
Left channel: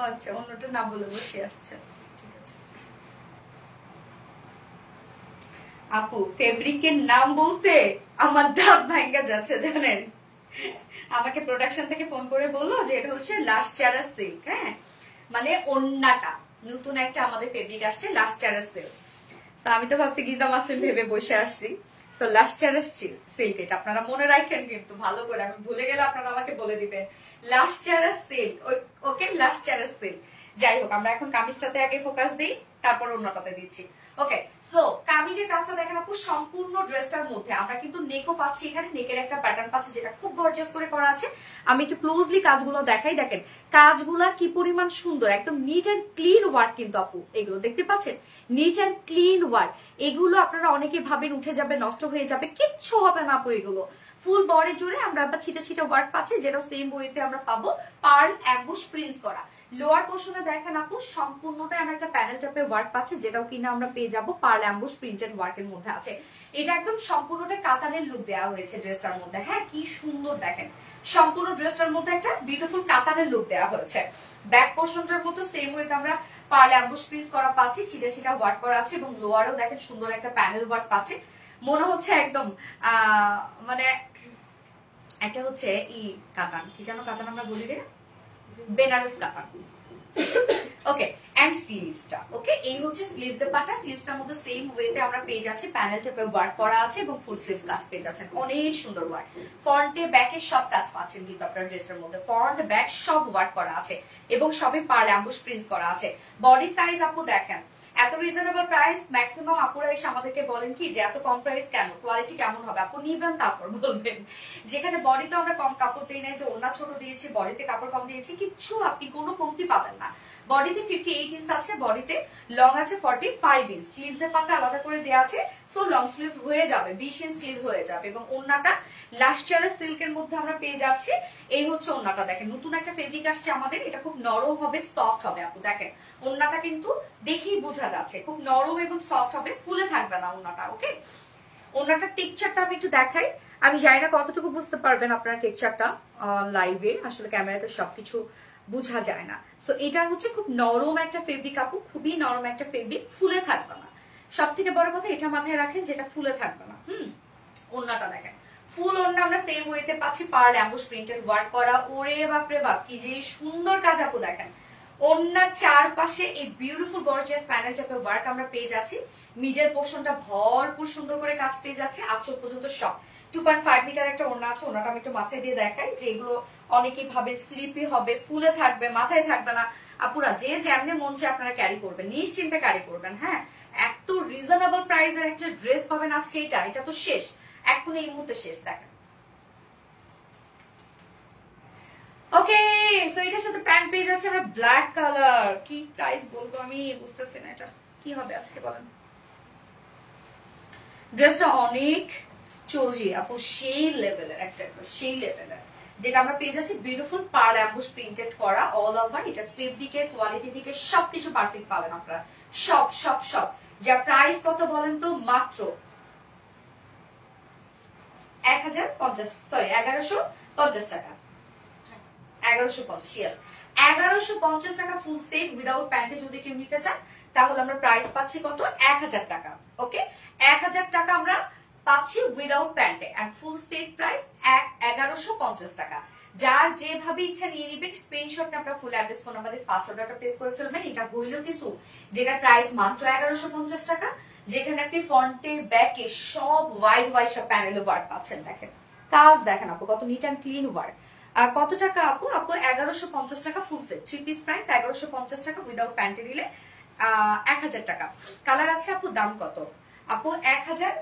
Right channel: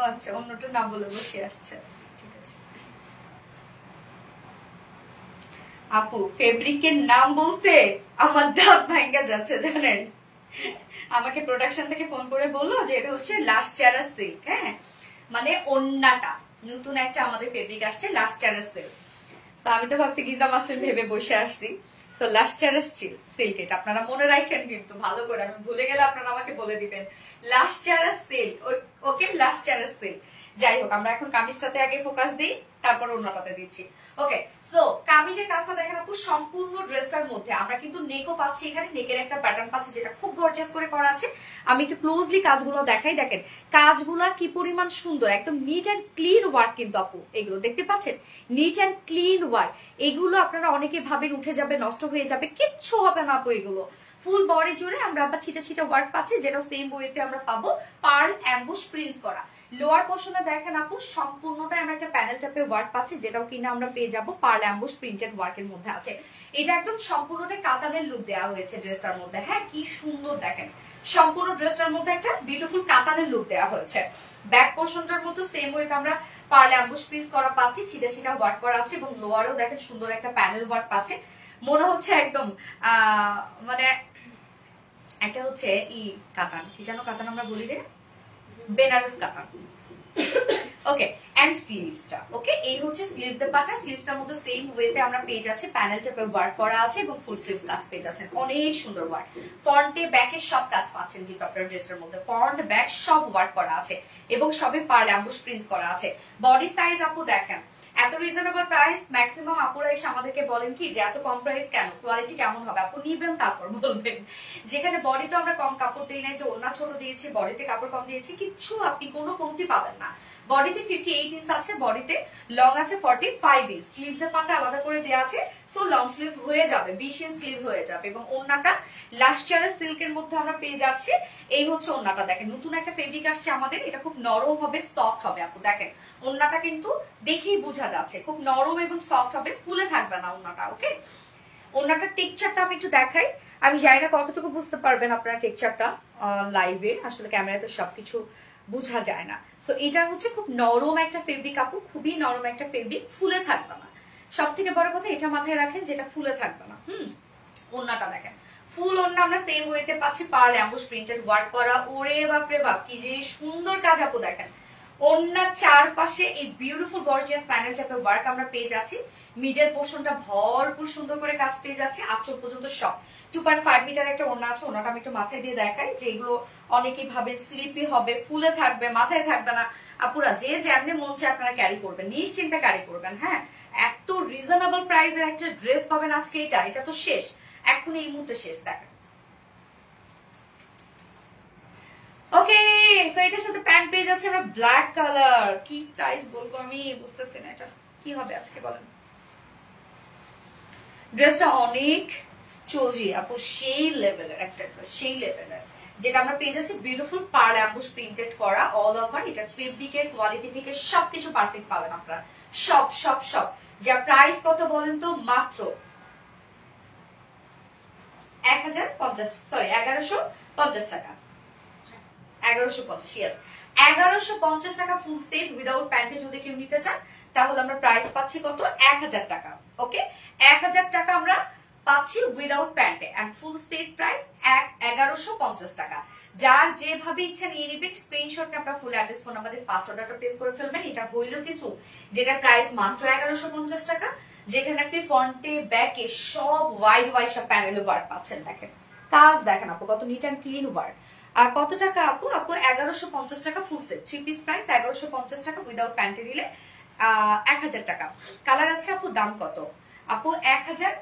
আচ্ছা, অন্যটা না বলে বসে আসছে, ঠিক আছে আপু। ফেব্রিকের নাম বলতে আমার দাঁত ভাঙ্গা যাচ্ছে জানেন, আমাকে প্রোডাকশন থেকে ফোন করে বললো যে এটা হচ্ছে লাস্ট চারা সিল্ক। হ্যাঁ, মানে ওন্নাটা নতুন একটা আমাদের ফেব্রিক আসছে, লাস্ট চারা সিল্ক। আমি তো ভাবছি গিজা মাস্টার ভেবে বসে আসছি। সো লাস্ট চারা সিল্ক, এটা আপনারা মনে রাখেন কিন্তু ভালো করে, আমি ভুলে গেলে আপনারা আমাকে বলে দিবেন। লাস্ট চারা সিল্ক, ওকে, লাস্ট চারা সিল্ক। যাই হোক, আমরা এখন কামিজটাতে আগে ফোকাস দিই, তারপর অন্যটাতে দিচ্ছি। ওকে, সো কামিজের কাজটা দেখেন আপু, সম্পূর্ণ ড্রেসটার মধ্যে আমরা কিন্তু নেকও পাচ্ছি, এখানে নেকের একটা প্যাটার্ন পাচ্ছি যেটা খুব গর্জিয়াস করে করা আছে। আমি একটু ক্লোজলি কাজগুলো দেখাই, দেখেন কাজগুলো কি পরিমাণ সুন্দর, একদম নিট অ্যান্ড ক্লিন ওয়ার্ক কিন্তু আপু, এগুলো দেখতে পাচ্ছেন, নিট অ্যান্ড ক্লিন ওয়ার্ক। এগুলো আপনারা অনেকে ভাবেন উঠে যাবে, নষ্ট হয়ে যাবে, কিচ্ছু হবে না আপু। এগুলো ফুল বডি জুড়ে আমরা আবার ছিটা ছিটা ওয়ার্ক পাচ্ছি, যেটা সেম বইতে আমরা পাবো পার্ল অ্যাম্বুশ প্রিন্স করা। লোয়ার পোর্শনে দেখেন আপু, সম্পূর্ণটা আমরা একটা প্যানেল টাইপের ওয়ার্ক পাচ্ছি, যেটাও কিনা আমরা পেয়ে যাবো পার্ল অ্যাম্বুশ প্রিন্টেড ওয়ার্কের মধ্যে আছে। এটা একদম সম্পূর্ণটা কাতানের লুক দেওয়া হয়েছে ড্রেসটার মধ্যে। হ্যাঁ, কি সুন্দর দেখেন, সম্পূর্ণ ড্রেসটার মধ্যে একটা বিউটিফুল কাতানের লুক দেওয়া হয়েছে। ব্যাক পোর্শনটার মতো সেম ওয়েতে আমরা পার্ল অ্যাম্বুশ প্রিন্স করা পাচ্ছি, ছিটা ছিটা ওয়ার্ক করা আছে, এবং লোয়ারেও দেখেন সুন্দর একটা প্যানেল ওয়ার্ক পাচ্ছে। মনে হচ্ছে একদম মানে একটা হচ্ছে কাতান, কি যেন কাতান আমরা বলি রে, বেনারস কাতান। ওকে, এন্ড স্লিভসটা, ওকে, এই হচ্ছে স্লিভসের পাটা। স্লিভসটার মধ্যে সেম ওয়েতে আমরা পেয়ে যাচ্ছি প্যানেল টাইপের ওয়ার্ক করা আছে, এবং ফুল স্লিভস কাজ পেয়ে যাচ্ছেন, অনেক সুন্দর ওয়ার্ক। ফ্রন্টে ব্যাকে সব কাজ পাচ্ছেন কিন্তু আপনার ড্রেসটার মধ্যে, ফ্রন্ট ব্যাক সব ওয়ার্ক করা আছে, এবং সবই পার্ল অ্যাম্বুশ প্রিন্টস করা আছে। বডি সাইজ আপু দেখেন, এত রিজনেবল প্রাইস, ম্যাক্সিমাম আপুরা এসে আমাদেরকে বলেন কি যে এত কম প্রাইস কেন, কোয়ালিটি কেমন হবে? আপু নিবেন তারপর বলবেন। যেখানে বডি তো আমরা কম কাপড় দিই নাই, যে ওড়না ছোট দিয়েছি, বডিতে কাপড় কম দিয়েছি, কিচ্ছু আপনি কোনো কমতি পাবেন না। বডিতে 58 ইঞ্চ আছে, বডিতে লং আছে 45 ইঞ্চ, স্লিভস এর পাটটা আলাদা করে দেওয়া আছে, সো লং স্লিভ হয়ে যাবে, 20 ইঞ্চ স্লিভ হয়ে যাবে। এবং ওন্নাটা লাস্ট ইয়ারের সিল্কের মধ্যে আমরা পেয়ে যাচ্ছি। এই হচ্ছে ওন্নাটা, দেখেন নতুন একটা ফেব্রিক আসছে আমাদের, এটা খুব নরম হবে, সফট হবে আপু। দেখেন ওন্নাটা কিন্তু দেখেই বোঝা যাচ্ছে খুব নরম এবং সফট হবে, ফুলে থাকবে না ওন্নাটা। ওকে, ওন্নাটার টেক্সচারটা আমি একটু দেখাই, আমি জানি না কতটুকু বুঝতে পারবেন আপনারা টেক্সচারটা লাইভে, আসলে ক্যামেরাতে সবকিছু বোঝা যায় না। তো এটা হচ্ছে খুব নরম একটা ফেব্রিক আপু, খুবই নরম একটা ফেব্রিক, ফুলে থাকবে না। সব থেকে বড় কথা এটা মাথায় রাখেন, যেটা ফুলে থাকবে না। ওন্নাটা দেখেন, ফুল ওন্না আমরা সেম ওয়েতে পাচ্ছি, পার্ল অ্যাম্বুশ প্রিন্টেড ওয়ার্ক করা। ওরে বাপরে বাপ, কি যে সুন্দর কাজ আপু। দেখেন ওন্নার চারপাশে এই বিউটিফুল গর্জিয়াস প্যানেল টাইপের ওয়ার্ক আমরা পেয়ে যাচ্ছি। মিডল পোর্শনটা ভরপুর সুন্দর করে কাজ পেয়ে যাচ্ছে, আঁচল পর্যন্ত সব। 2.5 মিটার একটা ওন্না আছে, ওন্নাটা আমি একটু মাথায় দিয়ে দেখাই, যে এগুলো অনেকেই ভাবে স্লিপি হবে, ফুলে থাকবে, মাথায় থাকবে না। আপুরা যে যেমনি মন চায় আপনারা ক্যারি করবেন, নিশ্চিন্তে ক্যারি করবেন। হ্যাঁ, এত রিজনেবল প্রাইসের একটা ড্রেস পাবেন আজকে, এটা তো শেষ, এখন এই মুহূর্তে শেষ। দেখেন ওকে, সো এটার সাথে প্যান্ট পেয়ে যাচ্ছে আমরা ব্ল্যাক কালার। কি প্রাইস বলবো আমি বুঝতেছি না, এটা কি হবে আজকে বলেন। ড্রেসটা অনেক চোজি আপু, সেই লেভেলের একটা ড্রেস, সেই লেভেলের, যেটা আমরা পেয়ে যাচ্ছি বিউটিফুল পার্ল অ্যাম্বুশ প্রিন্টেড করা অল ওভার। এটা ফেব্রিকের কোয়ালিটি থেকে সবকিছু পারফেক্ট পাবেন আপনারা, সব সব সব। যা প্রাইস কত বলেন তো, মাত্র 1150 টাকা, 1150, ইয়েস 1150 টাকা ফুল সেট উইদাউট প্যান্টে যদি কেউ নিতে চান, তাহলে আমরা প্রাইস পাচ্ছি কত, 1000 টাকা। ওকে, 1000 টাকা আমরা পাচ্ছি উইদাউট প্যান্টে, এন্ড ফুল সেট প্রাইস 1150 টাকা। যার যেভাবে ইচ্ছা নিয়ে নিবেন, স্ক্রিনশট আপনার full address phone number first অর্ডারটা প্লেস করে ফেলবেন। এটা হইল কিছু, যেটা প্রাইস মাত্র 1150 টাকা, যেখানে আপনি ফ্রন্টে ব্যাকে সব ওয়াইড সব প্যানেল ওয়ার্ক পাচ্ছেন। দেখেন কাজ, দেখেন আপু কত নিট অ্যান্ড ক্লিন ওয়ার্ক। আর কত টাকা আপু? আপু 1150 টাকা ফুল সেট, 3 পিস প্রাইস 1150 টাকা, উইদাউট প্যান্টে নিলে 1000 টাকা। কালার আছে আপু, দাম কত আপু? 1000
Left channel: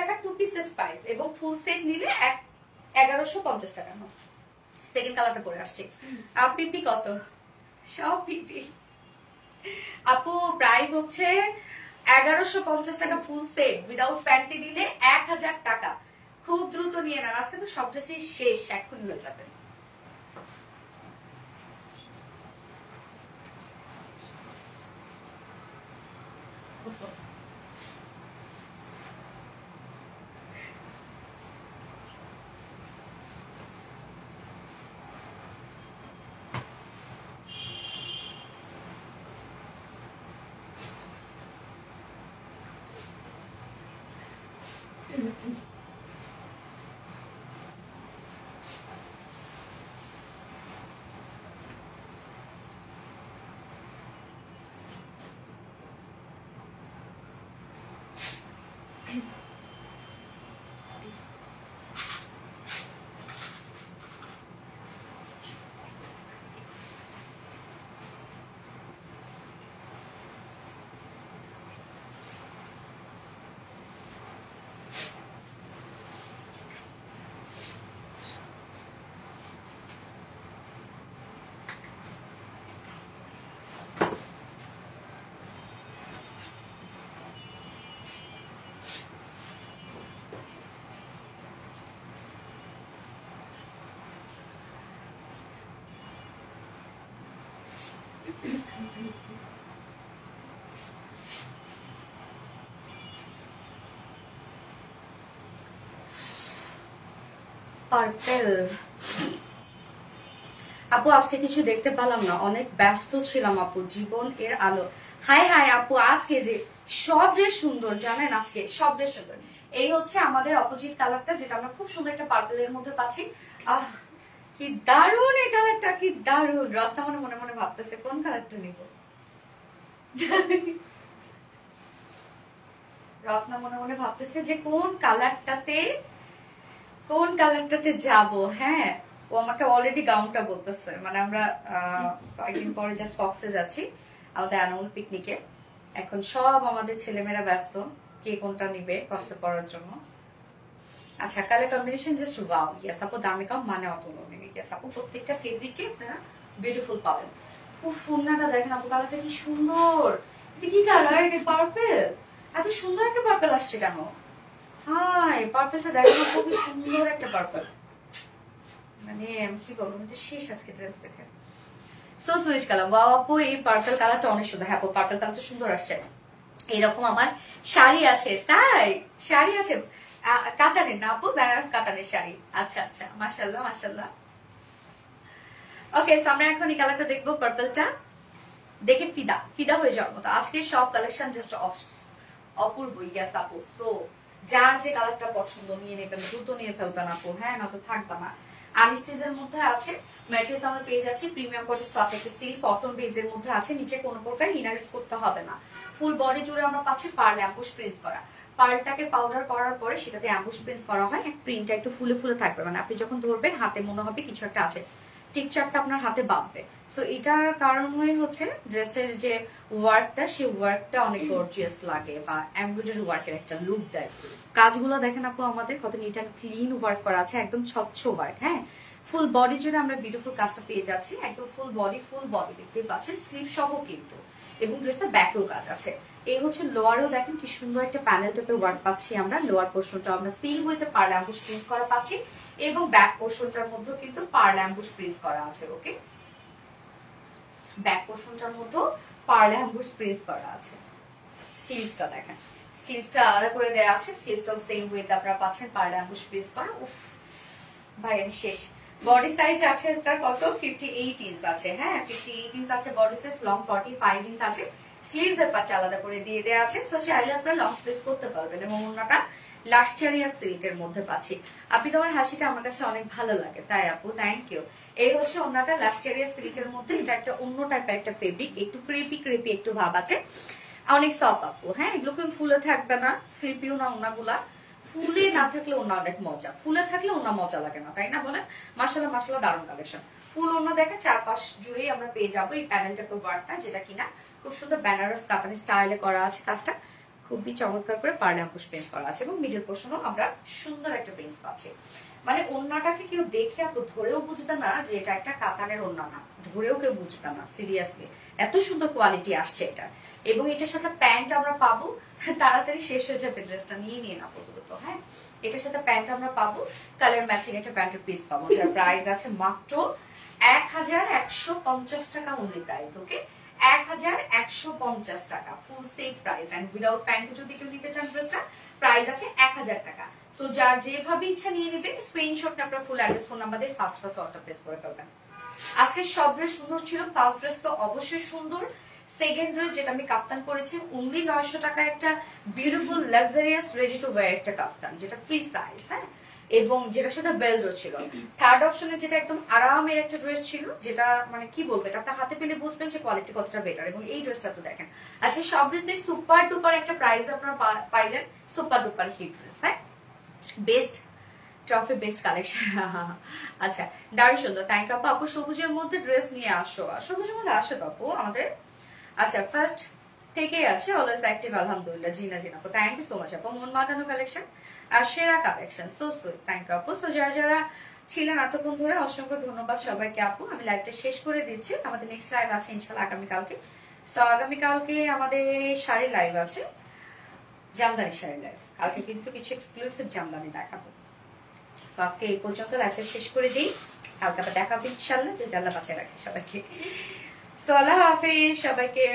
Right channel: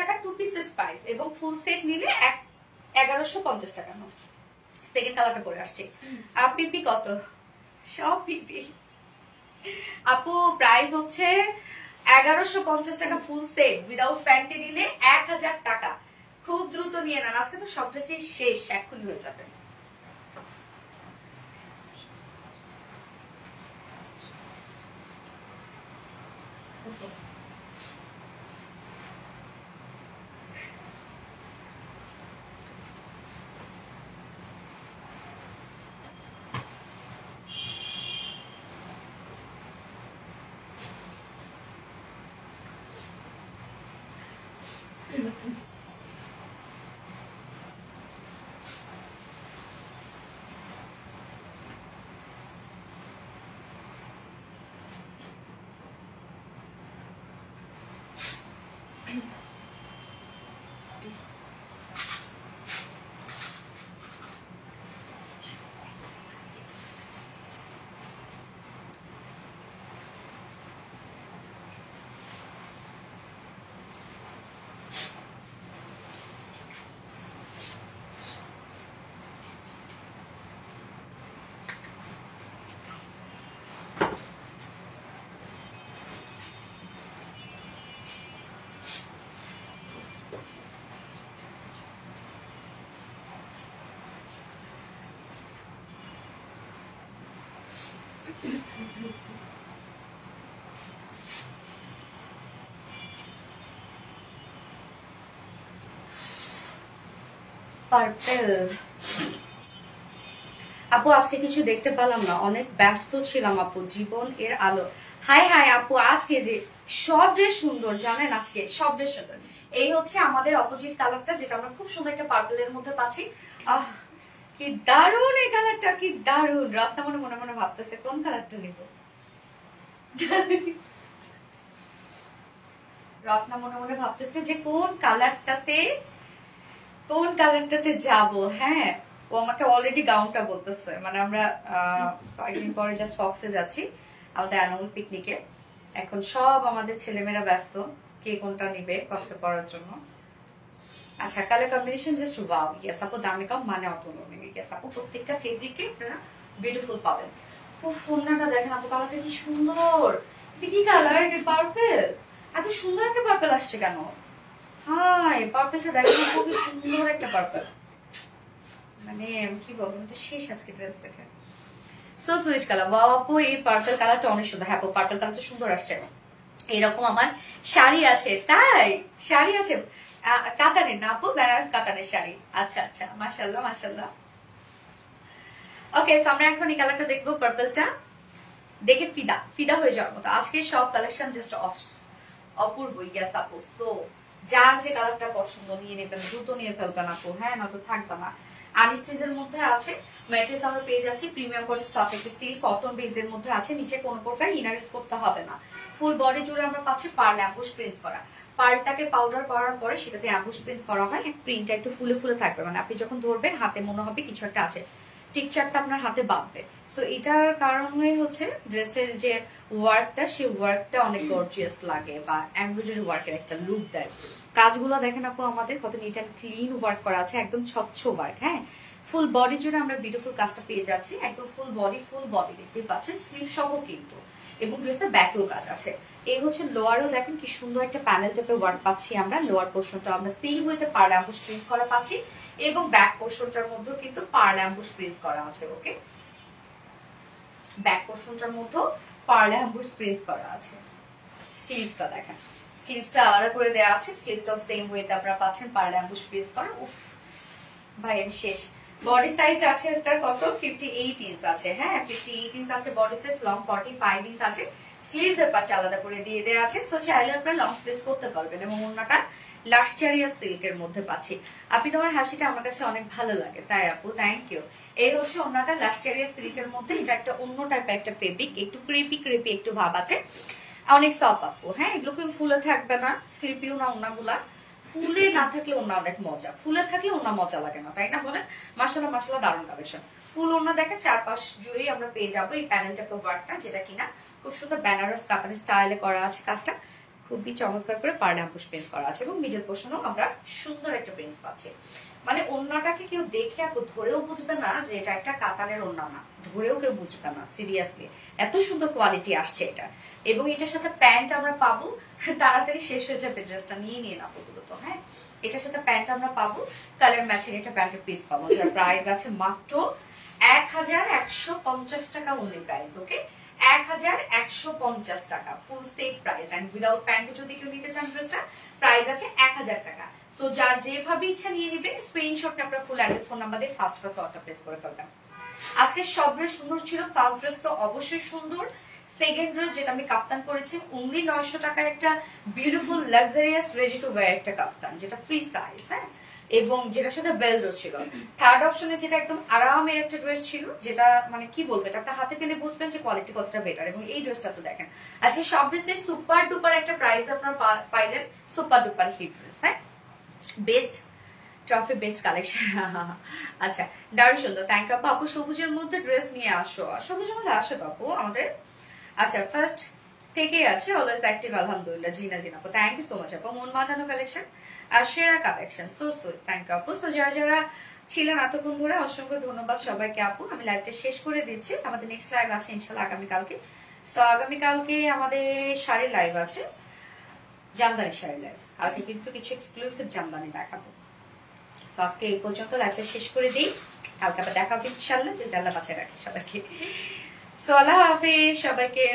টাকা 2 পিসেস প্রাইস, এবং ফুল সেট নিলে 1150 টাকা। সেকেন্ড কালারটা পরে আসছে। পিপি কত? সব পিপি আপু, প্রাইস হচ্ছে 1150 টাকা ফুল সেট, উইদাউট প্যান্টে নিলে 1000 টাকা। খুব দ্রুত নিয়ে নেন, আজকে তো সব ড্রেসই শেষ, এখন হয়ে যাবে। পার্পল আপু, আজকে কিছু দেখতে পেলাম না, অনেক ব্যস্ত ছিলাম আপু, জীবন এর আলো। হাই হাই আপু, আজকে যে সব ড্রেস সুন্দর জানেন, আজকে সব ড্রেস সুন্দর। এই হচ্ছে আমাদের অপোজিট কালারটা, যেটা আমরা খুব সুন্দর একটা পার্পলের মধ্যে পাচ্ছি। আহ কি দারুন এই কালারটা, কি দারুন। রত্না মনে মনে মনে ভাবতেছে কোন কালারটা নিব, রত্না মনে মনে ভাবতেছে যে কোন কালারটাতে যাব। হ্যাঁ, ও আমাকে অলরেডি গাউনটা বলতেছে, মানে আমরা কয়েকদিন পরে জাস্ট ফক্সে যাচ্ছি আমাদের অ্যানুয়াল পিকনিকে। এখন সব আমাদের ছেলেমেয়েরা ব্যস্ত কে কোনটা নিবে ফক্সে পড়ার জন্য। আচ্ছা, colour combination just wow. Yes আপু, দামে কম মানে অত নেই। ইয়েস আপু, প্রত্যেকটা ফেব্রিকে আপনারা বিউটিফুল পাবেন। খুব ওড়নাটা দেখেন আপু, কালারটা কি সুন্দর। এটা কি কালার? এটা পার্পেল। এত সুন্দর একটা পার্পেল আসছে কেন? হাই, পার্পেলটা দেখেন আপু, কি সুন্দর একটা পার্পেল। মানে কি বলবো, শেষ আজকে ড্রেস দেখে। So sweet colour. ওয়াও আপু, এই পার্পল কালারটা অনেক সুন্দর। হ্যাঁ আপু, পার্পল কালারটা সুন্দর আসছে। এরকম আমার শাড়ি আছে। তাই? শাড়ি আছে কাতানের না আপু? বেনারস কাতানের শাড়ি। আচ্ছা আচ্ছা, মাশাআল্লাহ মাশাআল্লাহ। ওকে, আমরা এখন এই কালারটা দেখবো, পার্পলটা দেখে ফিদা ফিদা হয়ে যাওয়ার মতো। আজকে সব কালেকশন জাস্ট অপূর্ব। ইয়াস আপু, তো যার যে কালারটা পছন্দ নিয়ে নেবেন, দ্রুত নিয়ে ফেলবেন আপু, হ্যাঁ না তো থাকবে না। আনস্টিচের মধ্যে আছে, ম্যাট্রেস আমরা পেয়ে যাচ্ছি প্রিমিয়াম কোয়ালিটি সফট একটা সিল্ক কটন বেজের মধ্যে আছে। নিচে কোনো প্রকার ইনার ইউজ করতে হবে না। ফুল বডি জুড়ে আমরা পাচ্ছি পার্ল অ্যাম্বুশ প্রিন্ট করা। পার্লটাকে পাউডার করার পরে সেটাতে অ্যাম্বুশ প্রিন্ট করা হয়। প্রিন্টটা একটু ফুলে ফুলে থাকবে, মানে আপনি যখন ধরবেন হাতে মনে হবে কিছু একটা আছে, টিকচারটা আপনার হাতে বাঁধবে। তো এটার কারণ হয়ে হচ্ছে ড্রেসের যে ওয়ার্কটা, সেই ওয়ার্কটা অনেক গর্জিয়াস লাগে বা এমব্রয়ডারি ওয়ার্কের একটা লুক দেয়। কাজগুলো দেখেন আপু আমাদের কত নিট অ্যান্ড ক্লিন ওয়ার্ক করা আছে, একদম স্বচ্ছ ওয়ার্ক। হ্যাঁ, ফুল বডি জুড়ে আমরা বিউটিফুল কাজটা পেয়ে যাচ্ছি, একদম ফুল বডি দেখতে পাচ্ছেন, স্লিভ সহ কিন্তু। এবং ড্রেসের ব্যাকও কাজ আছে। এই হচ্ছে লোয়ারও দেখেন কি সুন্দর একটা প্যানেল টাইপের ওয়ার্ক পাচ্ছি আমরা। লোয়ার পোর্শনটা আমরা same with pearl emboss print করা পাচ্ছি, এবং ব্যাক পোর্শনটার মধ্যে কিন্তু পার্ল অ্যাম্বুশ প্রিন্ট করা আছে। ওকে, ব্যাক পোর্শনটার মধ্যে পার্ল অ্যাম্বুশ প্রিন্ট করা আছে। স্লিভসটা দেখেন, স্লিভসটা আলাদা করে দেওয়া আছে, স্লিভসটাও সেম ওয়েতে আপনারা পাচ্ছেন পার্ল অ্যাম্বুশ প্রিন্ট করা। উফ ভাই আমি শেষ। বডি সাইজ আছে এটার কত? 58 ইঞ্চ আছে। হ্যাঁ, 58 ইঞ্চ আছে বডি সাইজ, লং 45 ইঞ্চ আছে। স্লিভস এর পাটটা আলাদা করে দিয়ে দেওয়া আছে, তো চাইলে আপনারা লং স্লিভস করতে পারবেন। এবং ওন্নাটা লাক্সারিয়া সিল্কের মধ্যে পাচ্ছি। আপনি তোমার হাসিটা আমার কাছে অনেক ভালো লাগে। তাই আপু, থ্যাংক ইউ। এই হচ্ছে ওন্নাটা লাক্সারিয়া সিল্কের মধ্যে। এটা একটা অন্য টাইপের একটা ফেব্রিক, একটু ক্রেপি একটু ভাব আছে, অনেক সফট আপু। হ্যাঁ, এগুলো কেউ ফুলে থাকবে না, স্লিপিও না ওন্নাগুলা। ফুলে না থাকলে ওন্না অনেক মজা, ফুলে থাকলে ওন্না মজা লাগে না, তাই না বলেন? মাশাআল্লাহ মাশাআল্লাহ, দারুণ কালেকশন। ফুল ওন্না দেখেন চারপাশ জুড়েই আমরা পেয়ে যাবো এই প্যানেল টাইপের ওয়ার্কটা, যেটা কিনা খুব সুন্দর বেনারস কাতানি স্টাইলে করা আছে। কাজটা খুবই চমৎকার করে পার্ল অ্যাম্বুশ প্রিন্ট করা আছে, এবং মিডল পোর্শনও আমরা সুন্দর একটা প্রিন্ট পাচ্ছি। মানে ওন্নাটাকে কেউ দেখে আপু ধরেও বুঝবে না যে এটা একটা কাতানের ওন্না না, ধরেও কেউ বুঝবে না সিরিয়াসলি, এত সুন্দর কোয়ালিটি আসছে এটা। এবং এটার সাথে প্যান্ট আমরা পাবো, তাড়াতাড়ি শেষ হয়ে যাবে ড্রেসটা, নিয়ে না প্রথমত। হ্যাঁ, এটার সাথে প্যান্ট আমরা পাবো, কালার ম্যাচিং একটা প্যান্টের পিস পাবো, যার প্রাইস আছে মাত্র 1150 টাকা অনলি প্রাইস। ওকে, 1150 টাকা full set price. And without pant যদি কেউ নিতে চান ড্রেসটা, প্রাইস আছে 1000 টাকা। তো যার যেভাবে ইচ্ছা নিয়ে নিবে, স্ক্রিনশট আপনারা ফুল অ্যাড্রেস ফোন নাম্বার দিয়ে ফার্স্ট অর্ডার প্লেস করে ফেলবেন। আজকে সব ড্রেস সুন্দর ছিল, ফার্স্ট ড্রেস তো অবশ্যই সুন্দর। সেকেন্ড ড্রেস যেটা আমি কাপ্তান করেছি অনলি 900 টাকা, একটা beautiful luxurious ready to wire একটা কাপ্তান, যেটা ফ্রি সাইজ। হ্যাঁ, এবং যেটার সাথে বেল্টও ছিল। থার্ড অপশনে যেটা একদম আরামের একটা ড্রেস ছিল, যেটা মানে কি বলবো, এটা আপনার হাতে পেলে বুঝবেন যে কোয়ালিটি কতটা বেটার। এবং এই ড্রেসটা তো দেখেন, আজকে সব ড্রেস সুপার ডুপার একটা প্রাইস আপনারা পাইলেন, সুপার ডুপার হিট ড্রেস। হ্যাঁ, বেস্ট ট্রফি, বেস্ট কালেকশন। আচ্ছা, দারুণ সুন্দর, থ্যাংক ইউ আপু। আপু সবুজের মধ্যে ড্রেস নিয়ে আসো, সবুজের মধ্যে আসো আপু আমাদের। আচ্ছা, ফার্স্ট থেকেই আছে অলওয়েজ অ্যাক্টিভ, আলহামদুলিল্লাহ। জিনা আপু, থ্যাংক ইউ সো মাচ আপু। মন মাতানো কালেকশন আর সেরা collection, so sweet, thank you আপু। সো যারা ছিলেন এতক্ষণ ধরে অসংখ্য ধন্যবাদ সবাইকে আপু। আমি লাইভটা শেষ করে দিচ্ছি, আমাদের নেক্সট লাইভ আছে ইনশাল্লাহ আগামীকালকে। সো আগামীকালকে আমাদের শাড়ি লাইভ আছে, জামদানি শাড়ি লাইভ। কালকে কিন্তু কিছু এক্সক্লুসিভ জামদানি দেখাবো। আজকে এই পর্যন্ত লাইভটা শেষ করে দিই, কালকে আবার দেখা হবে ইনশাল্লাহ, যদি আল্লাহ বাঁচায় রাখে সবাইকে। সো আল্লাহ হাফেজ সবাইকে।